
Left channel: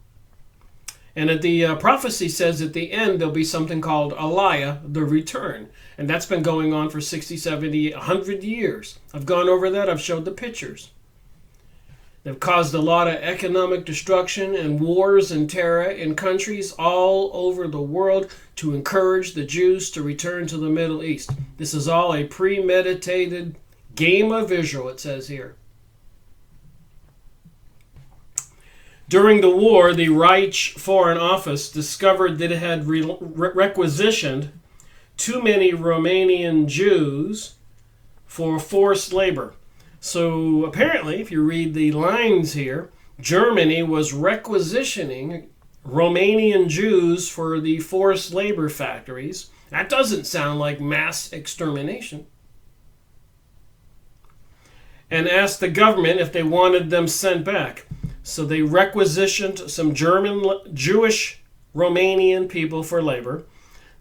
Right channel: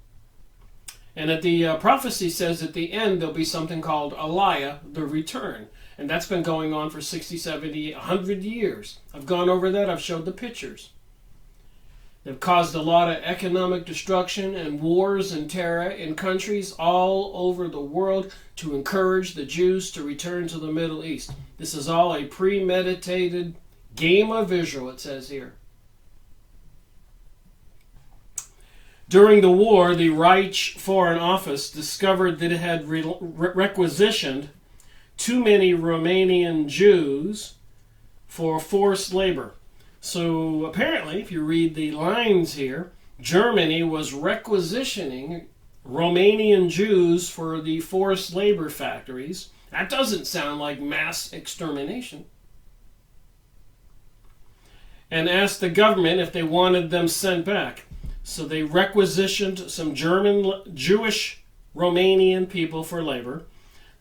And at the prophecy says at the end there'll be something called Aliyah, the return. And that's been going on for 60, 70, 100 years. I've gone over that. I've showed the pictures. They've caused a lot of economic destruction and wars and terror in countries all over the world to encourage the Jews to return to the Middle East. This is all a premeditated game of Israel, it says here. During the war, the Reich Foreign Office discovered that it had requisitioned too many Romanian Jews for forced labor. So apparently, if you read the lines here, Germany was requisitioning Romanian Jews for the forced labor factories. That doesn't sound like mass extermination. And asked the government if they wanted them sent back. So they requisitioned some Jewish Romanian people for labor.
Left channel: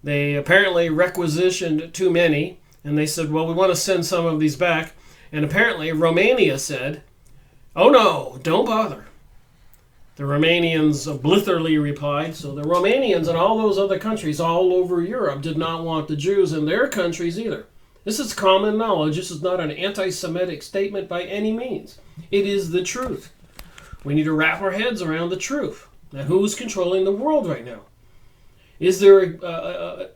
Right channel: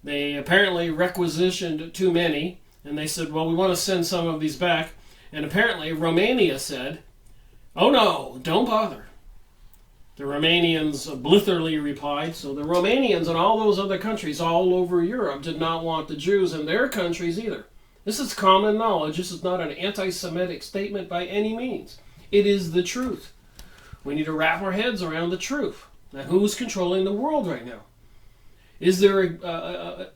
They apparently requisitioned too many, and they said, well, we want to send some of these back. And apparently Romania said, oh no, don't bother. The Romanians blithely replied. So the Romanians and all those other countries all over Europe did not want the Jews in their countries either. This is common knowledge. This is not an anti-Semitic statement by any means. It is the truth. We need to wrap our heads around the truth. Now, who's controlling the world right now? Is there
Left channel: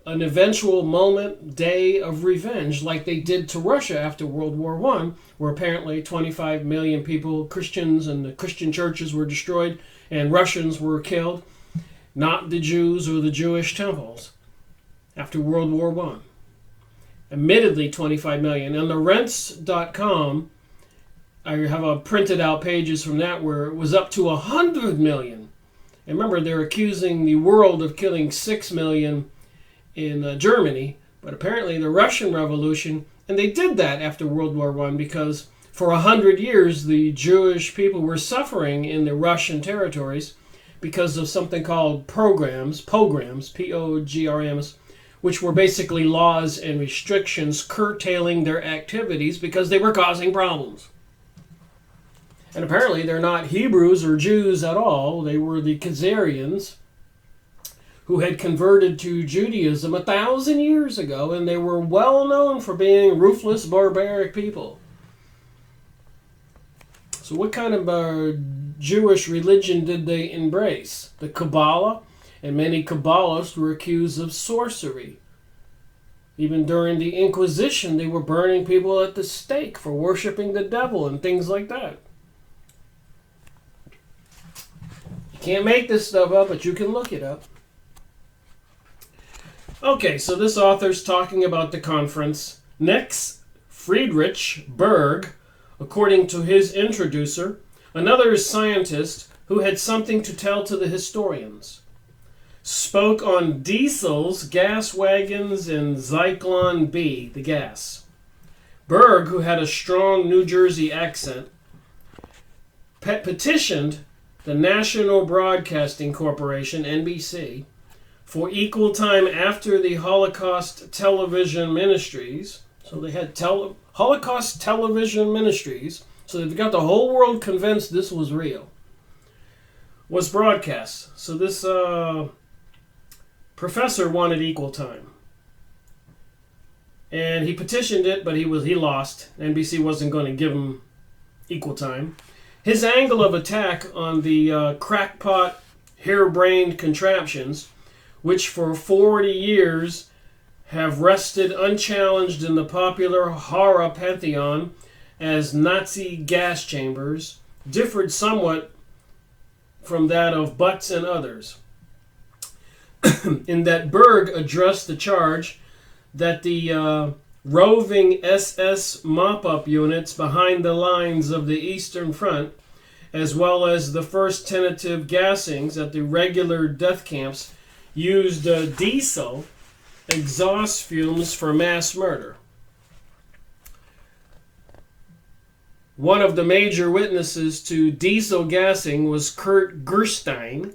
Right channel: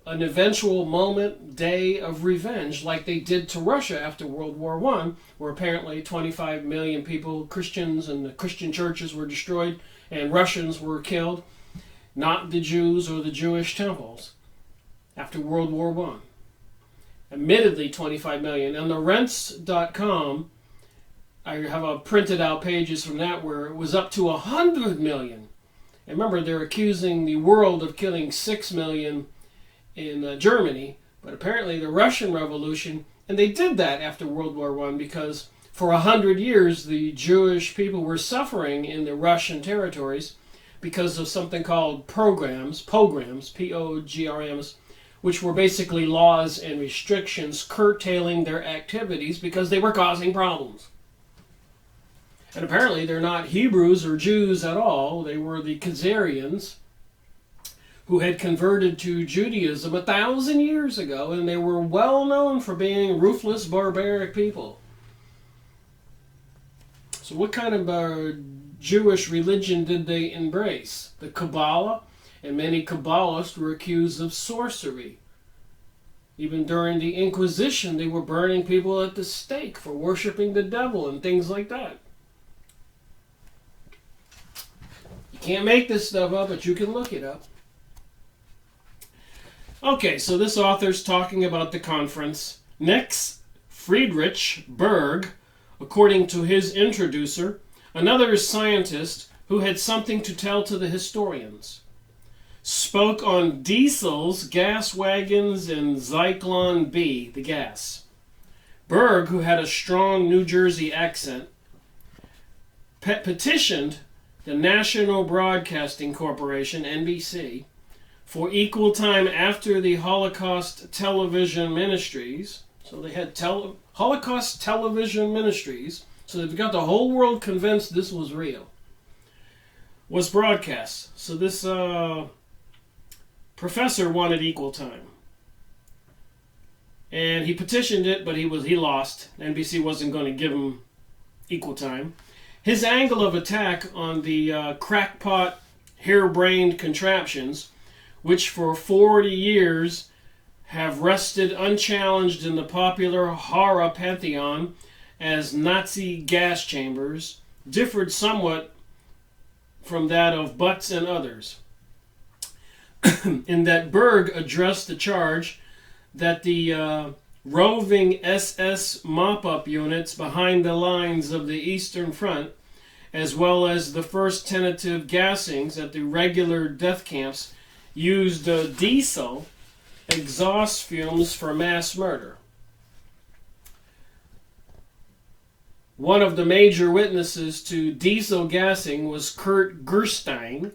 an eventual moment, day of revenge like they did to Russia after World War I, where apparently 25 million people, Christians and the Christian churches were destroyed and Russians were killed, not the Jews or the Jewish temples, after World War I? Admittedly, 25 million. And the rents.com, I have printed out pages from that where it was up to 100 million. And remember, they're accusing the world of killing 6 million in Germany, but apparently the Russian Revolution, and they did that after World War I because for 100 years the Jewish people were suffering in the Russian territories because of something called pogroms, P-O-G-R-M-S, which were basically laws and restrictions curtailing their activities because they were causing problems. And apparently they're not Hebrews or Jews at all. They were the Khazarians who had converted to Judaism 1,000 years ago, and they were well known for being ruthless, barbaric people. So what kind of Jewish religion did they embrace? The Kabbalah, and many Kabbalists were accused of sorcery. Even during the Inquisition, they were burning people at the stake for worshiping the devil and things like that. Can't make this stuff up, but you can look it up. Okay, so this author's talking about the conference. Next, Friedrich Berg, according to his introducer, another scientist who had something to tell to the historians, spoke on diesels, gas wagons, and Zyklon B, the gas. Berg, who had a strong New Jersey accent, petitioned the National Broadcasting Corporation, NBC, for equal time after the Holocaust Television Ministries. So they had Holocaust Television Ministries, so they've got the whole world convinced this was real, was broadcast. So this professor wanted equal time. And he petitioned it, but he lost. NBC wasn't going to give him equal time. His angle of attack on the crackpot, harebrained contraptions, which for 40 years have rested unchallenged in the popular horror pantheon as Nazi gas chambers, differed somewhat from that of Butts and others, in that Berg addressed the charge that the roving SS mop-up units behind the lines of the Eastern Front, as well as the first tentative gassings at the regular death camps, used diesel exhaust fumes for mass murder. One of the major witnesses to diesel gassing was Kurt Gerstein,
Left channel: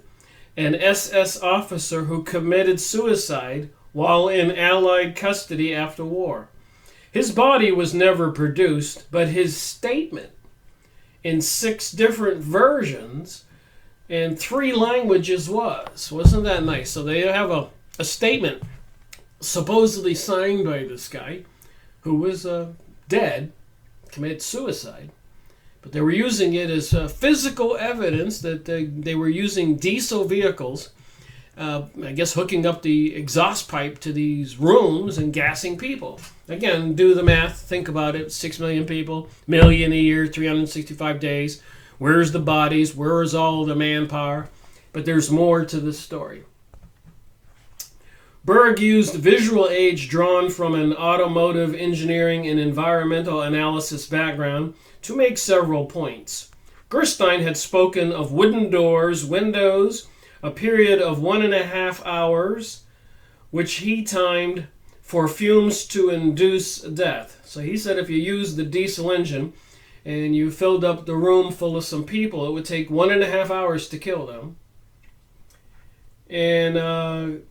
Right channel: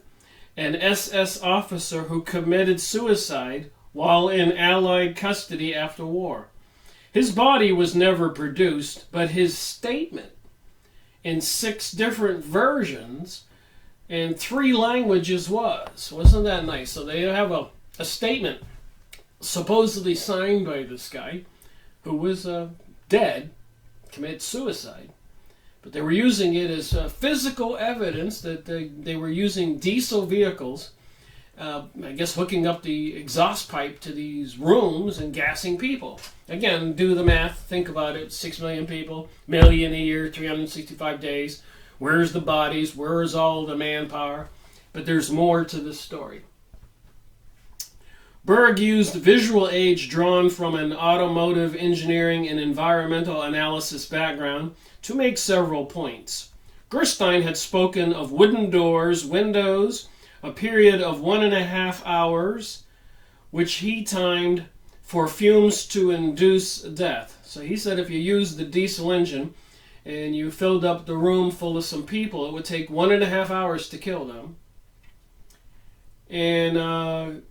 an SS officer who committed suicide while in Allied custody after war. His body was never produced, but his statement in 6 different versions in 3 languages was. Wasn't that nice? So they have a statement supposedly signed by this guy who was dead, committed suicide. But they were using it as physical evidence that they were using diesel vehicles, I guess hooking up the exhaust pipe to these rooms and gassing people. Again, do the math, think about it, 6 million people, million a year, 365 days. Where's the bodies? Where is all the manpower? But there's more to this story. Berg used visual aids drawn from an automotive engineering and environmental analysis background to make several points. Gerstein had spoken of wooden doors, windows, a period of 1.5 hours, which he timed for fumes to induce death. So he said if you used the diesel engine and you filled up the room full of some people, it would take 1.5 hours to kill them. And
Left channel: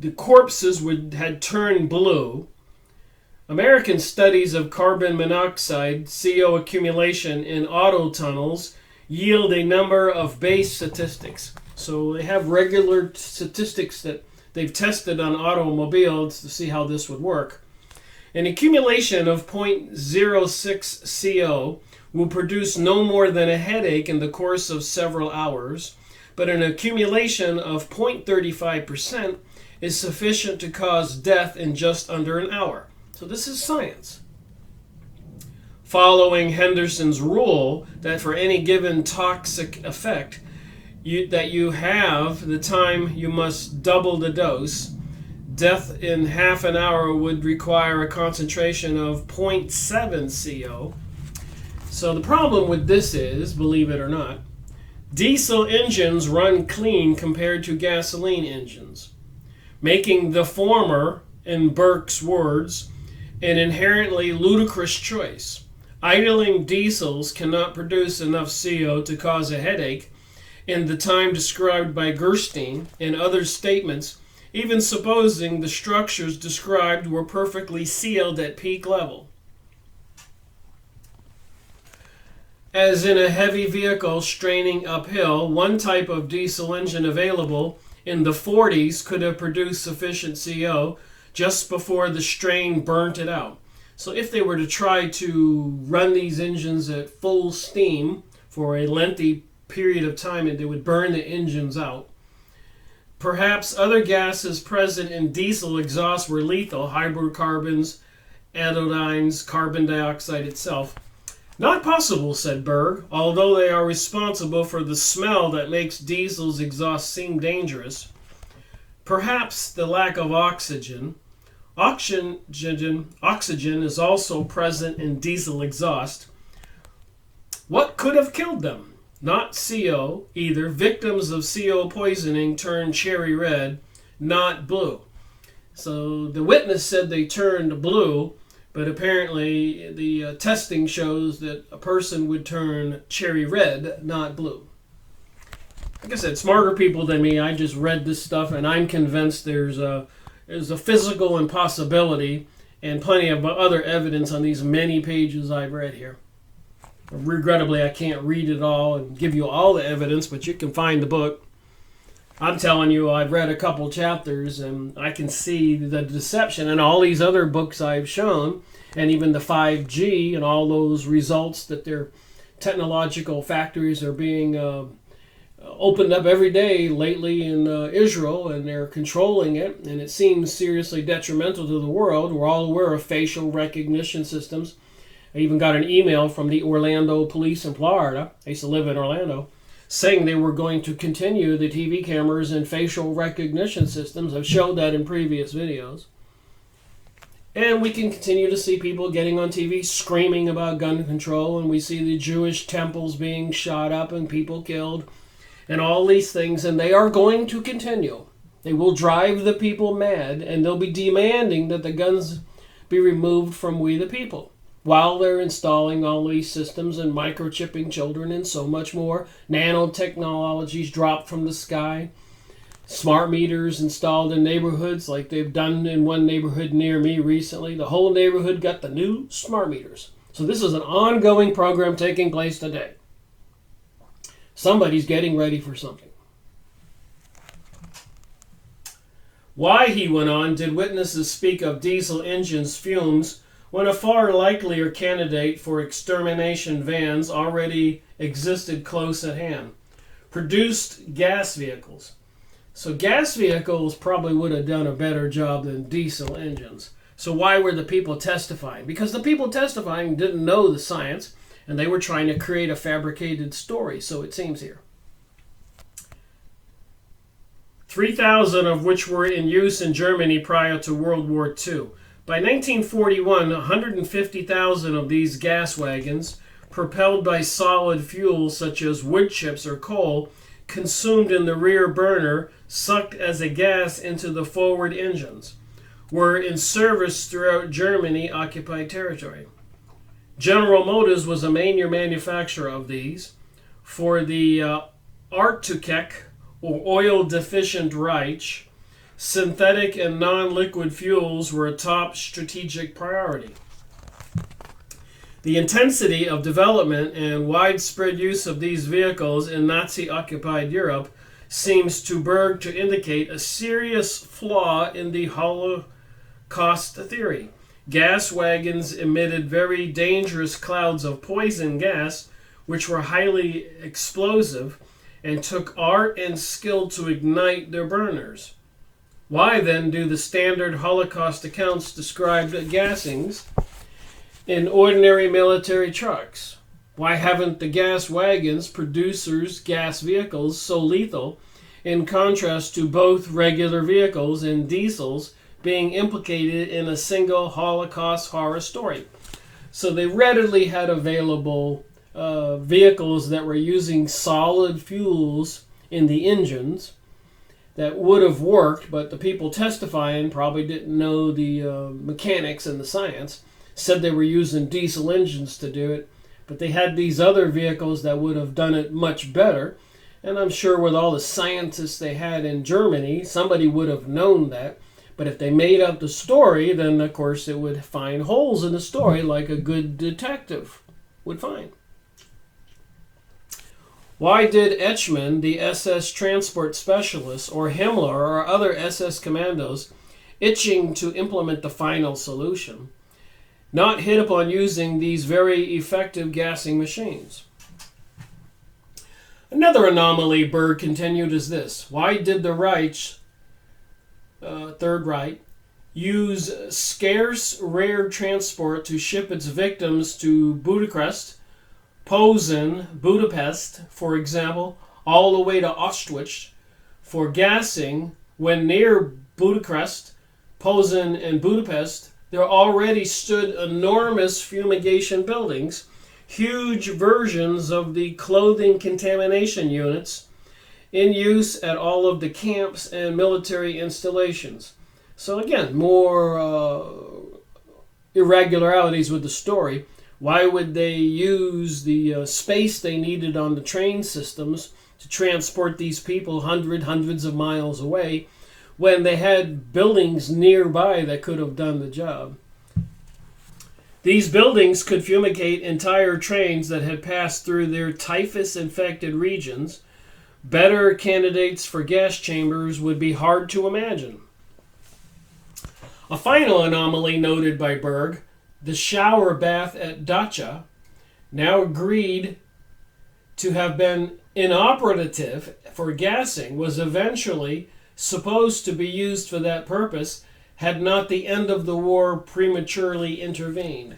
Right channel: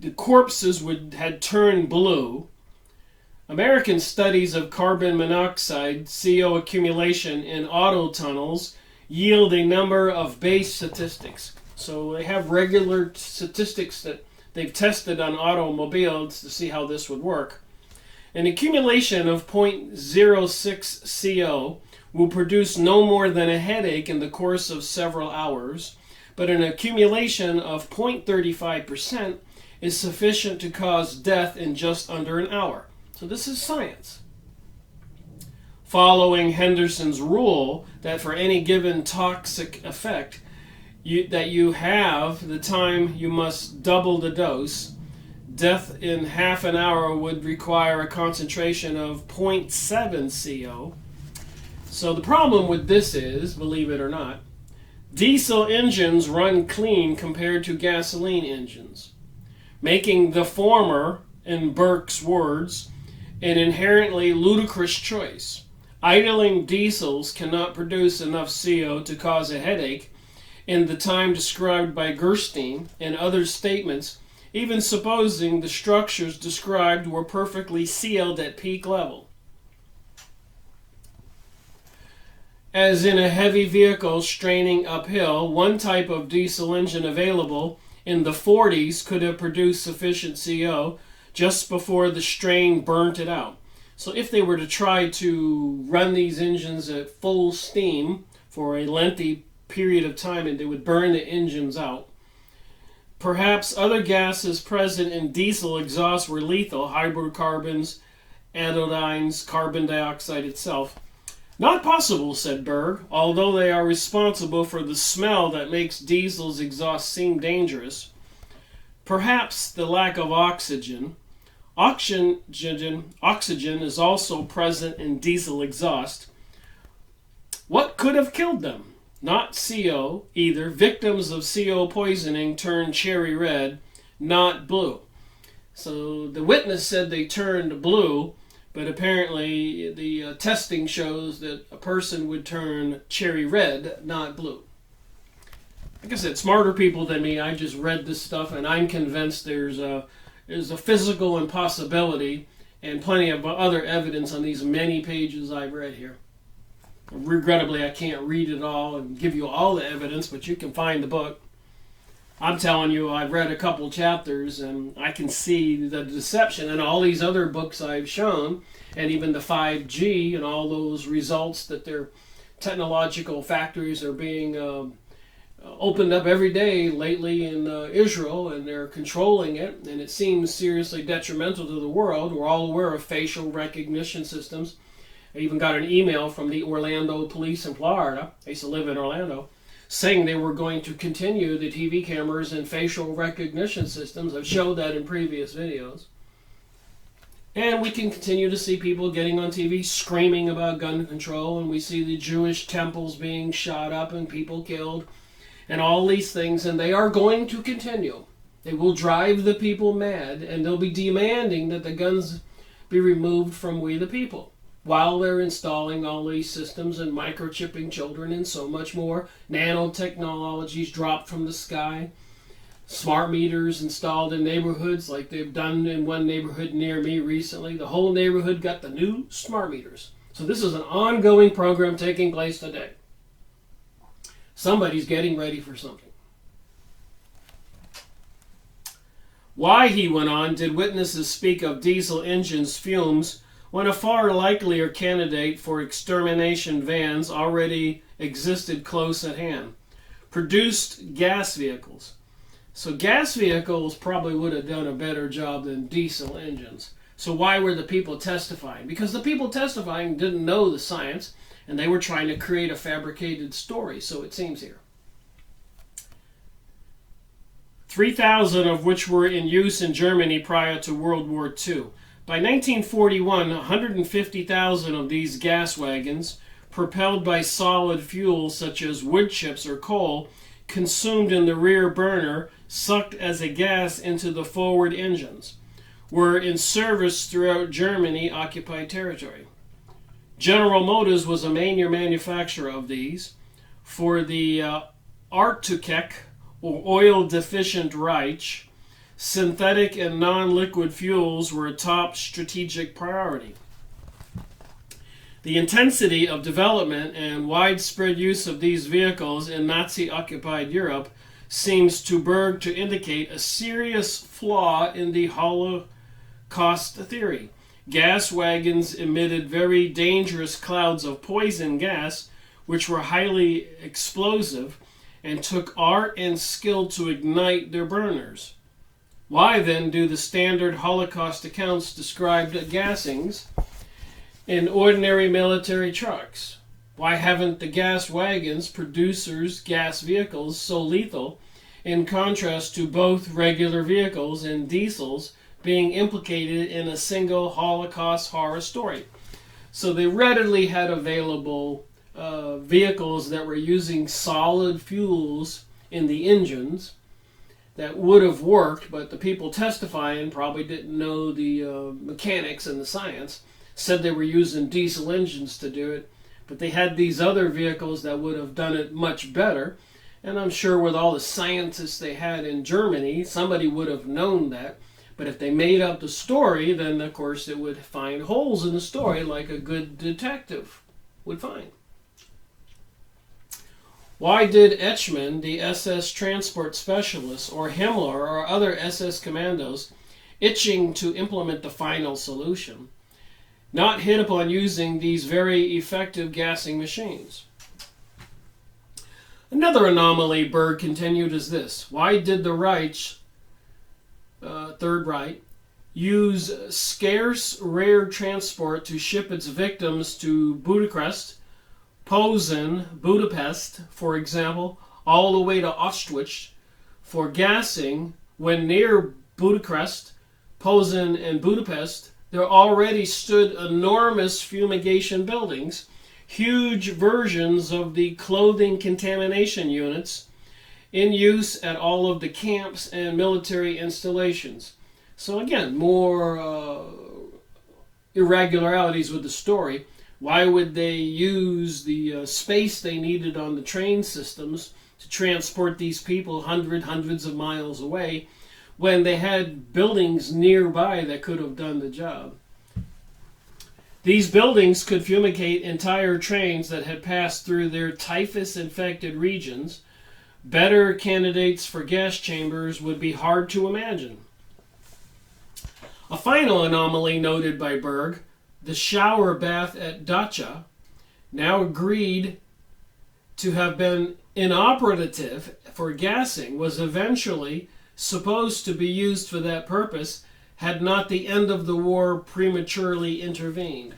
the corpses had turned blue. American studies of carbon monoxide, CO accumulation in auto tunnels yield a number of base statistics. So they have regular statistics that they've tested on automobiles to see how this would work. An accumulation of 0.06 CO will produce no more than a headache in the course of several hours, but an accumulation of 0.35% is sufficient to cause death in just under an hour. So this is science. Following Henderson's rule that for any given toxic effect that you have, the time you must double the dose, death in half an hour would require a concentration of 0.7 CO. So the problem with this is, believe it or not, diesel engines run clean compared to gasoline engines, making the former, in Burke's words, an inherently ludicrous choice. Idling diesels cannot produce enough CO to cause a headache in the time described by Gerstein and other statements, even supposing the structures described were perfectly sealed at peak level. As in a heavy vehicle straining uphill, one type of diesel engine available in the 40s could have produced sufficient CO just before the strain burnt it out. So if they were to try to run these engines at full steam for a lengthy period of time, and they would burn the engines out. Perhaps other gases present in diesel exhaust were lethal, hydrocarbons, anodynes, carbon dioxide itself. Not possible, said Berg, although they are responsible for the smell that makes diesel's exhaust seem dangerous. Perhaps the lack of oxygen. Oxygen is also present in diesel exhaust. What could have killed them? Not CO either. Victims of CO poisoning turned cherry red, not blue. So the witness said they turned blue, but apparently the testing shows that a person would turn cherry red, not blue. Like I said, smarter people than me, I just read this stuff and I'm convinced there's a physical impossibility and plenty of other evidence on these many pages I've read here. Regrettably, I can't read it all and give you all the evidence, but you can find the book. I'm telling you, I've read a couple chapters and I can see the deception in all these other books I've shown, and even the 5G and all those results that their technological factories are being opened up every day lately in Israel, and they're controlling it, and it seems seriously detrimental to the world. We're all aware of facial recognition systems. I even got an email from the Orlando police in Florida, I used to live in Orlando, saying they were going to continue the TV cameras and facial recognition systems. I've showed that in previous videos. And we can continue to see people getting on TV screaming about gun control, and we see the Jewish temples being shot up and people killed, and all these things, and they are going to continue. They will drive the people mad, and they'll be demanding that the guns be removed from we the people, while they're installing all these systems and microchipping children and so much more. Nanotechnologies dropped from the sky. Smart meters installed in neighborhoods like they've done in one neighborhood near me recently. The whole neighborhood got the new smart meters. So this is an ongoing program taking place today. Somebody's getting ready for something. Why, he went on, did witnesses speak of diesel engines' fumes when a far likelier candidate for extermination vans already existed close at hand? Produced gas vehicles. So gas vehicles probably would have done a better job than diesel engines. So why were the people testifying? Because the people testifying didn't know the science, and they were trying to create a fabricated story, so it seems here. 3,000 of which were in use in Germany prior to World War II. By 1941, 150,000 of these gas wagons, propelled by solid fuel such as wood chips or coal, consumed in the rear burner, sucked as a gas into the forward engines, were in service throughout Germany occupied territory. General Motors was a major manufacturer of these. For the Artukek, or oil-deficient Reich, synthetic and non-liquid fuels were a top strategic priority. The intensity of development and widespread use of these vehicles in Nazi-occupied Europe seems to Berg to indicate a serious flaw in the Holocaust theory. Gas wagons emitted very dangerous clouds of poison gas, which were highly explosive, and took art and skill to ignite their burners. Why then do the standard Holocaust accounts describe gassings in ordinary military trucks? Why haven't the gas wagons producers gas vehicles so lethal, in contrast to both regular vehicles and diesels being implicated in a single Holocaust horror story? So they readily had available vehicles that were using solid fuels in the engines that would have worked, but the people testifying probably didn't know the mechanics and the science, said they were using diesel engines to do it, but they had these other vehicles that would have done it much better. And I'm sure with all the scientists they had in Germany, somebody would have known that. But if they made up the story, then of course it would find holes in the story like a good detective would find. Why did Eichmann, the SS transport specialist, or Himmler, or other SS commandos, itching to implement the final solution, not hit upon using these very effective gassing machines? Another anomaly, Berg continued, is this. Why did the Reich, Third Reich, use scarce, rare transport to ship its victims to Budapest, Posen, Budapest, for example, all the way to Auschwitz for gassing, when near Budapest, Posen, and Budapest there already stood enormous fumigation buildings, huge versions of the clothing contamination units in use at all of the camps and military installations. So again, more irregularities with the story. Why would they use the space they needed on the train systems to transport these people hundreds of miles away when they had buildings nearby that could have done the job? These buildings could fumigate entire trains that had passed through their typhus-infected regions. Better candidates for gas chambers would be hard to imagine. A final anomaly noted by Berg, the shower bath at Dacha, now agreed to have been inoperative for gassing, was eventually supposed to be used for that purpose had not the end of the war prematurely intervened.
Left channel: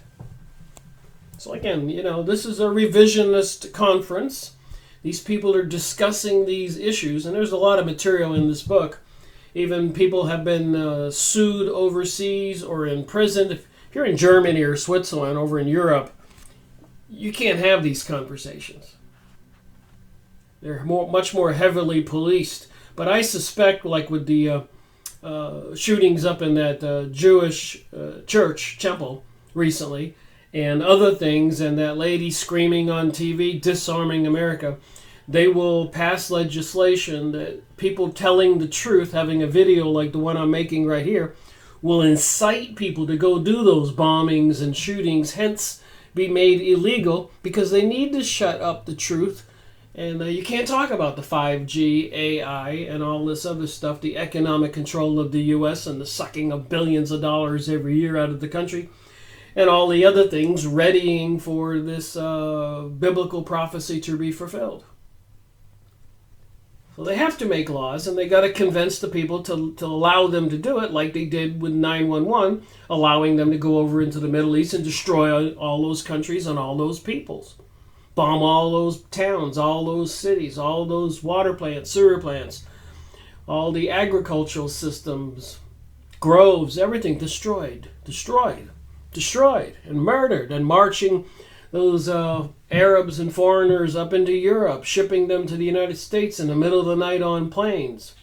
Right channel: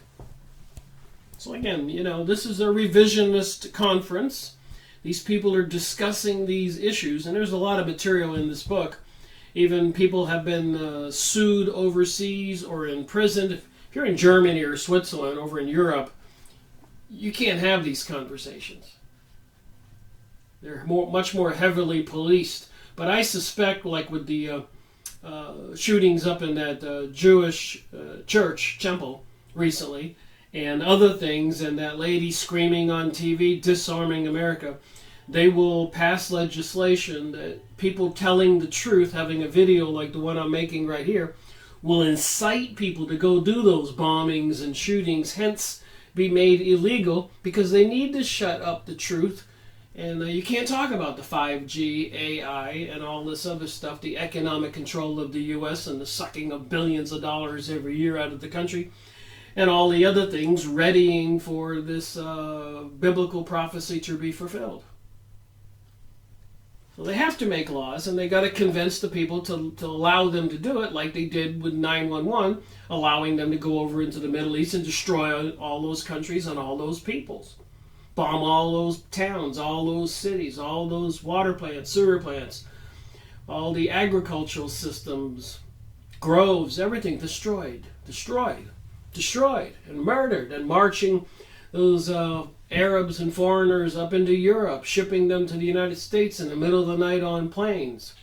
So again, this is a revisionist conference. These people are discussing these issues, and there's a lot of material in this book. Even people have been sued overseas or imprisoned. If you're in Germany or Switzerland, over in Europe, you can't have these conversations. They're much more heavily policed. But I suspect, like with the shootings up in that Jewish church temple recently, and other things, and that lady screaming on TV, disarming America, they will pass legislation that people telling the truth, having a video like the one I'm making right here, will incite people to go do those bombings and shootings, hence be made illegal, because they need to shut up the truth. And you can't talk about the 5G, AI, and all this other stuff, the economic control of the U.S. and the sucking of billions of dollars every year out of the country, and all the other things readying for this biblical prophecy to be fulfilled. So they have to make laws, and they got to convince the people to allow them to do it, like they did with 9/11, allowing them to go over into the Middle East and destroy all those countries and all those peoples. Bomb all those towns, all those cities, all those water plants, sewer plants, all the agricultural systems, groves, everything destroyed, and murdered, and marching those Arabs and foreigners up into Europe, shipping them to the United States in the middle of the night on planes.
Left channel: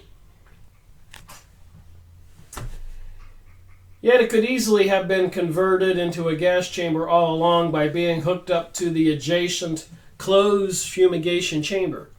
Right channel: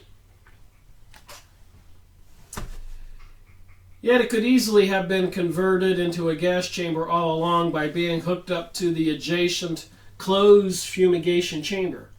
Yet it could easily have been converted into a gas chamber all along by being hooked up to the adjacent closed fumigation chamber.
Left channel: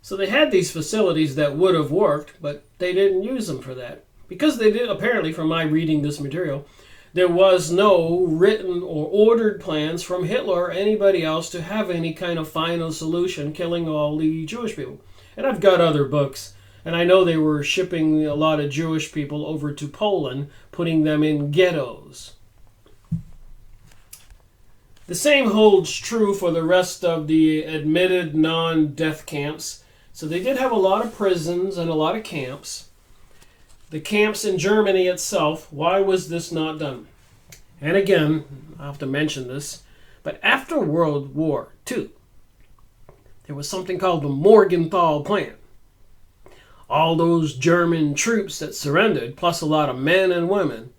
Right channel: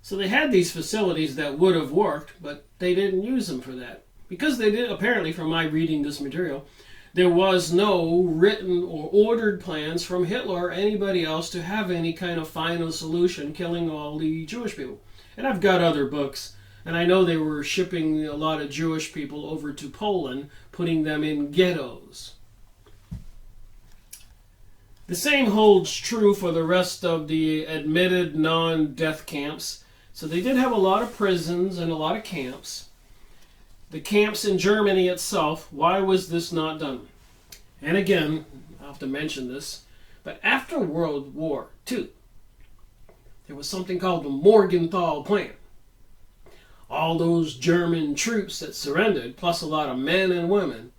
So they had these facilities that would have worked, but they didn't use them for that. Because they did, apparently, from my reading this material, there was no written or ordered plans from Hitler or anybody else to have any kind of final solution killing all the Jewish people. And I've got other books, and I know they were shipping a lot of Jewish people over to Poland, putting them in ghettos. The same holds true for the rest of the admitted non-death camps. So they did have a lot of prisons and a lot of camps. The camps in Germany itself, why was this not done? And again, I have to mention this, but after World War II, there was something called the Morgenthau Plan. All those German troops that surrendered, plus a lot of men and women,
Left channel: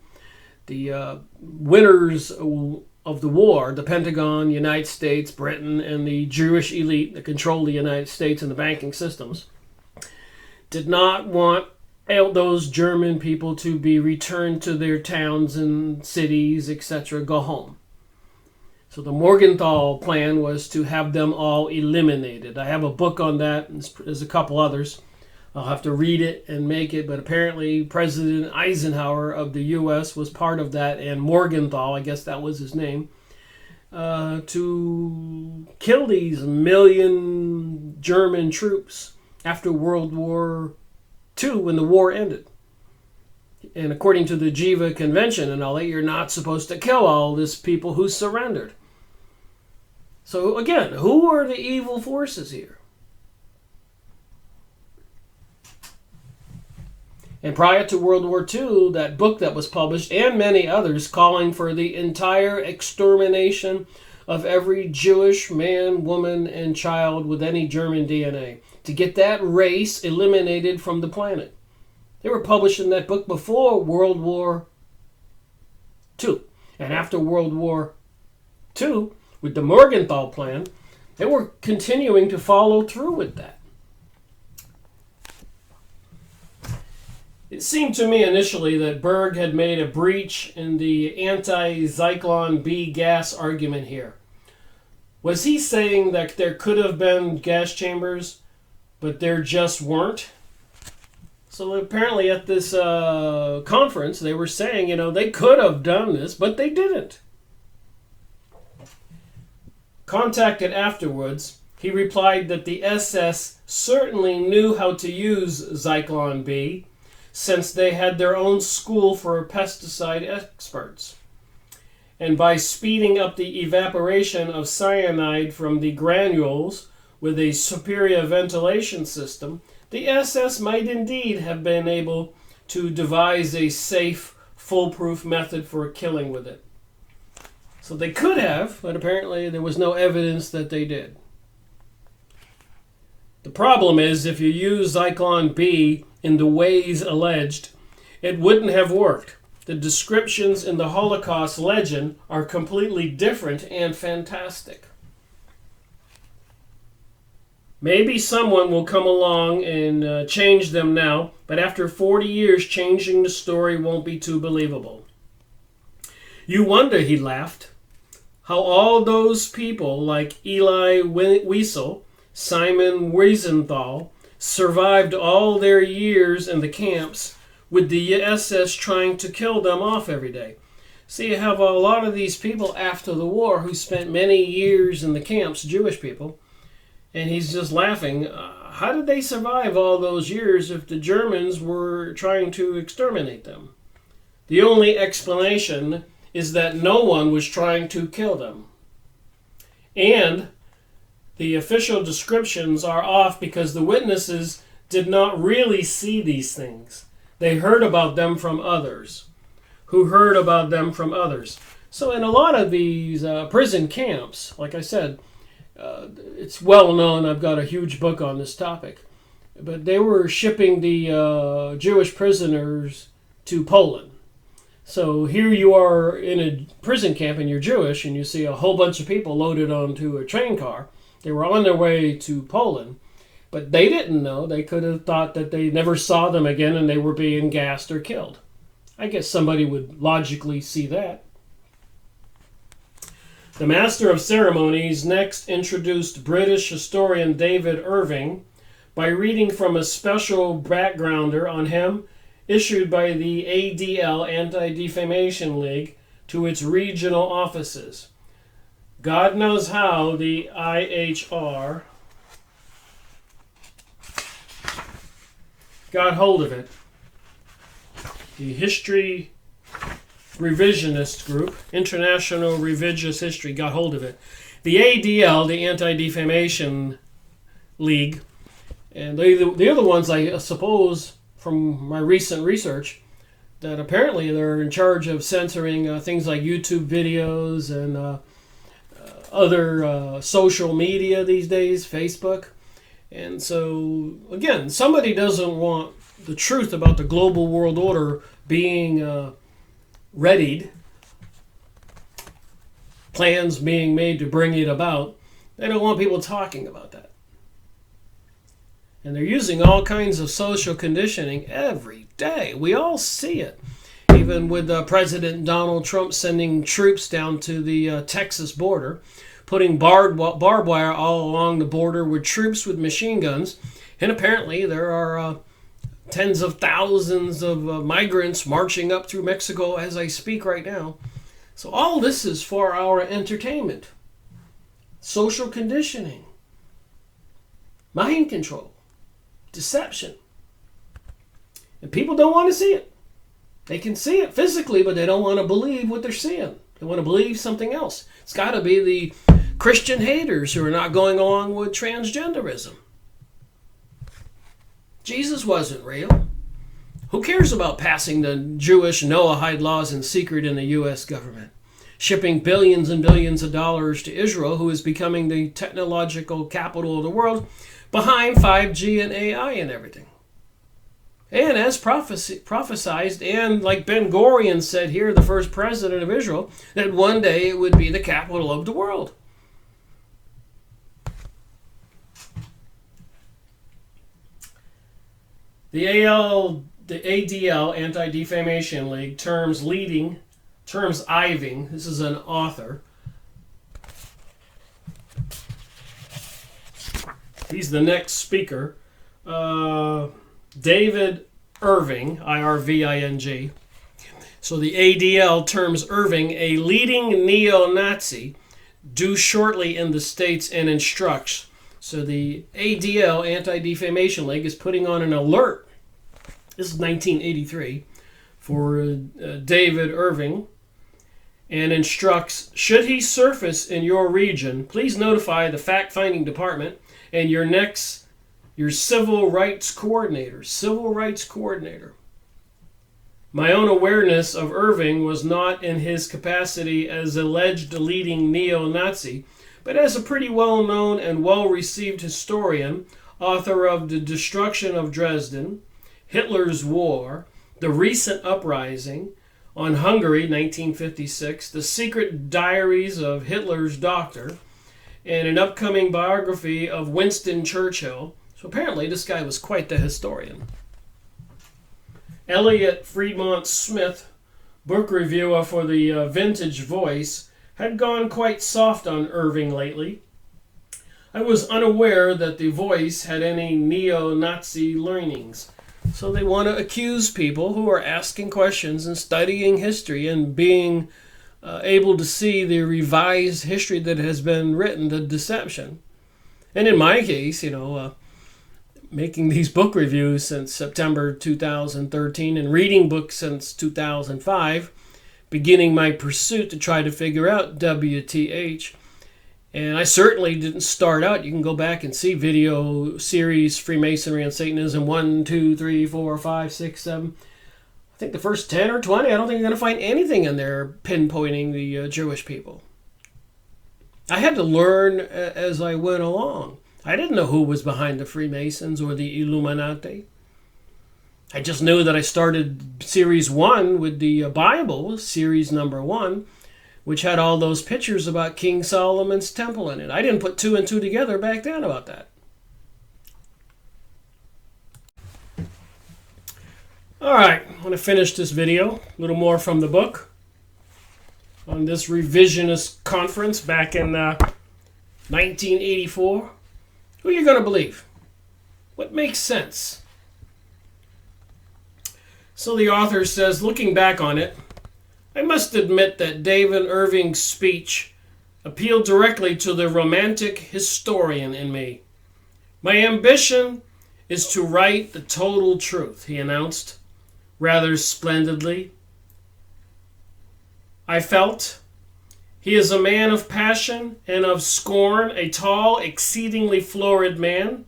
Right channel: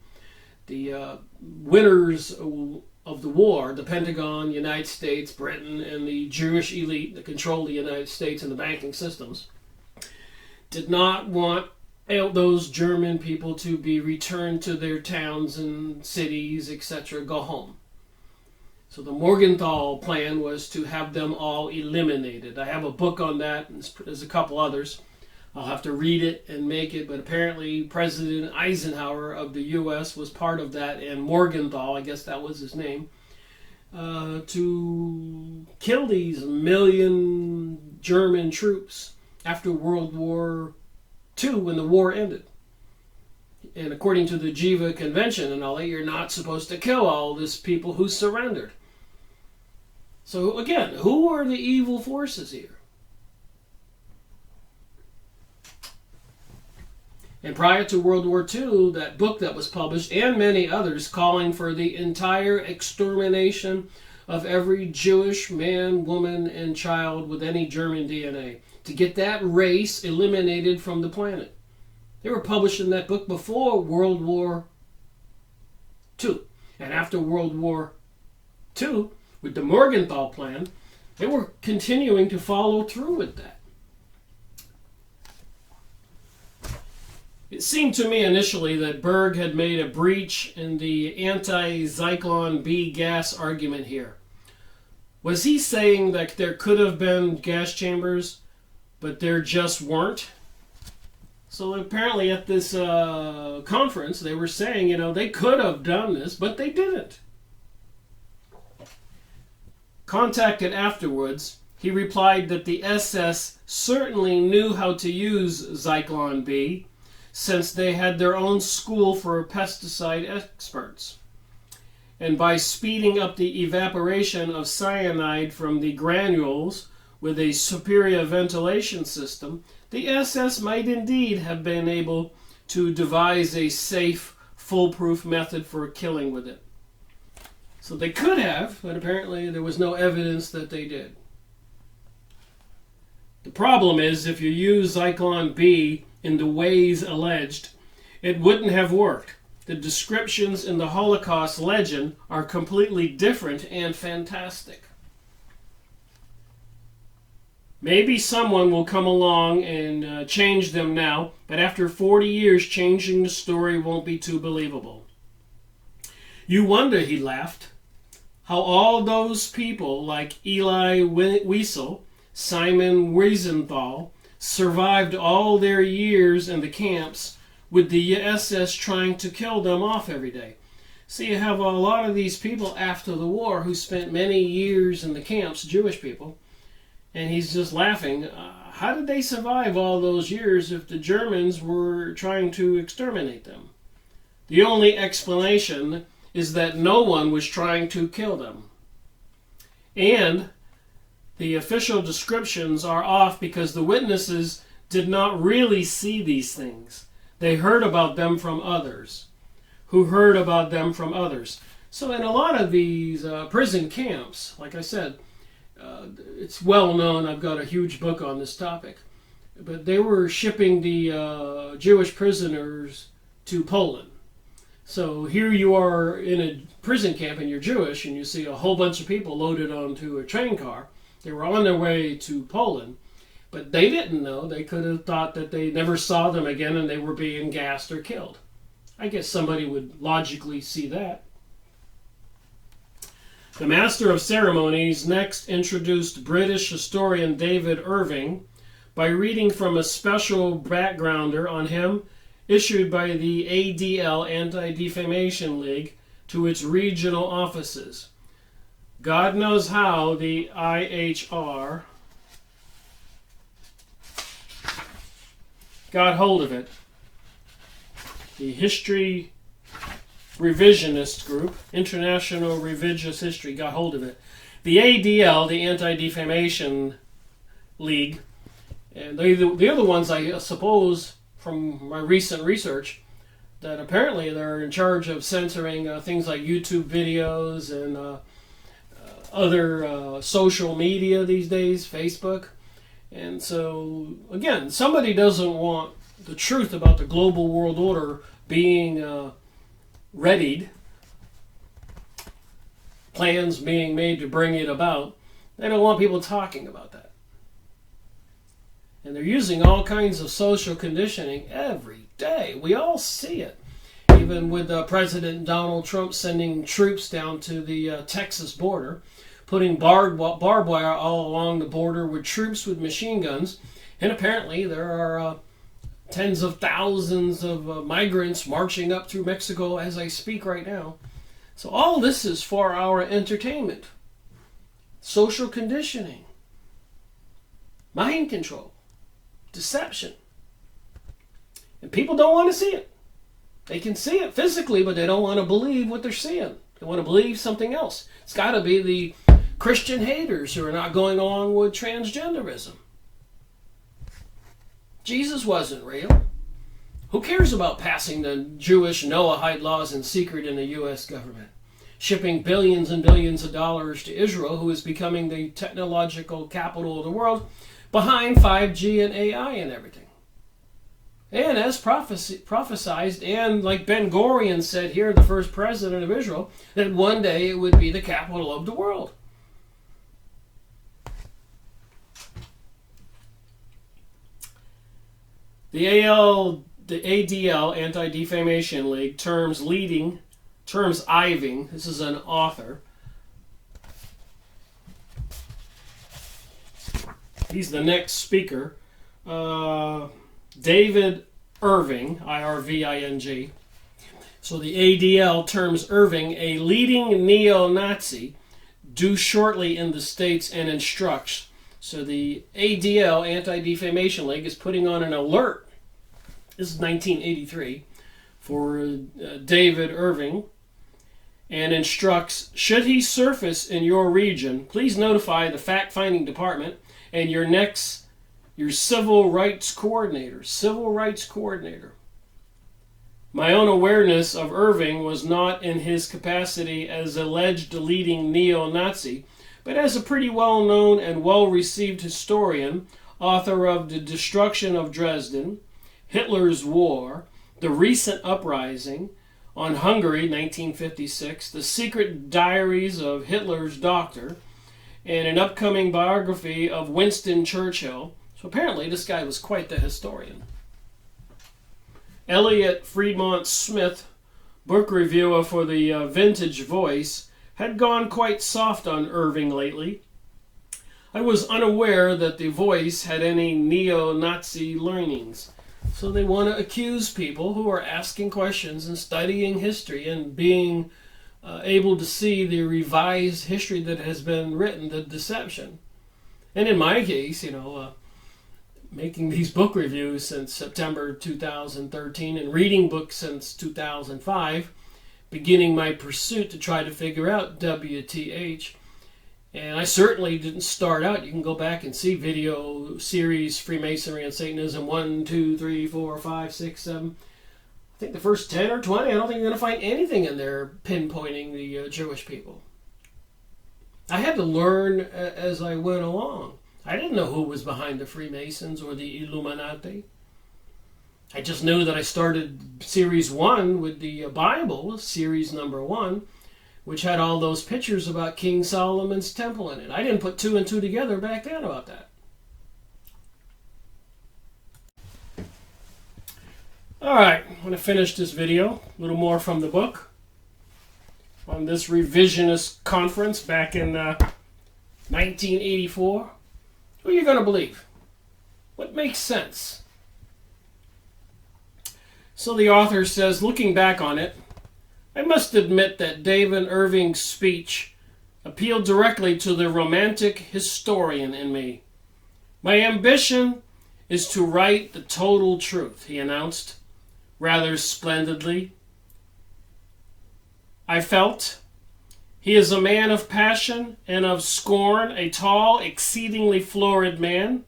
the winners of the war, the Pentagon, the United States, Britain, and the Jewish elite that controlled the United States and the banking systems, did not want those German people to be returned to their towns and cities, etc., go home. So the Morgenthau Plan was to have them all eliminated. I have a book on that, and there's a couple others. I'll have to read it and make it, but apparently President Eisenhower of the U.S. was part of that, and Morgenthau, I guess that was his name, to kill these million German troops after World War II, when the war ended. And according to the Geneva Convention and all that, you're not supposed to kill all these people who surrendered. So again, who are the evil forces here? And prior to World War II, that book that was published, and many others, calling for the entire extermination of every Jewish man, woman, and child with any German DNA, to get that race eliminated from the planet. They were publishing that book before World War II. And after World War II, with the Morgenthau Plan, they were continuing to follow through with that. It seemed to me initially that Berg had made a breach in the anti-Zyklon B gas argument here. Was he saying that there could have been gas chambers, but there just weren't? So apparently at this conference, they were saying, they could have done this, but they didn't. Contacted afterwards, he replied that the SS certainly knew how to use Zyklon B, since they had their own school for pesticide experts. And by speeding up the evaporation of cyanide from the granules with a superior ventilation system, the SS might indeed have been able to devise a safe, foolproof method for killing with it. So they could have, but apparently there was no evidence that they did. The problem is, if you use Zyklon B in the ways alleged, it wouldn't have worked. The descriptions in the Holocaust legend are completely different and fantastic. Maybe someone will come along and change them now, but after 40 years, changing the story won't be too believable. You wonder, he laughed, how all those people like Eli Wiesel, Simon Wiesenthal, survived all their years in the camps with the SS trying to kill them off every day. See, you have a lot of these people after the war who spent many years in the camps, Jewish people, and he's just laughing. How did they survive all those years if the Germans were trying to exterminate them? The only explanation is that no one was trying to kill them. And the official descriptions are off because the witnesses did not really see these things. They heard about them from others, who heard about them from others. So in a lot of these prison camps, like I said, it's well known, I've got a huge book on this topic. but they were shipping the Jewish prisoners to Poland. So here you are in a prison camp and you're Jewish and you see a whole bunch of people loaded onto a train car. They were on their way to Poland, but they didn't know. They could have thought that they never saw them again and they were being gassed or killed. I guess somebody would logically see that. The Master of Ceremonies next introduced British historian David Irving by reading from a special backgrounder on him issued by the ADL, Anti-Defamation League, to its regional offices. God knows how the IHR got hold of it. The History Revisionist Group, International Revisionist History, got hold of it. The ADL, the Anti-Defamation League, and the other ones, I suppose, from my recent research, that apparently they're in charge of censoring things like YouTube videos and other social media these days, Facebook. And so, again, somebody doesn't want the truth about the global world order being readied, plans being made to bring it about. They don't want people talking about that. And they're using all kinds of social conditioning every day. We all see it. Even with President Donald Trump sending troops down to the Texas border, putting barbed wire all along the border with troops with machine guns. And apparently there are tens of thousands of migrants marching up through Mexico as I speak right now. So all this is for our entertainment. Social conditioning. Mind control. Deception. And people don't want to see it. They can see it physically, but they don't want to believe what they're seeing. They want to believe something else. It's got to be the Christian haters who are not going along with transgenderism. Jesus wasn't real. Who cares about passing the Jewish Noahide laws in secret in the U.S. government? Shipping billions and billions of dollars to Israel, who is becoming the technological capital of the world, behind 5G and AI and everything. And as prophesied, and like Ben Gurion said here, the first president of Israel, that one day it would be the capital of the world. The ADL, Anti-Defamation League, terms Iving, this is an author. He's the next speaker. David Irving, I-R-V-I-N-G. So the ADL terms Irving a leading neo-Nazi due shortly in the States and instructs. So the ADL, Anti-Defamation League, is putting on an alert. This is 1983 for David Irving, and instructs, should he surface in your region, please notify the fact-finding department and your civil rights coordinator. Civil rights coordinator. My own awareness of Irving was not in his capacity as alleged leading neo-Nazi, but as a pretty well-known and well-received historian, author of The Destruction of Dresden, Hitler's War, The Recent Uprising, on Hungary, 1956, The Secret Diaries of Hitler's Doctor, and an upcoming biography of Winston Churchill. So apparently this guy was quite the historian. Elliot Fremont Smith, book reviewer for the Vintage Voice, had gone quite soft on Irving lately. I was unaware that the Voice had any neo-Nazi leanings. So they want to accuse people who are asking questions and studying history and being able to see the revised history that has been written, the deception. And in my case, making these book reviews since September 2013 and reading books since 2005, beginning my pursuit to try to figure out WTH. And I certainly didn't start out. You can go back and see video series Freemasonry and Satanism 1, 2, 3, 4, 5, 6, 7. I think the first 10 or 20, I don't think you're going to find anything in there pinpointing the Jewish people. I had to learn as I went along. I didn't know who was behind the Freemasons or the Illuminati. I just knew that I started series 1 with the Bible, series number 1, which had all those pictures about King Solomon's temple in it. I didn't put 2 and 2 together back then about that. All right, I want to finish this video, a little more from the book, on this revisionist conference back in 1984. Who are you going to believe? What makes sense? So the author says, looking back on it, I must admit that David Irving's speech appealed directly to the romantic historian in me. My ambition is to write the total truth, he announced, rather splendidly. I felt, he is a man of passion and of scorn, a tall, exceedingly florid man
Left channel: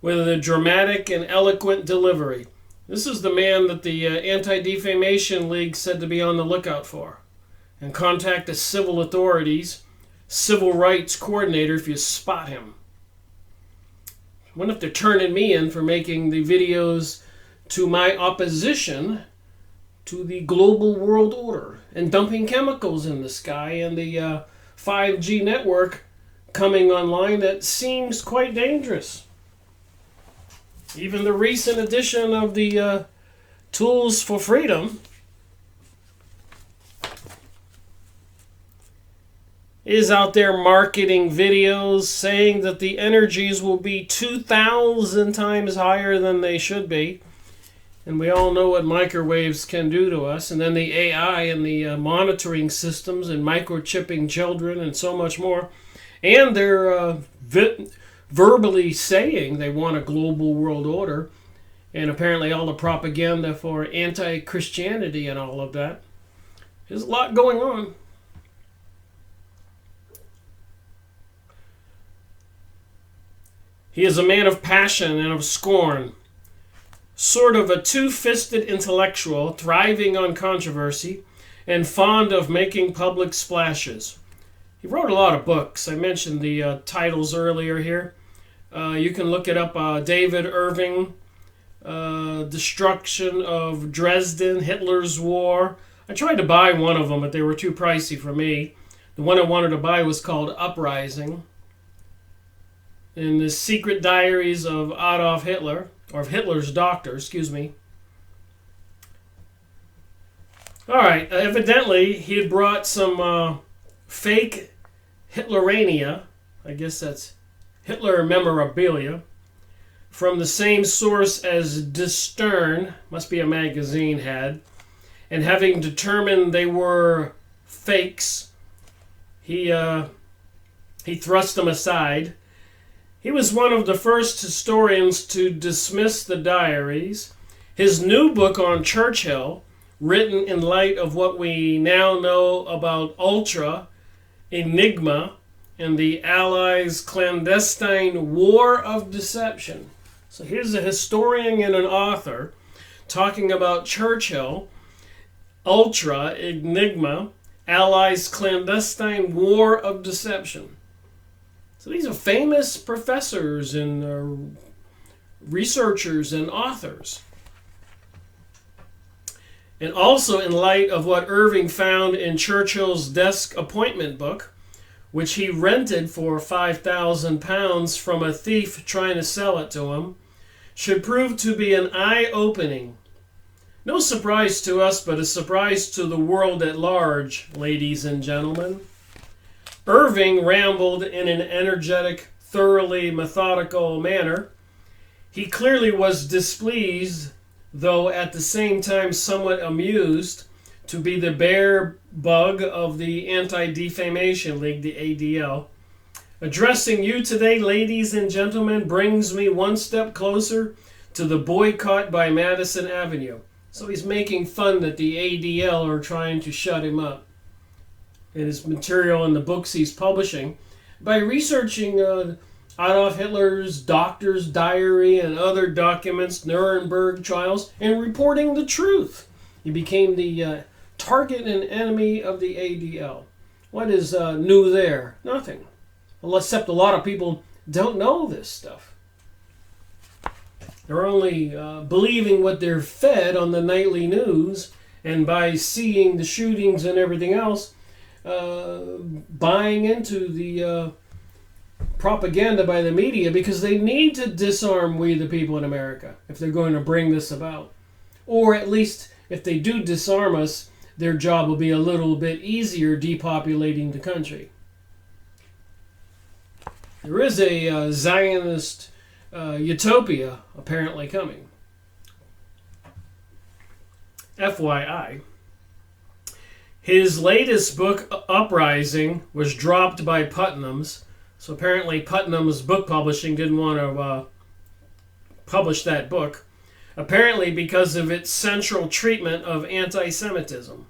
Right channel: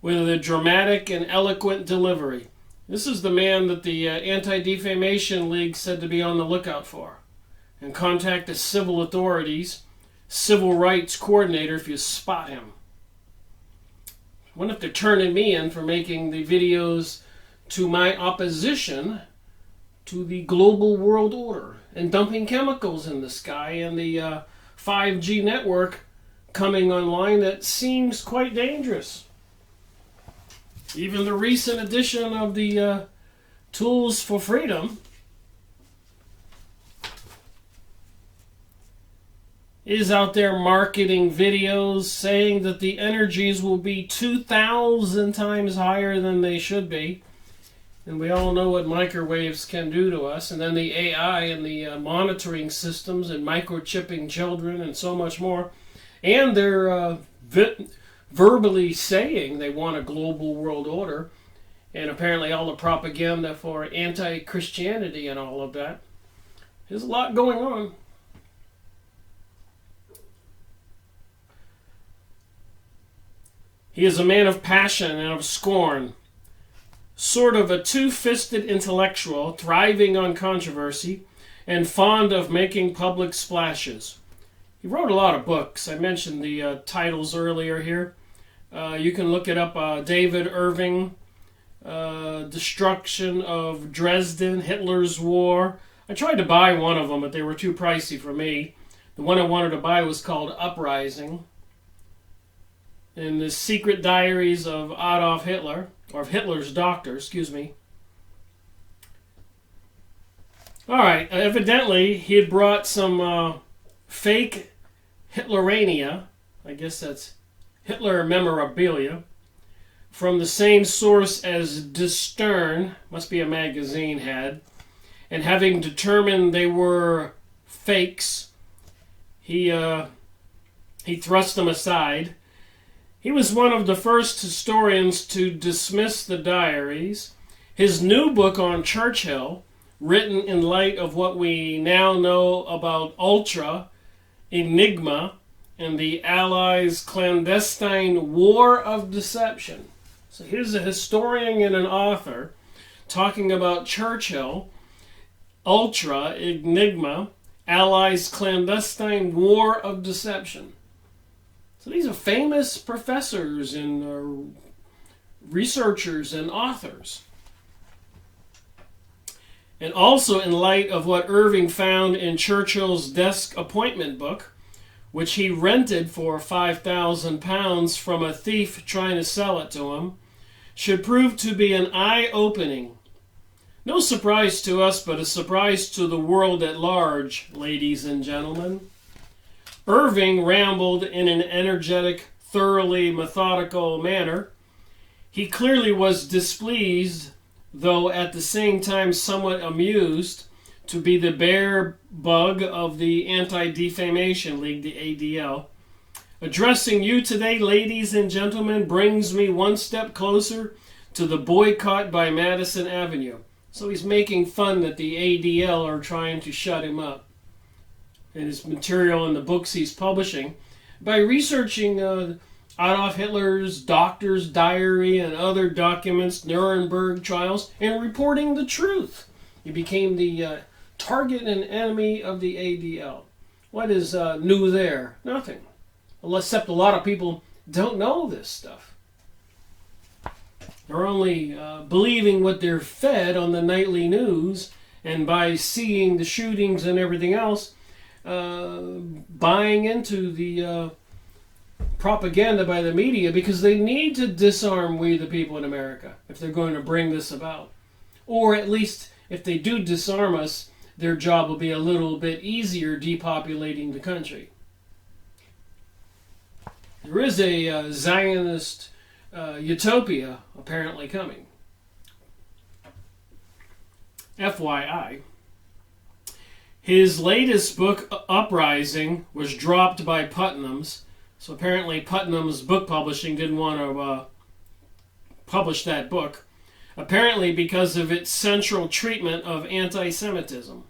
with a dramatic and eloquent delivery. This is the man that the Anti-Defamation League said to be on the lookout for and contact the civil authorities, civil rights coordinator if you spot him. I wonder if they're turning me in for making the videos to my opposition to the global world order and dumping chemicals in the sky and the 5G network coming online that seems quite dangerous. Even the recent edition of the Tools for Freedom is out there marketing videos saying that the energies will be 2,000 times higher than they should be. And we all know what microwaves can do to us. And then the AI and the monitoring systems and microchipping children and so much more. And they're verbally saying they want a global world order. And apparently all the propaganda for anti-Christianity and all of that. There's a lot going on. He is a man of passion and of scorn. Sort of a two-fisted intellectual, thriving on controversy, and fond of making public splashes. He wrote a lot of books. I mentioned the titles earlier here. You can look it up. David Irving, Destruction of Dresden, Hitler's War. I tried to buy one of them, but they were too pricey for me. The one I wanted to buy was called Uprising. And the Secret Diaries of Adolf Hitler. Or of Hitler's doctor, excuse me. All right, evidently he had brought some fake Hitlerania, I guess that's Hitler memorabilia, from the same source as Die Stern, must be a magazine, had, and having determined they were fakes, he thrust them aside. He was one of the first historians to dismiss the diaries. His new book on Churchill, written in light of what we now know about Ultra, Enigma, and the Allies' clandestine war of deception. So here's a historian and an author talking about Churchill, Ultra, Enigma, Allies' clandestine war of deception. So these are famous professors and researchers and authors. And also in light of what Irving found in Churchill's desk appointment book, which he rented for £5,000 from a thief trying to sell it to him, should prove to be an eye-opening. No surprise to us, but a surprise to the world at large, ladies and gentlemen. Irving rambled in an energetic, thoroughly methodical manner. He clearly was displeased, though at the same time somewhat amused, to be the bear bug of the Anti-Defamation League, the ADL. Addressing you today, ladies and gentlemen, brings me one step closer to the boycott by Madison Avenue. So he's making fun that the ADL are trying to shut him up in his material in the books he's publishing by researching Adolf Hitler's doctor's diary and other documents, Nuremberg trials, and reporting the truth. He became the target and enemy of the ADL. What is new there? Nothing. Well, except a lot of people don't know this stuff. They're only believing what they're fed on the nightly news, and by seeing the shootings and everything else, buying into the propaganda by the media, because they need to disarm we the people in America if they're going to bring this about. Or at least if they do disarm us, their job will be a little bit easier depopulating the country. There is a Zionist utopia apparently coming. FYI. His latest book, Uprising, was dropped by Putnam's. So apparently Putnam's book publishing didn't want to publish that book. Apparently because of its central treatment of anti-Semitism.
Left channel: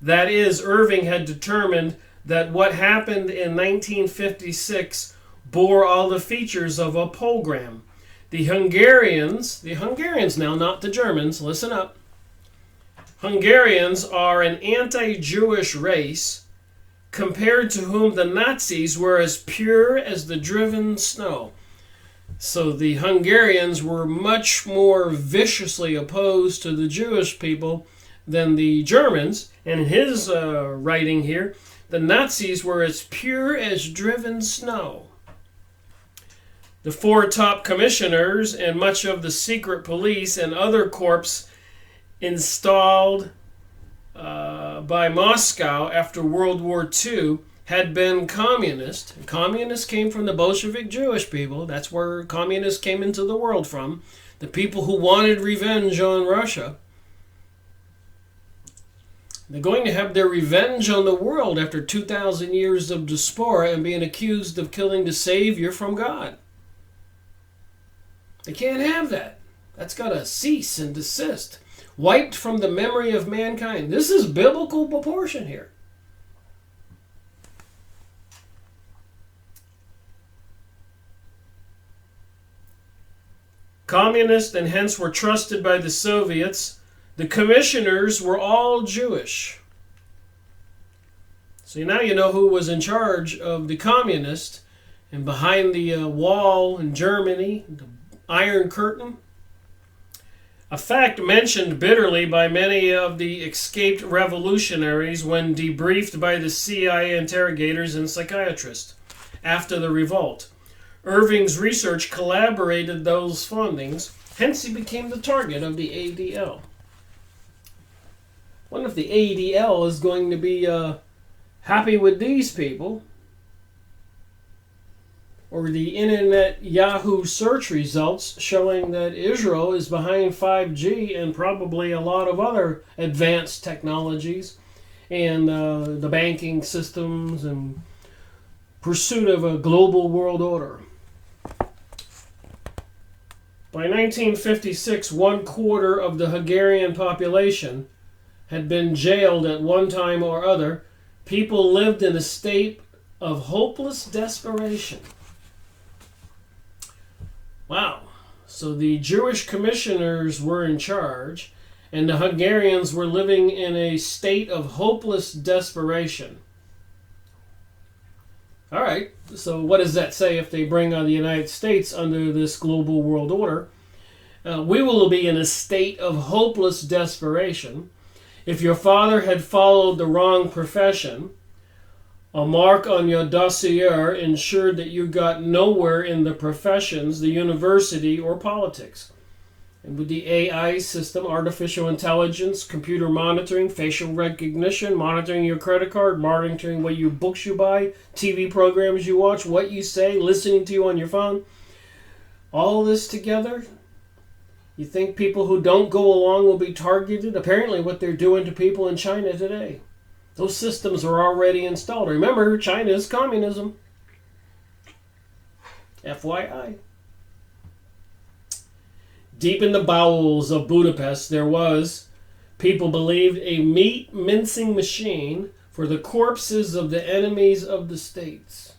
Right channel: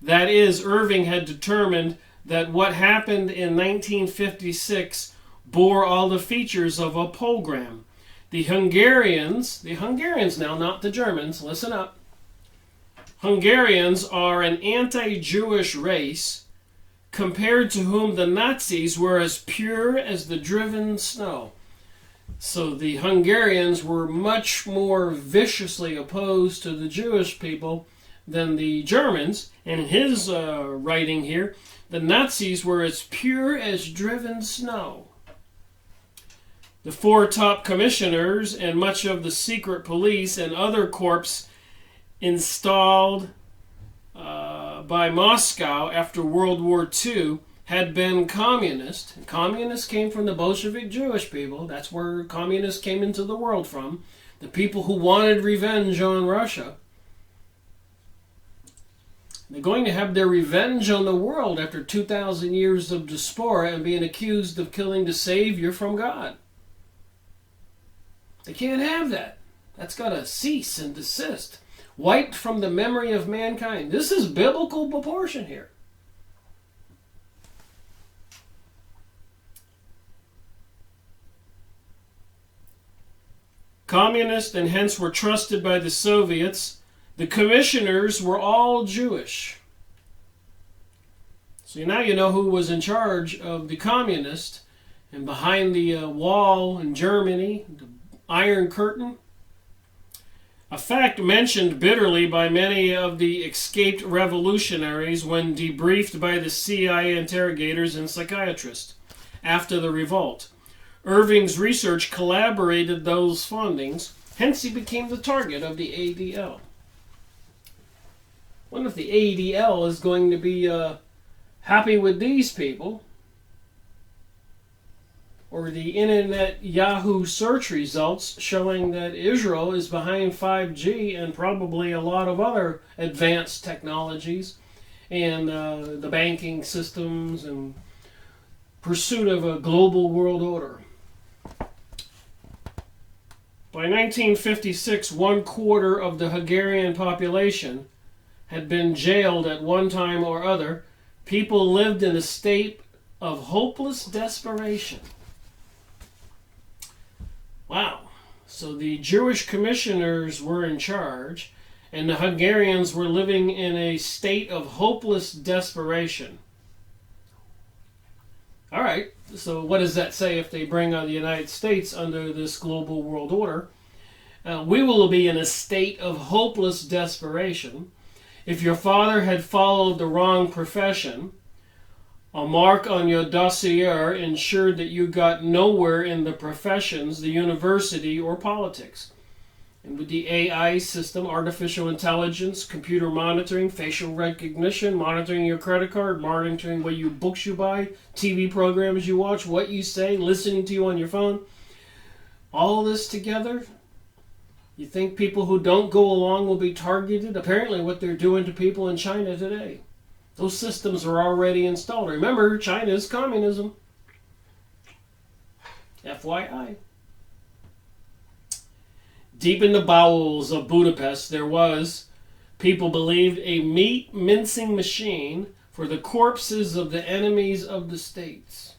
That is, Irving had determined that what happened in 1956 bore all the features of a pogrom. The Hungarians now, not the Germans, listen up. Hungarians are an anti-Jewish race compared to whom the Nazis were as pure as the driven snow. So the Hungarians were much more viciously opposed to the Jewish people than the Germans. And in his writing here, the Nazis were as pure as driven snow. The four top commissioners and much of the secret police and other corps installed by Moscow after World War II had been communist. Communists came from the Bolshevik Jewish people. That's where communists came into the world from. The people who wanted revenge on Russia. They're going to have their revenge on the world after 2,000 years of diaspora and being accused of killing the Savior from God. They can't have that. That's got to cease and desist. Wiped from the memory of mankind. This is biblical proportion here. Communist and hence were trusted by the Soviets. The commissioners were all Jewish. So now you know who was in charge of the communists and behind the wall in Germany, the Iron Curtain. A fact mentioned bitterly by many of the escaped revolutionaries when debriefed by the CIA interrogators and psychiatrists after the revolt. Irving's research collaborated those findings, hence he became the target of the ADL. I wonder if the ADL is going to be happy with these people, or the internet Yahoo search results showing that Israel is behind 5G and probably a lot of other advanced technologies and the banking systems and pursuit of a global world order. By 1956, 1/4 of the Hungarian population had been jailed at one time or other. People lived in a state of hopeless desperation. Wow. So the Jewish commissioners were in charge, and the Hungarians were living in a state of hopeless desperation. All right, so what does that say if they bring on the United States under this global world order? We will be in a state of hopeless desperation. If your father had followed the wrong profession, a mark on your dossier ensured that you got nowhere in the professions, the university, or politics. And with the AI system, artificial intelligence, computer monitoring, facial recognition, monitoring your credit card, monitoring what books you buy, TV programs you watch, what you say, listening to you on your phone, all this together, you think people who don't go along will be targeted? Apparently what they're doing to people in China today. Those systems are already installed. Remember, China is communism. FYI. Deep in the bowels of Budapest, there was, people believed, a meat mincing machine for the corpses of the enemies of the states.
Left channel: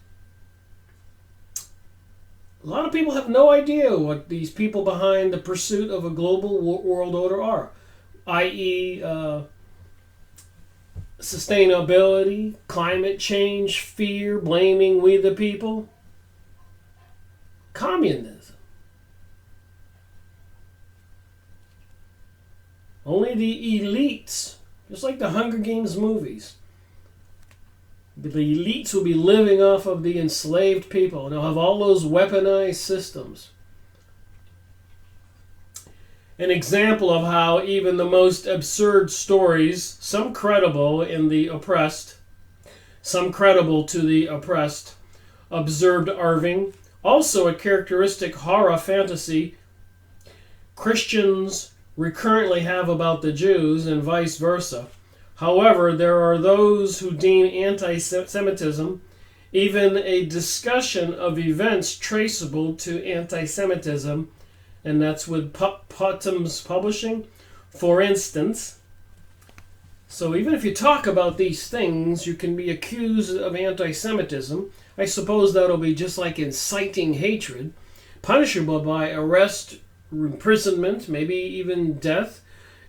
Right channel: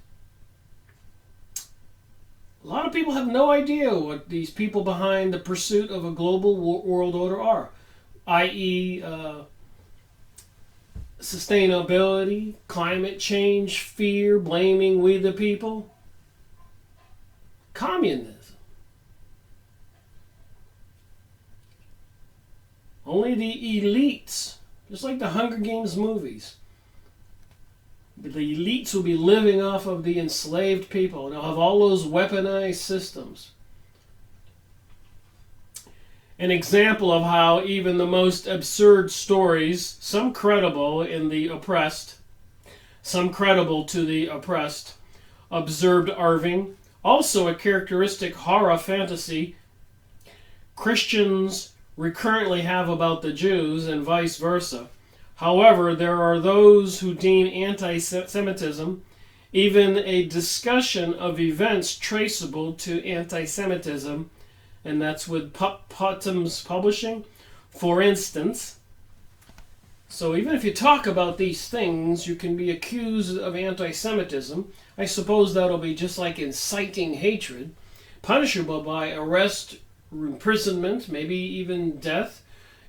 A lot of people have no idea what these people behind the pursuit of a global world order are, i.e., sustainability, climate change, fear, blaming we the people. communism. Only the elites, just like the Hunger Games movies, the elites will be living off of the enslaved people, and they'll have all those weaponized systems. An example of how even the most absurd stories, some credible in the oppressed, some credible to the oppressed, observed Irving. Also a characteristic horror fantasy Christians recurrently have about the Jews and vice versa. However, there are those who deem anti-Semitism even a discussion of events traceable to anti-Semitism, and that's with Putnam's Publishing, for instance. So even if you talk about these things, you can be accused of anti-Semitism. I suppose that'll be just like inciting hatred, punishable by arrest, imprisonment, maybe even death,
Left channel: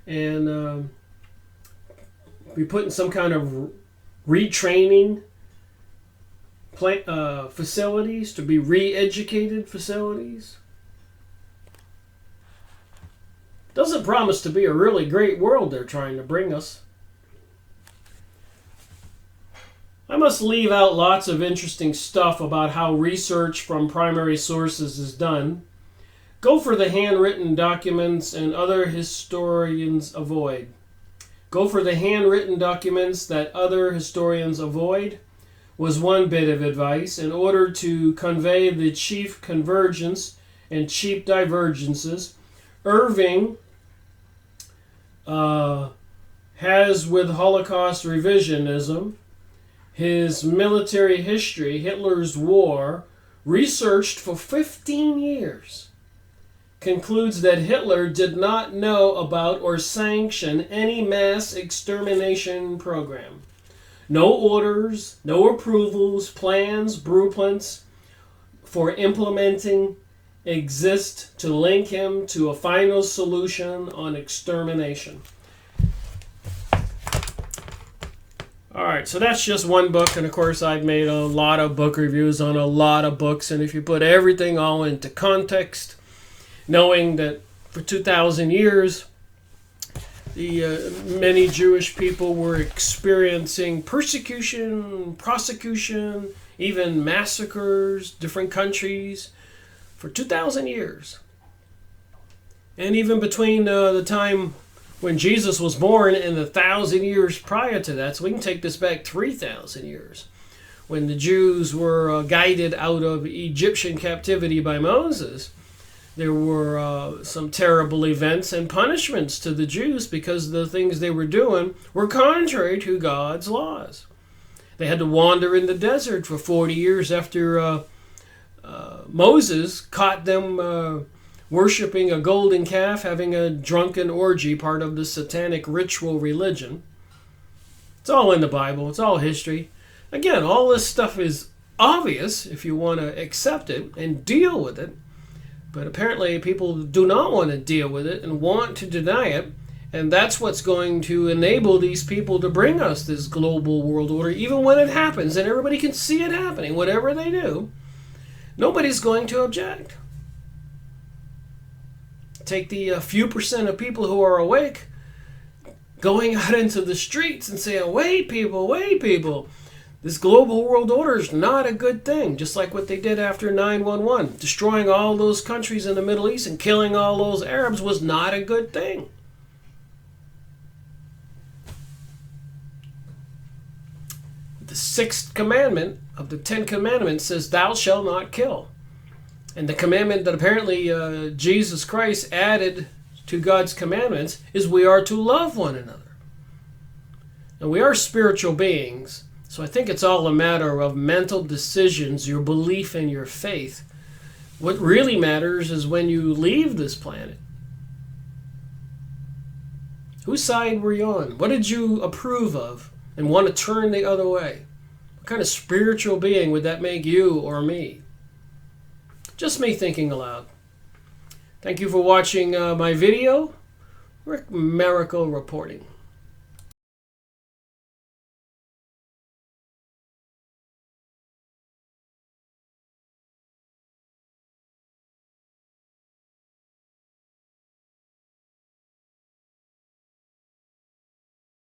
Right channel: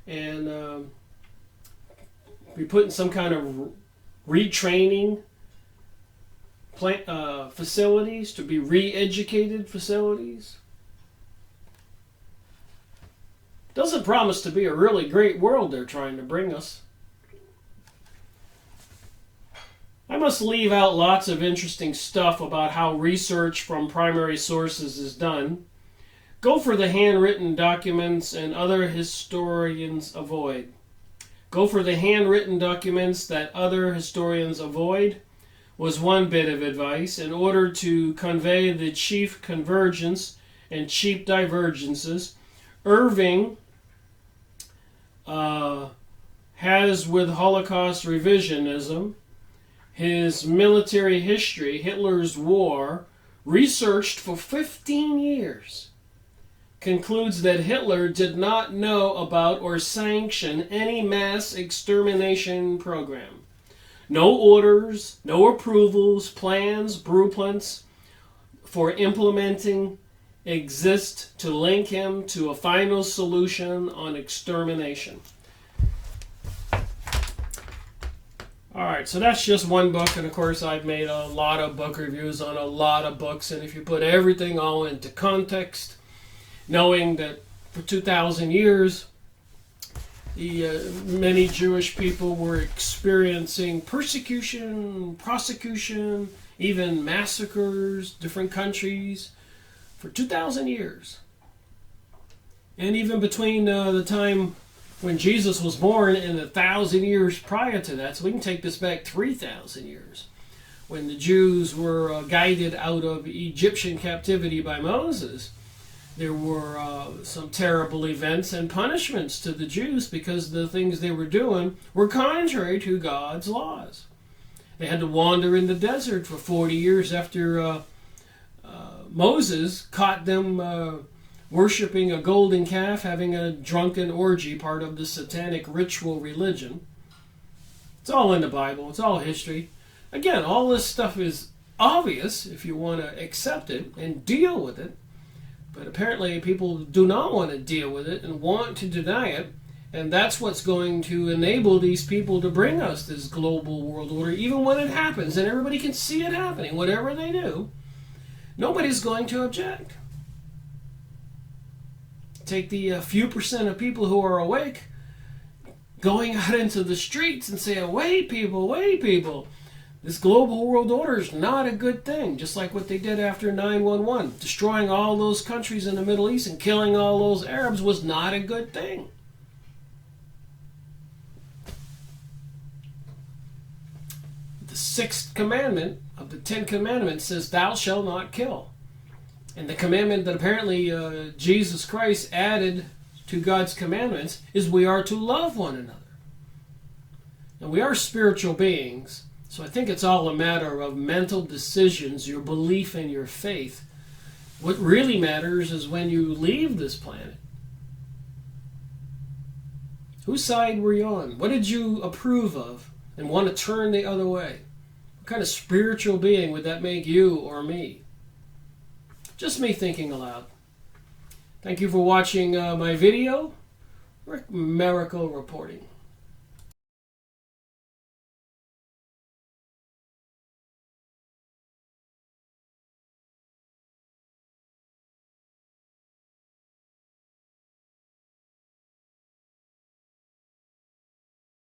and be put in some kind of retraining facilities, to be re-educated facilities. Doesn't promise to be a really great world they're trying to bring us. I must leave out lots of interesting stuff about how research from primary sources is done. Go for the handwritten documents and other historians avoid. Go for the handwritten documents that other historians avoid was one bit of advice in order to convey the chief convergence and chief divergences Irving has with Holocaust revisionism. His military history, Hitler's War, researched for 15 years, concludes that Hitler did not know about or sanction any mass extermination program. No orders, no approvals, plans, blueprints for implementing exist to link him to a final solution on extermination. Alright, so that's just one book, and of course I've made a lot of book reviews on a lot of books, and if you put everything all into context, knowing that for 2,000 years the many Jewish people were experiencing persecution, prosecution, even massacres, different countries, for 2,000 years. And even between the time when Jesus was born and the 1,000 years prior to that, so we can take this back 3,000 years, when the Jews were guided out of Egyptian captivity by Moses, there were some terrible events and punishments to the Jews because the things they were doing were contrary to God's laws. They had to wander in the desert for 40 years after Moses caught them worshiping a golden calf, having a drunken orgy, part of the satanic ritual religion. It's all in the Bible. It's all history. Again, all this stuff is obvious if you want to accept it and deal with it. But apparently people do not want to deal with it and want to deny it. And that's what's going to enable these people to bring us this global world order, even when it happens and everybody can see it happening. Whatever they do, nobody's going to object. Take the few percent of people who are awake going out into the streets and saying, wait people, this global world order is not a good thing. Just like what they did after 9/11. Destroying all those countries in the Middle East and killing all those Arabs was not a good thing. The 6th commandment of the 10 commandments says, thou shalt not kill. And the commandment that apparently Jesus Christ added to God's commandments is we are to love one another. Now, we are spiritual beings, so I think it's all a matter of mental decisions, your belief in your faith. What really matters is when you leave this planet. Whose side were you on? What did you approve of and want to turn the other way? What kind of spiritual being would that make you or me? Just me thinking aloud. Thank you for watching my video. Rick Miracle reporting.